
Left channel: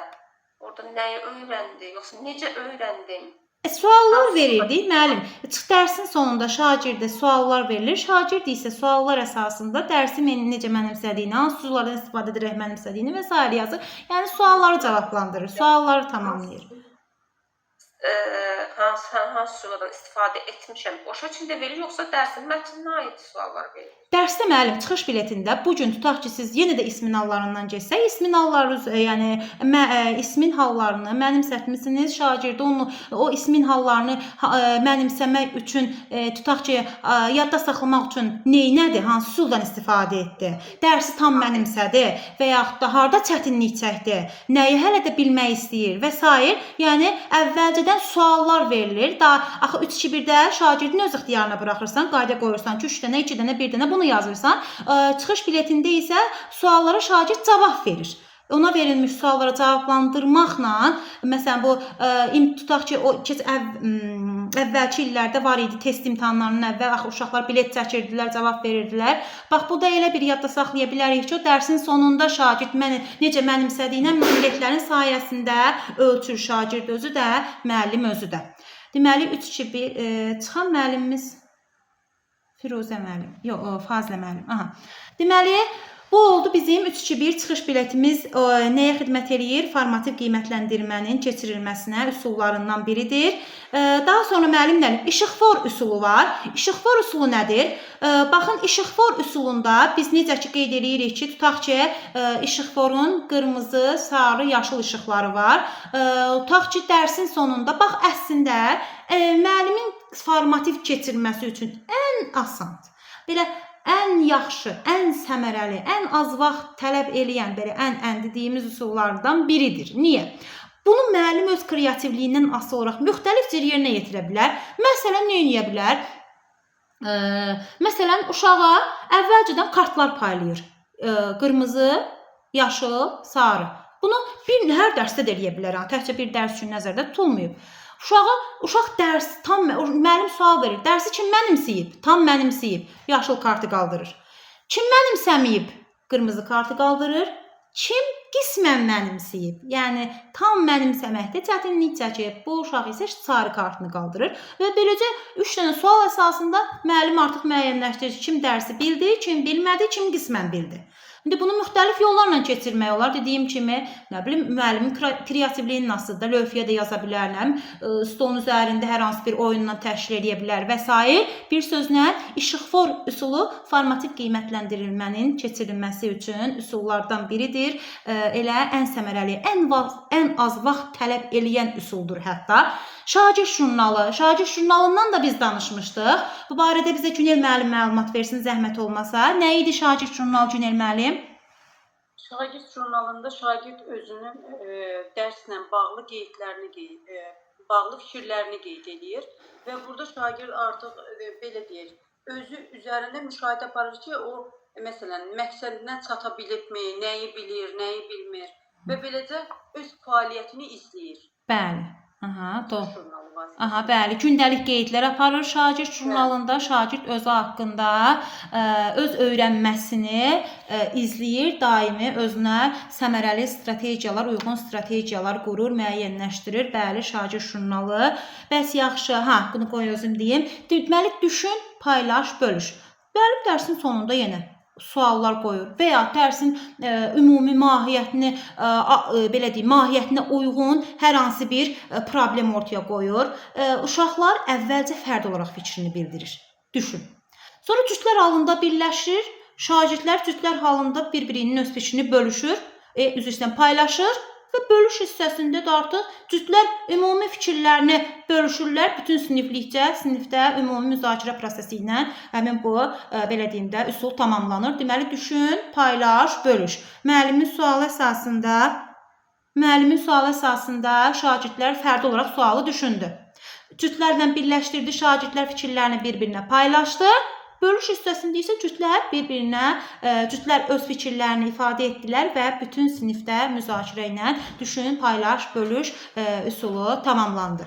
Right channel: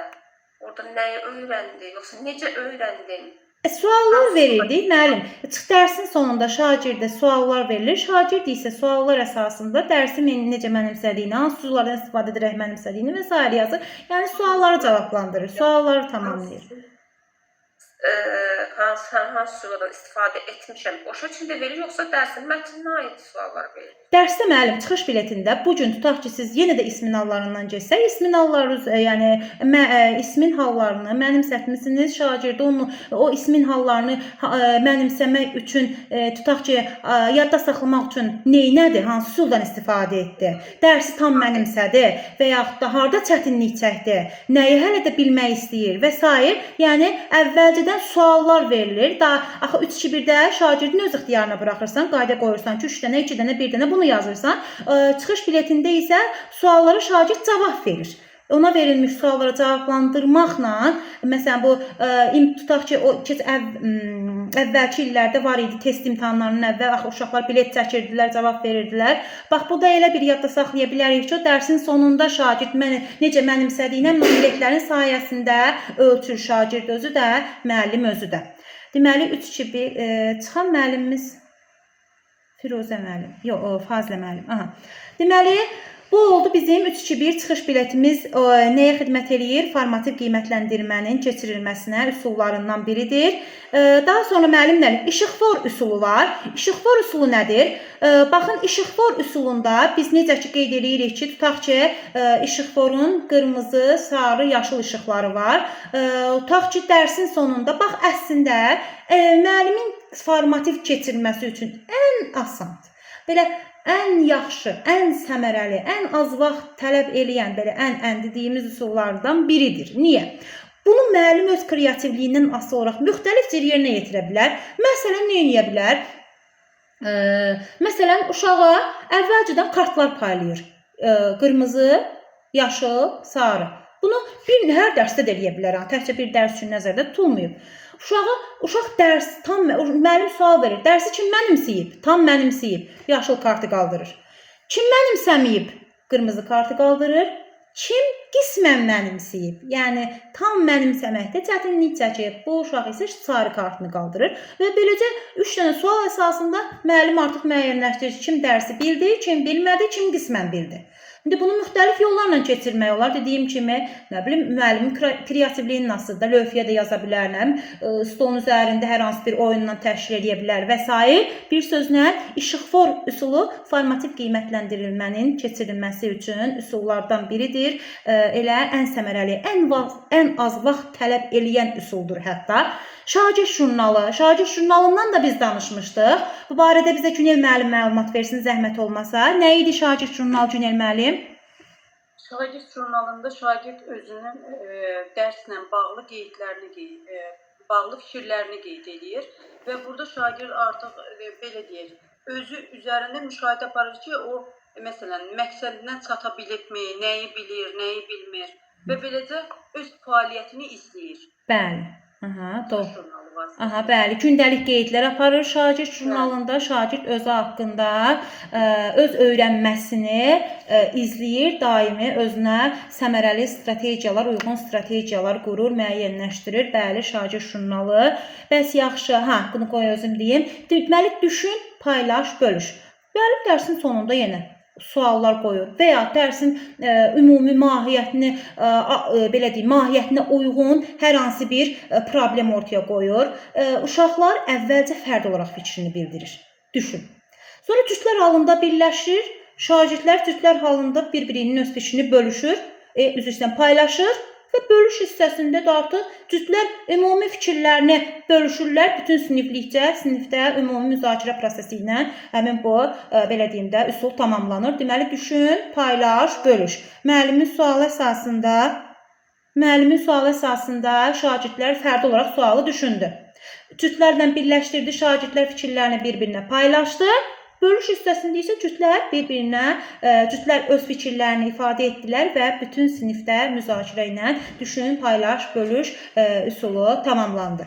orada nəyi öyrəndi, yoxsa necə öyrəndin? Suallar verildi, müəllim. Dərsin sonunda şagirdə suallar verilir. Şagird isə suallar əsasında dərsi necə mənimsədiyini, hansı üsullardan istifadə edərək mənimsədiyini və s. yazır. Yəni sualları cavablandırır, sualları tamamlayır. Hansı üsullardan istifadə etmişəm, o şəkildə verir, yoxsa dərsin mətninə aid suallar verir? Dərsdə müəllim çıxış biletində bu gün tutaq ki, siz yenə də ismin hallarından keçsək, ismin halları, yəni ismin hallarını mənimsətmisiniz, şagirdə o ismin hallarını mənimsəmək üçün tutaq ki, yadda saxlamaq üçün neynədir, hansı üsuldan istifadə etdi, dərsi tam mənimsədi və yaxud da harda çətinlik çəkdi, nəyi hələ də bilmək istəyir və s. Yəni əvvəlcədən suallar verilir. Axı 3-2-1-də şagirdin öz ixtiyarına buraxırsan, qayda qoyursan ki, 3 dənə, 2 dənə, 1 dənə bunu yazırsan. Çıxış biletində isə suallara şagird cavab verir. Ona verilmiş suallara cavablandırmaqla, məsələn bu tutaq ki, o əvvəlki illərdə var idi test imtahanlarının əvvəl axı uşaqlar bilet çəkirdilər, cavab verirdilər. Bax bu da elə bir yadda saxlaya bilərik ki, o dərsin sonunda şagird necə mənimsədiyinə biletlərin sayəsində ölçür şagird özü də, müəllim özü də. Deməli 3-2-1 çıxan müəllimimiz Firuzə müəllim, yox, Fazilə müəllim. Aha. Deməli, bu oldu bizim 3-2-1 çıxış biletimiz nəyə xidmət eləyir? Formativ qiymətləndirmənin keçirilməsinə üsullarından biridir. Daha sonra müəllimlərim, işıqfor üsulu var. İşıqfor üsulu nədir? Baxın, işıqfor üsulunda biz necə ki qeyd edirik ki, tutaq ki, işıqforun qırmızı, sarı, yaşıl işıqları var. Tutaq ki, dərsin sonunda, bax əslində, müəllimin formativ keçirməsi üçün ən asan, belə ən yaxşı, ən səmərəli, ən az vaxt tələb eləyən, belə ən dediyimiz üsullardan biridir. Niyə? Bunu müəllim öz kreativliyindən asılı olaraq müxtəlif cür yerinə yetirə bilər. Məsələn, nə edə bilər? Məsələn, uşağa əvvəlcədən kartlar paylayır. Qırmızı, yaşıl, sarı. Bunu hər dərsdə də eləyə bilər. Təkcə bir dərs üçün nəzərdə tutulmayıb. Uşaq dərsi tam, müəllim sual verir. Dərsi kim mənimsəyib? Tam mənimsəyib. Yaşıl kartı qaldırır. Kim mənimsəməyib? Qırmızı kartı qaldırır. Kim qismən mənimsəyib? Yəni tam mənimsəməkdə çətinlik çəkib. Bu uşaq isə sarı kartını qaldırır və beləcə 3 dənə sual əsasında müəllim artıq müəyyənləşdirir. Kim dərsi bildi, kim bilmədi, kim qismən bildi. İndi bunu müxtəlif yollarla keçirmək olar. Dediyim kimi, nə bilim, müəllimin kreativliyi nasıldır? Lövhəyə də yaza bilər, stolun üzərində hər hansı bir oyunla təşkil edə bilər və s. Bir sözlə, işıqfor üsulu formativ qiymətləndirilmənin keçirilməsi üçün üsullardan biridir. Elə ən səmərəli, ən az vaxt tələb eləyən üsuldur hətta. Şagird jurnalı. Şagird jurnalından da biz danışmışdıq. Bu barədə bizə Günel müəllim məlumat versin, zəhmət olmasa. Nə idi şagird jurnalı, Günel müəllim? Şagird jurnalında şagird özünün dərslə bağlı qeydlərini bağlı fikirlərini qeyd edir və burada şagird artıq belə deyək, özü üzərində müşahidə aparır ki, o məsələn məqsədinə çata bilibmi, nəyi bilir, nəyi bilmir və beləcə öz fəaliyyətini izləyir. Bəli. Aha, doğru. Jurnalı vasitəsilə. Aha, bəli, gündəlik qeydlər aparır şagird jurnalında. Şagird özü haqqında öz öyrənməsini izləyir, daimi özünə səmərəli strategiyalar, uyğun strategiyalar qurur, müəyyənləşdirir. Bəli, şagird jurnalı. Bəs yaxşı, bunu qoy özüm deyim. Deməli, düşün, paylaş, bölüş. Bəli, dərsin sonunda yenə suallar qoyur və ya dərsin ümumi mahiyyətini belə deyim, mahiyyətinə uyğun hər hansı bir problem ortaya qoyur. Uşaqlar əvvəlcə fərd olaraq fikrini bildirir. Düşün. Sonra cütlər halında birləşir. Şagirdlər cütlər halında bir-birinin öz fikrini bölüşür, üzr istəyirəm, paylaşır və bölüş hissəsində də artıq cütlər ümumi fikirlərini bölüşürlər. Bütün siniflikcə, sinifdə ümumi müzakirə prosesi ilə həmin bu, belə deyim də, üsul tamamlanır. Deməli, düşün, paylaş, bölüş. Müəllimin sualı əsasında şagirdlər fərdi olaraq sualı düşündü. Cütlərlə birləşdirdi, şagirdlər fikirlərini bir-birinə paylaşdı. Bölüş hissəsində isə cütlər öz fikirlərini ifadə etdilər və bütün sinifdə müzakirə ilə düşün, paylaş, bölüş üsulu tamamlandı.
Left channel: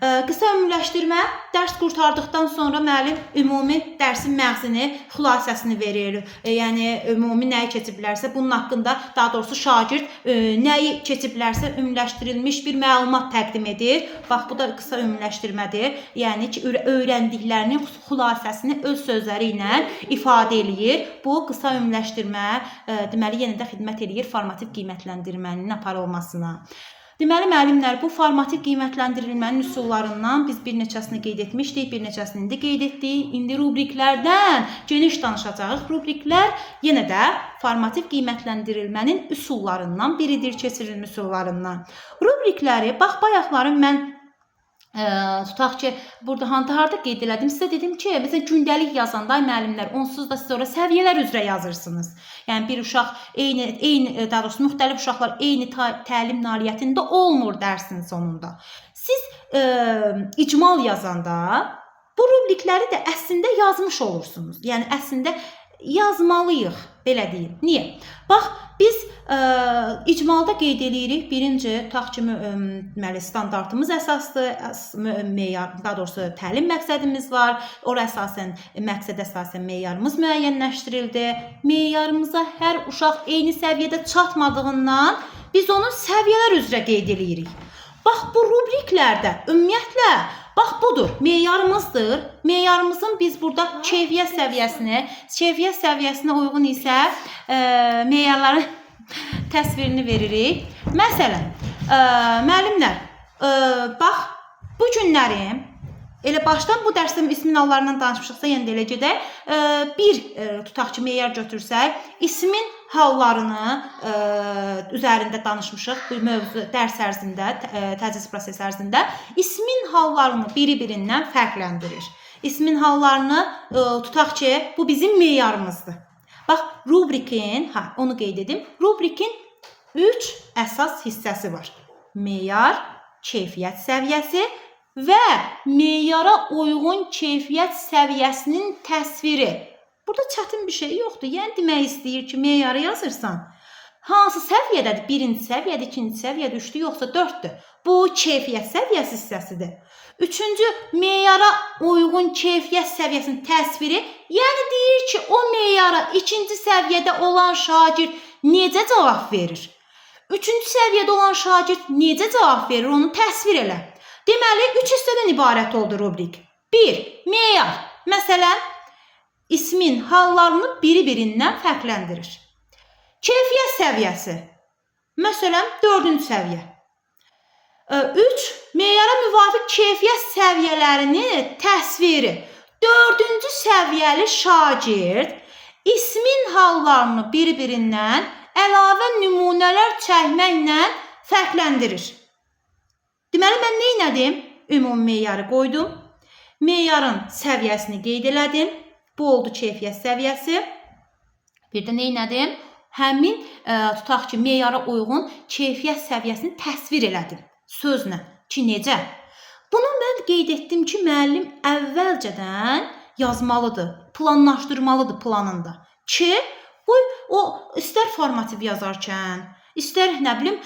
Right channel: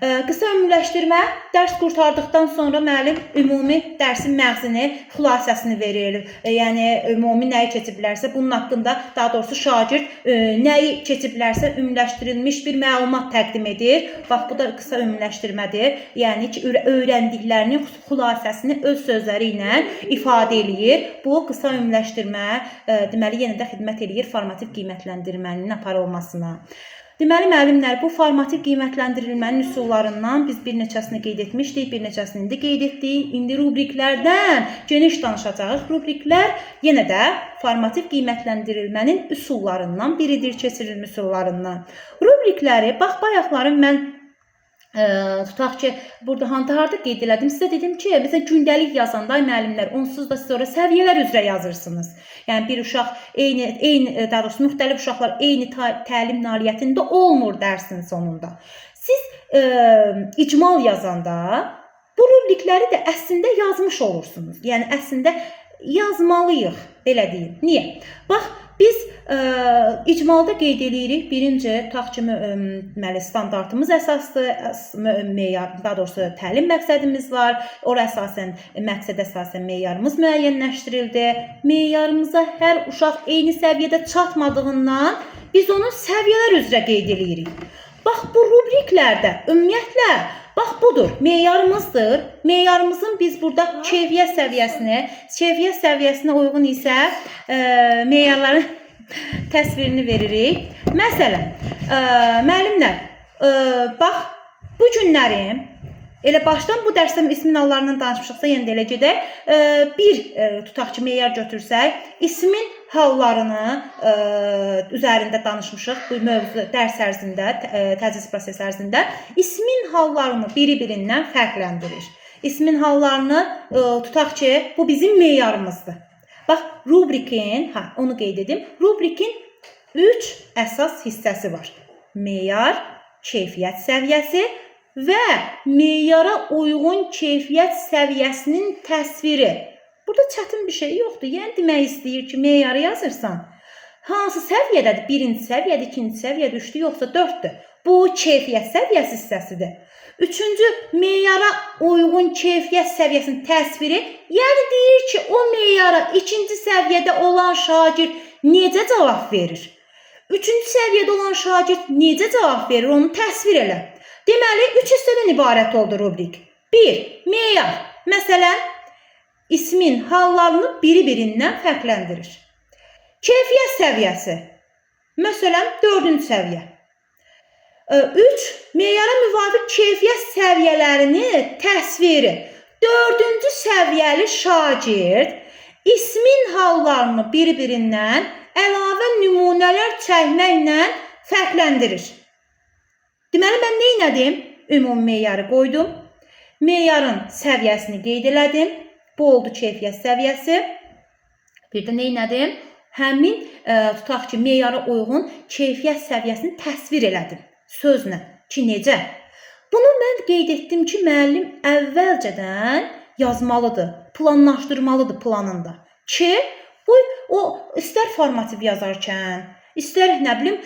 Qısa ümumiləşdirmə, dərs qurtardıqdan sonra müəllim ümumi dərsin məğzini, xülasəsini verir. Yəni, ümumi nəyi keçiblərsə, bunun haqqında, daha doğrusu şagird nəyi keçiblərsə ümumiləşdirilmiş bir məlumat təqdim edir. Bax, bu da qısa ümumiləşdirmədir. Yəni ki, öyrəndiklərinin xülasəsini öz sözləri ilə ifadə eləyir. Bu, qısa ümumiləşdirmə, deməli, yenə də xidmət eləyir formativ qiymətləndirmənin aparılmasına. Deməli, müəllimlər, bu formativ qiymətləndirilmənin üsullarından biz bir neçəsini qeyd etmişdik, bir neçəsini indi qeyd etdik. İndi rubriklərdən geniş danışacağıq. Rubriklər yenə də formativ qiymətləndirilmənin üsullarından biridir, keçirilmə üsullarından. Rubrikləri, bax, bayaqları mən tutaq ki, burada harda qeyd elədim, sizə dedim ki, məsələn, gündəlik yazanda müəllimlər, onsuz da siz ora səviyyələr üzrə yazırsınız. Yəni, bir uşaq daha doğrusu müxtəlif uşaqlar eyni təlim nailiyyətində olmur dərsin sonunda. Siz icmal yazanda bu rubrikləri də əslində yazmış olursunuz. Yəni, əslində yazmalıyıq, belə deyim. Niyə? Bax, biz icmalda qeyd edirik. Birinci, tutaq ki, standartımız əsasdır, daha doğrusu təlim məqsədimiz var. Ora məqsədə əsasən meyarımız müəyyənləşdirildi. Meyarımıza hər uşaq eyni səviyyədə çatmadığından biz onu səviyyələr üzrə qeyd edirik. Bax, bu rubriklərdə ümumiyyətlə, bax, budur, meyarımızdır. Meyarımızın biz burada keyfiyyət səviyyəsinə uyğun isə meyarların təsvirini veririk. Məsələn, müəllimlər, bax, bu günlərim, elə başdan bu dərsdə ismin hallarından danışmışıqsa, yenə də elə gedək. Bir, tutaq ki, meyar götürsək, ismin hallarını üzərində danışmışıq bu mövzu dərs ərzində, tədris prosesi ərzində. İsmin hallarını biri-birindən fərqləndirir. İsmin hallarını tutaq ki, bu bizim meyarımızdır. Bax, rubrikin, onu qeyd edim, rubrikin 3 əsas hissəsi var. Meyar, keyfiyyət səviyyəsi və meyara uyğun keyfiyyət səviyyəsinin təsviri. Burada çətin bir şey yoxdur. Yəni, demək istəyir ki, meyarı yazırsan, hansı səviyyədədir? Birinci səviyyədir, ikinci səviyyədir, üçdür, yoxsa dörddür. Bu, keyfiyyət səviyyəsi hissəsidir. Üçüncü, meyara uyğun keyfiyyət səviyyəsinin təsviri, yəni deyir ki, o meyara ikinci səviyyədə olan şagird necə cavab verir? Üçüncü səviyyədə olan şagird necə cavab verir? Onu təsvir elə. Deməli, 3 hissədən ibarət oldu rubrik. 1. Meyar. Məsələn, ismin hallarını biri-birindən fərqləndirir. Keyfiyyət səviyyəsi. Məsələn, 4-cü səviyyə. 3. Meyara müvafiq keyfiyyət səviyyələrini təsviri. 4-cü səviyyəli şagird ismin hallarını bir-birindən əlavə nümunələr çəkməklə fərqləndirir. Deməli, mən nə etdim? Ümumi meyarı qoydum. Meyarın səviyyəsini qeyd elədim. Bu oldu keyfiyyət səviyyəsi. Bir də nə etdim? Həmin, tutaq ki, meyara uyğun keyfiyyət səviyyəsini təsvir elədim. Sözlə ki, necə? Bunu mən qeyd etdim ki, müəllim əvvəlcədən yazmalıdır, planlaşdırmalıdır planında ki, o istər formativ yazarkən, istər nə bilim,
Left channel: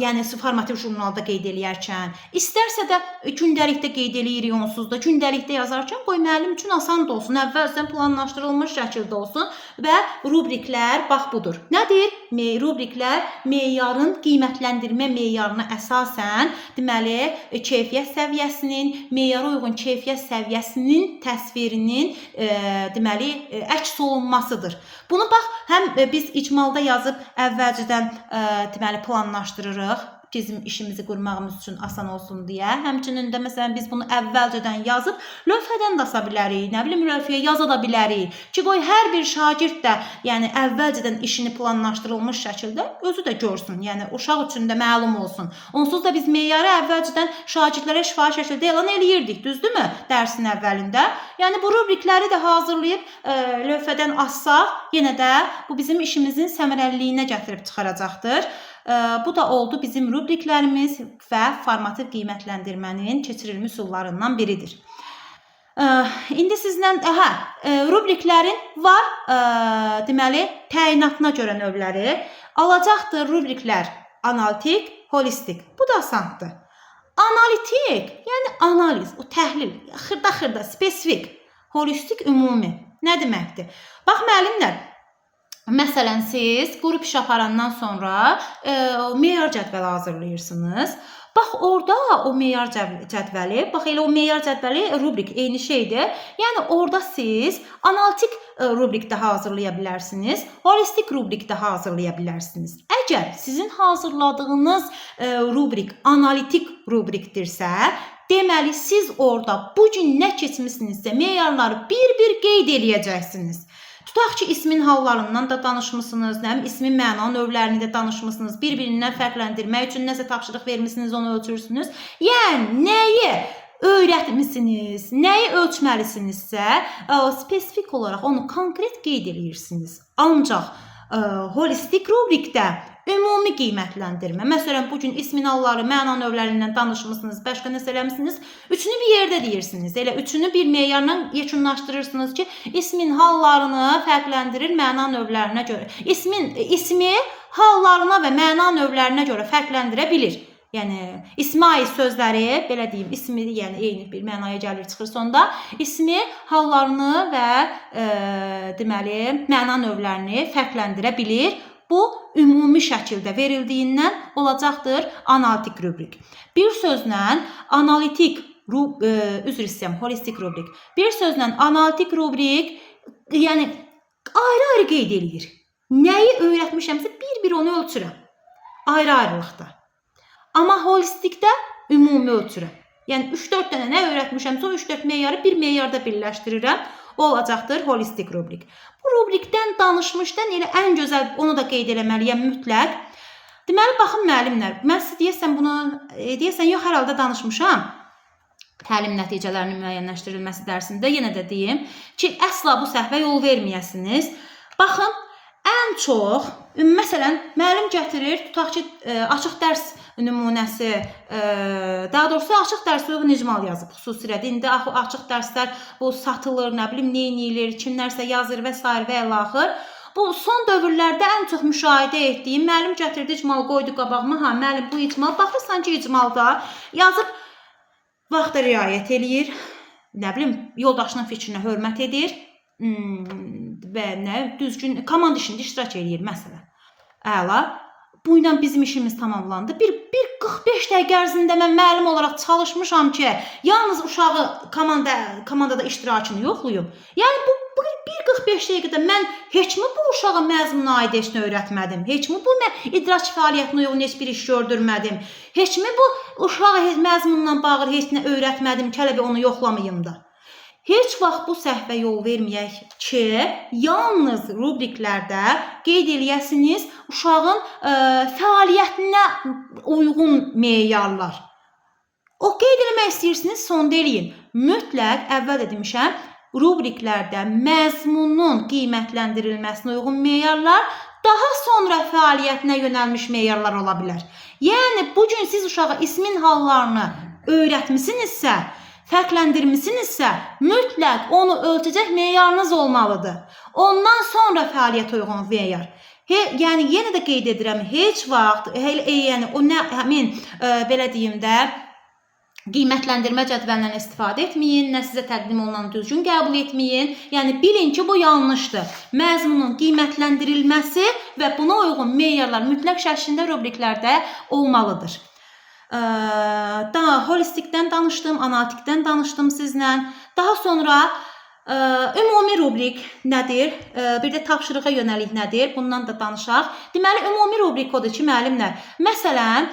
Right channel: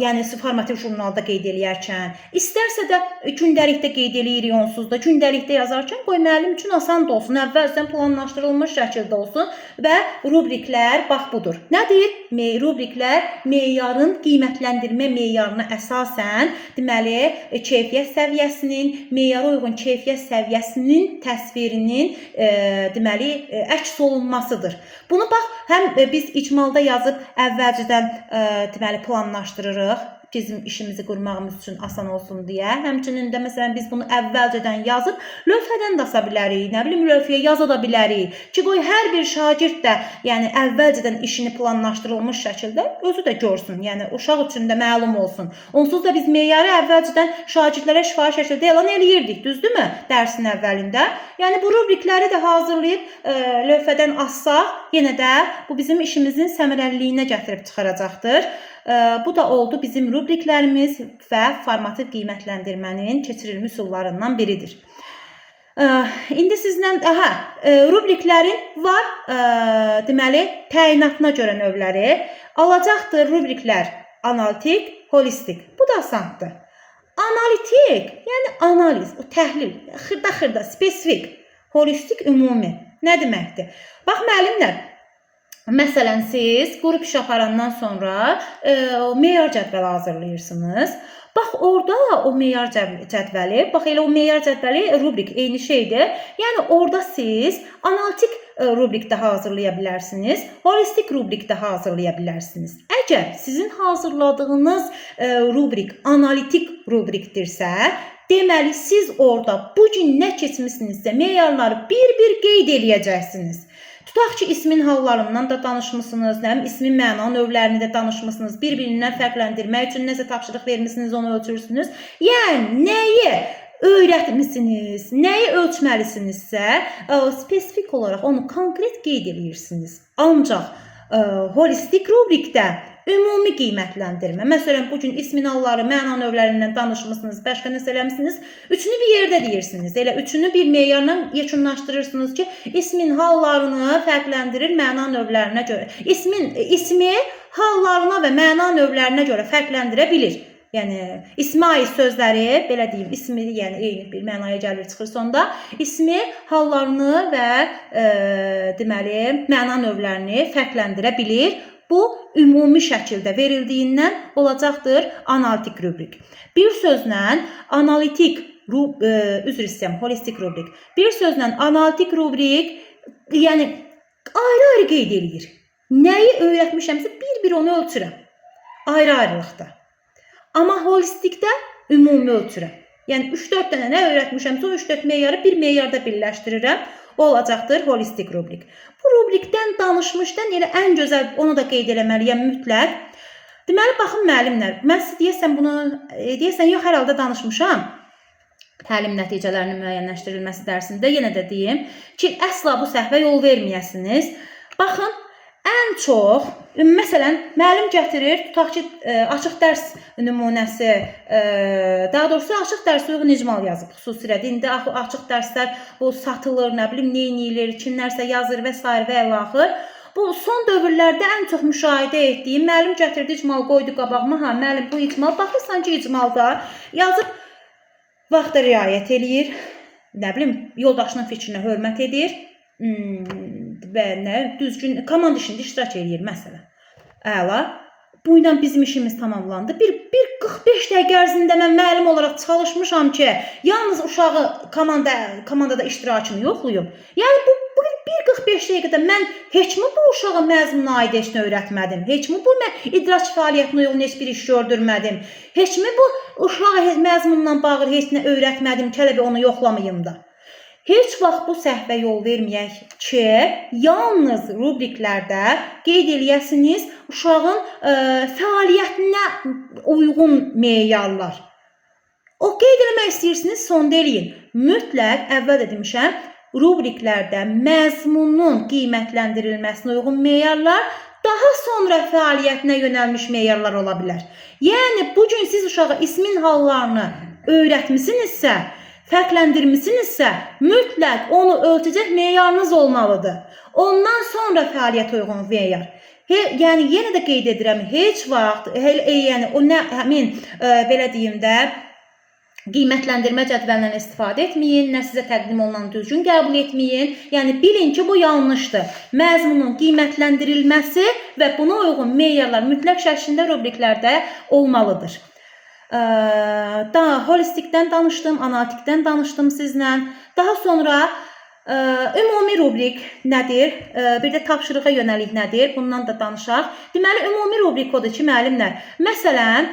yəni formativ jurnalda qeyd eləyərkən, istərsə də gündəlikdə qeyd eləyirik onsuz da, gündəlikdə yazarkən qoy müəllim üçün asan da olsun, əvvəlcədən planlaşdırılmış şəkildə olsun və rubriklər bax budur. Nədir? Rubriklər meyarın qiymətləndirmə meyarına əsasən, deməli, keyfiyyət səviyyəsinin, meyara uyğun keyfiyyət səviyyəsinin təsvirinin, deməli, əks olunmasıdır. Bunu bax, həm biz icmalda yazıb əvvəlcədən deməli planlaşdırırıq, bizim işimizi qurmağımız üçün asan olsun deyə. Həmçinin də məsələn biz bunu əvvəlcədən yazıb lövhədən də asa bilərik, nə bilim lövhəyə yaza da bilərik ki, qoy hər bir şagird də, yəni əvvəlcədən işini planlaşdırılmış şəkildə özü də görsün, yəni uşaq üçün də məlum olsun. Onsuz da biz meyarı əvvəlcədən şagirdlərə şifahi şəkildə elan eləyirdik, düzdürmü? Dərsin əvvəlində. Yəni bu rubrikləri də hazırlayıb lövhədən assaq, yenə də bu bizim işimizin səmərəliliyinə gətirib çıxaracaqdır. Bu da oldu bizim rubriklərimiz və formativ qiymətləndirmənin keçirilmiş üsullarından biridir. İndi sizlə rubriklərin var, deməli, təyinatına görə növləri. Alacaqdır rubriklər analitik, holistik. Bu da asandır. Analitik, yəni analiz, o təhlil, xırda-xırda, spesifik, holistik, ümumi. Nə deməkdir? Bax, müəllimlər, məsələn, siz qrup iş aparandan sonra meyar cədvəli hazırlayırsınız. Bax, orada o meyar cədvəli, bax, elə o meyar cədvəli rubrik eyni şeydir. Yəni, orada siz analitik rubrikdə hazırlaya bilərsiniz, holistik rubrikdə hazırlaya bilərsiniz. Əgər sizin hazırladığınız rubrik analitik rubrikdirsə, deməli, siz orada bugün nə keçmişsinizsə meyarları bir-bir qeyd eləyəcəksiniz. Tutaq ki, ismin hallarından da danışmışsınız, ismin məna növlərini də danışmışsınız, bir-birindən fərqləndirmək üçün nəsə tapşırıq vermişsiniz, onu ölçürsünüz. Yəni, nəyi öyrətmişsiniz, nəyi ölçməlisinizsə, spesifik olaraq onu konkret qeyd edirsiniz. Ancaq holistik rubrikdə ümumi qiymətləndirmə. Məsələn, bugün ismin halları, məna növlərindən danışmışsınız, başqa nəsə eləmişsiniz, üçünü bir yerdə deyirsiniz. Elə üçünü bir meyarla yekunlaşdırırsınız ki, ismin hallarını fərqləndirir məna növlərinə görə. İsmi hallarına və məna növlərinə görə fərqləndirə bilir. Yəni, ismi ait sözləri, belə deyim, ismi yəni eyni bir mənaya gəlir, çıxır sonda. İsmi hallarını və deməli, məna növlərini fərqləndirə bilir. Bu, ümumi şəkildə verildiyindən olacaqdır analitik rubrik. Bir sözlə analitik, üzr istəyirəm, holistik rubrik. Bir sözlə analitik rubrik, yəni ayrı-ayrı qeyd edir. Nəyi öyrətmişəmsə, bir-bir onu ölçürəm. Ayrı-ayrılıqda. Amma holistikdə ümumi ölçürəm. Yəni 3-4 dənə nə öyrətmişəmsə, o 3-4 meyarı bir meyarda birləşdirirəm. O olacaqdır holistik rubrik. Bu rubrikdən danışmışdan elə ən gözəl, onu da qeyd eləməliyəm mütləq. Deməli, baxın müəllimlər, mən siz deyəsən, yox, hər halda danışmışam. Təlim nəticələrinin müəyyənləşdirilməsi dərsində yenə də deyim ki, əsla bu səhvə yol verməyəsiniz. Baxın, ən çox, məsələn, müəllim gətirir, tutaq ki, açıq dərs nümunəsi, daha doğrusu açıq dərsə uyğun icmal yazıb xüsusilə. İndi açıq dərslər bu satılır, nə bilim, neynilir, kimlərsə yazır və s. və əlaxır. Bu son dövrlərdə ən çox müşahidə etdiyim, müəllim gətirdi icmal qoydu qabağıma, müəllim bu icmal, baxırsan ki, icmalda yazıb vaxta riayət eləyir, nə bilim, yoldaşının fikrinə hörmət edir və nə, düzgün komand işində iştirak eləyir, məsələn. Əla. Bu ilə bizim işimiz tamamlandı. Bir 45 dəqiqə ərzində mən müəllim olaraq çalışmışam ki, yalnız uşağı komandada iştirakını yoxlayım. Yəni, bu 45 dəqiqədə mən heç mi bu uşağı məzmuna aid işini öyrətmədim? Heç mi bu idrak fəaliyyətinə uyğun heç bir iş gördürmədim? Heç mi bu uşağı məzmunla bağlı heç nə öyrətmədim ki, hələ onu yoxlamayım da? Heç vaxt bu səhvə yol verməyək ki, yalnız rubriklərdə qeyd eləyəsiniz uşağın fəaliyyətinə uyğun meyarlar. O qeyd eləmək istəyirsiniz, sonda eləyin. Mütləq, əvvəl də demişəm, rubriklərdə məzmunun qiymətləndirilməsinə uyğun meyarlar, daha sonra fəaliyyətinə yönəlmiş meyarlar ola bilər. Yəni, bugün siz uşağa ismin hallarını öyrətmisinizsə, fərqləndirmisinizsə, mütləq onu ölçəcək meyarınız olmalıdır. Ondan sonra fəaliyyət uyğun meyar. Yəni yenə də qeyd edirəm, heç vaxt yəni o nə həmin belə deyim də qiymətləndirmə cədvəlindən istifadə etməyin, nə sizə təqdim olunan düzgün qəbul etməyin. Yəni bilin ki, bu yanlışdır. Məzmunun qiymətləndirilməsi və buna uyğun meyarlar mütləq şəklində rubriklərdə olmalıdır. Daha holistikdən danışdım, analitikdən danışdım sizlə. Daha sonra ümumi rubrik nədir? Bir də tapşırığa yönəlik nədir? Bundan da danışaq. Deməli, ümumi rubrik odur ki, müəllimlər, məsələn,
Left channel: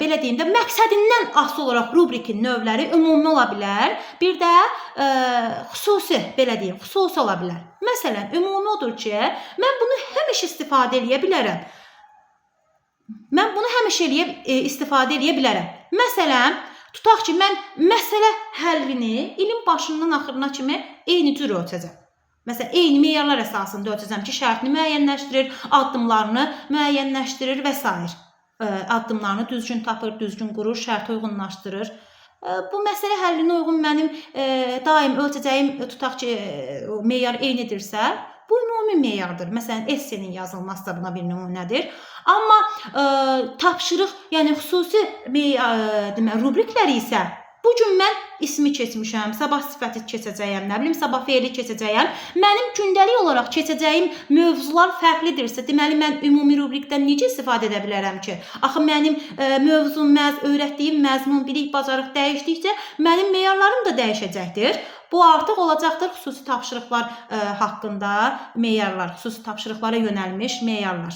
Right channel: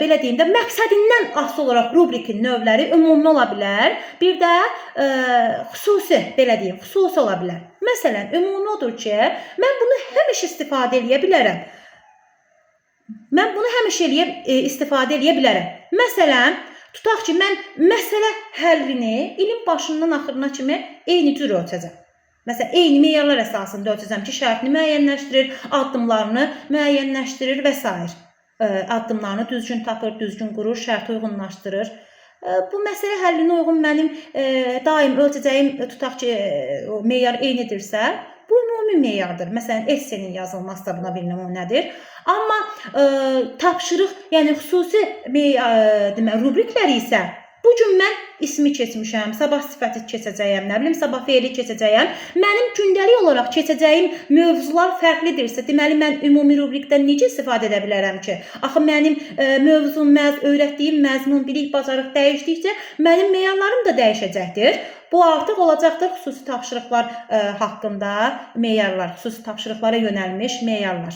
belə deyim də, məqsədindən asılı olaraq rubrikin növləri ümumi ola bilər. Bir də xüsusi, belə deyim, xüsusi ola bilər. Məsələn, ümumi odur ki, mən bunu həmişə istifadə edə bilərəm. İstifadə edə bilərəm. Məsələn, tutaq ki, mən məsələ həllini ilin başından axırına kimi eyni cür ölçəcəm. Məsələn, eyni meyarlar əsasında ölçəcəm ki, şərtini müəyyənləşdirir, addımlarını müəyyənləşdirir və s. Addımlarını düzgün tapır, düzgün qurur, şərti uyğunlaşdırır. Bu məsələ həllinə uyğun mənim daim ölçəcəyim, tutaq ki, meyar eynidirsə, bu ümumi meyardır. Məsələn, essenin yazılması da buna bir nümunədir. Amma tapşırıq, yəni xüsusi rubrikləri isə bu gün mən ismi keçmişəm, sabah sifəti keçəcəyəm, nə bilim, sabah feili keçəcəyəm. Mənim gündəlik olaraq keçəcəyim mövzular fərqlidirsə, deməli, mən ümumi rubrikdən necə istifadə edə bilərəm ki? Axı, mənim mövzum, öyrətdiyim məzmun, bilik, bacarıq dəyişdikcə, mənim meyarlarım da dəyişəcəkdir. Bu artıq olacaqdır xüsusi tapşırıqlar haqqında meyarlar, xüsusi tapşırıqlara yönəlmiş meyarlar.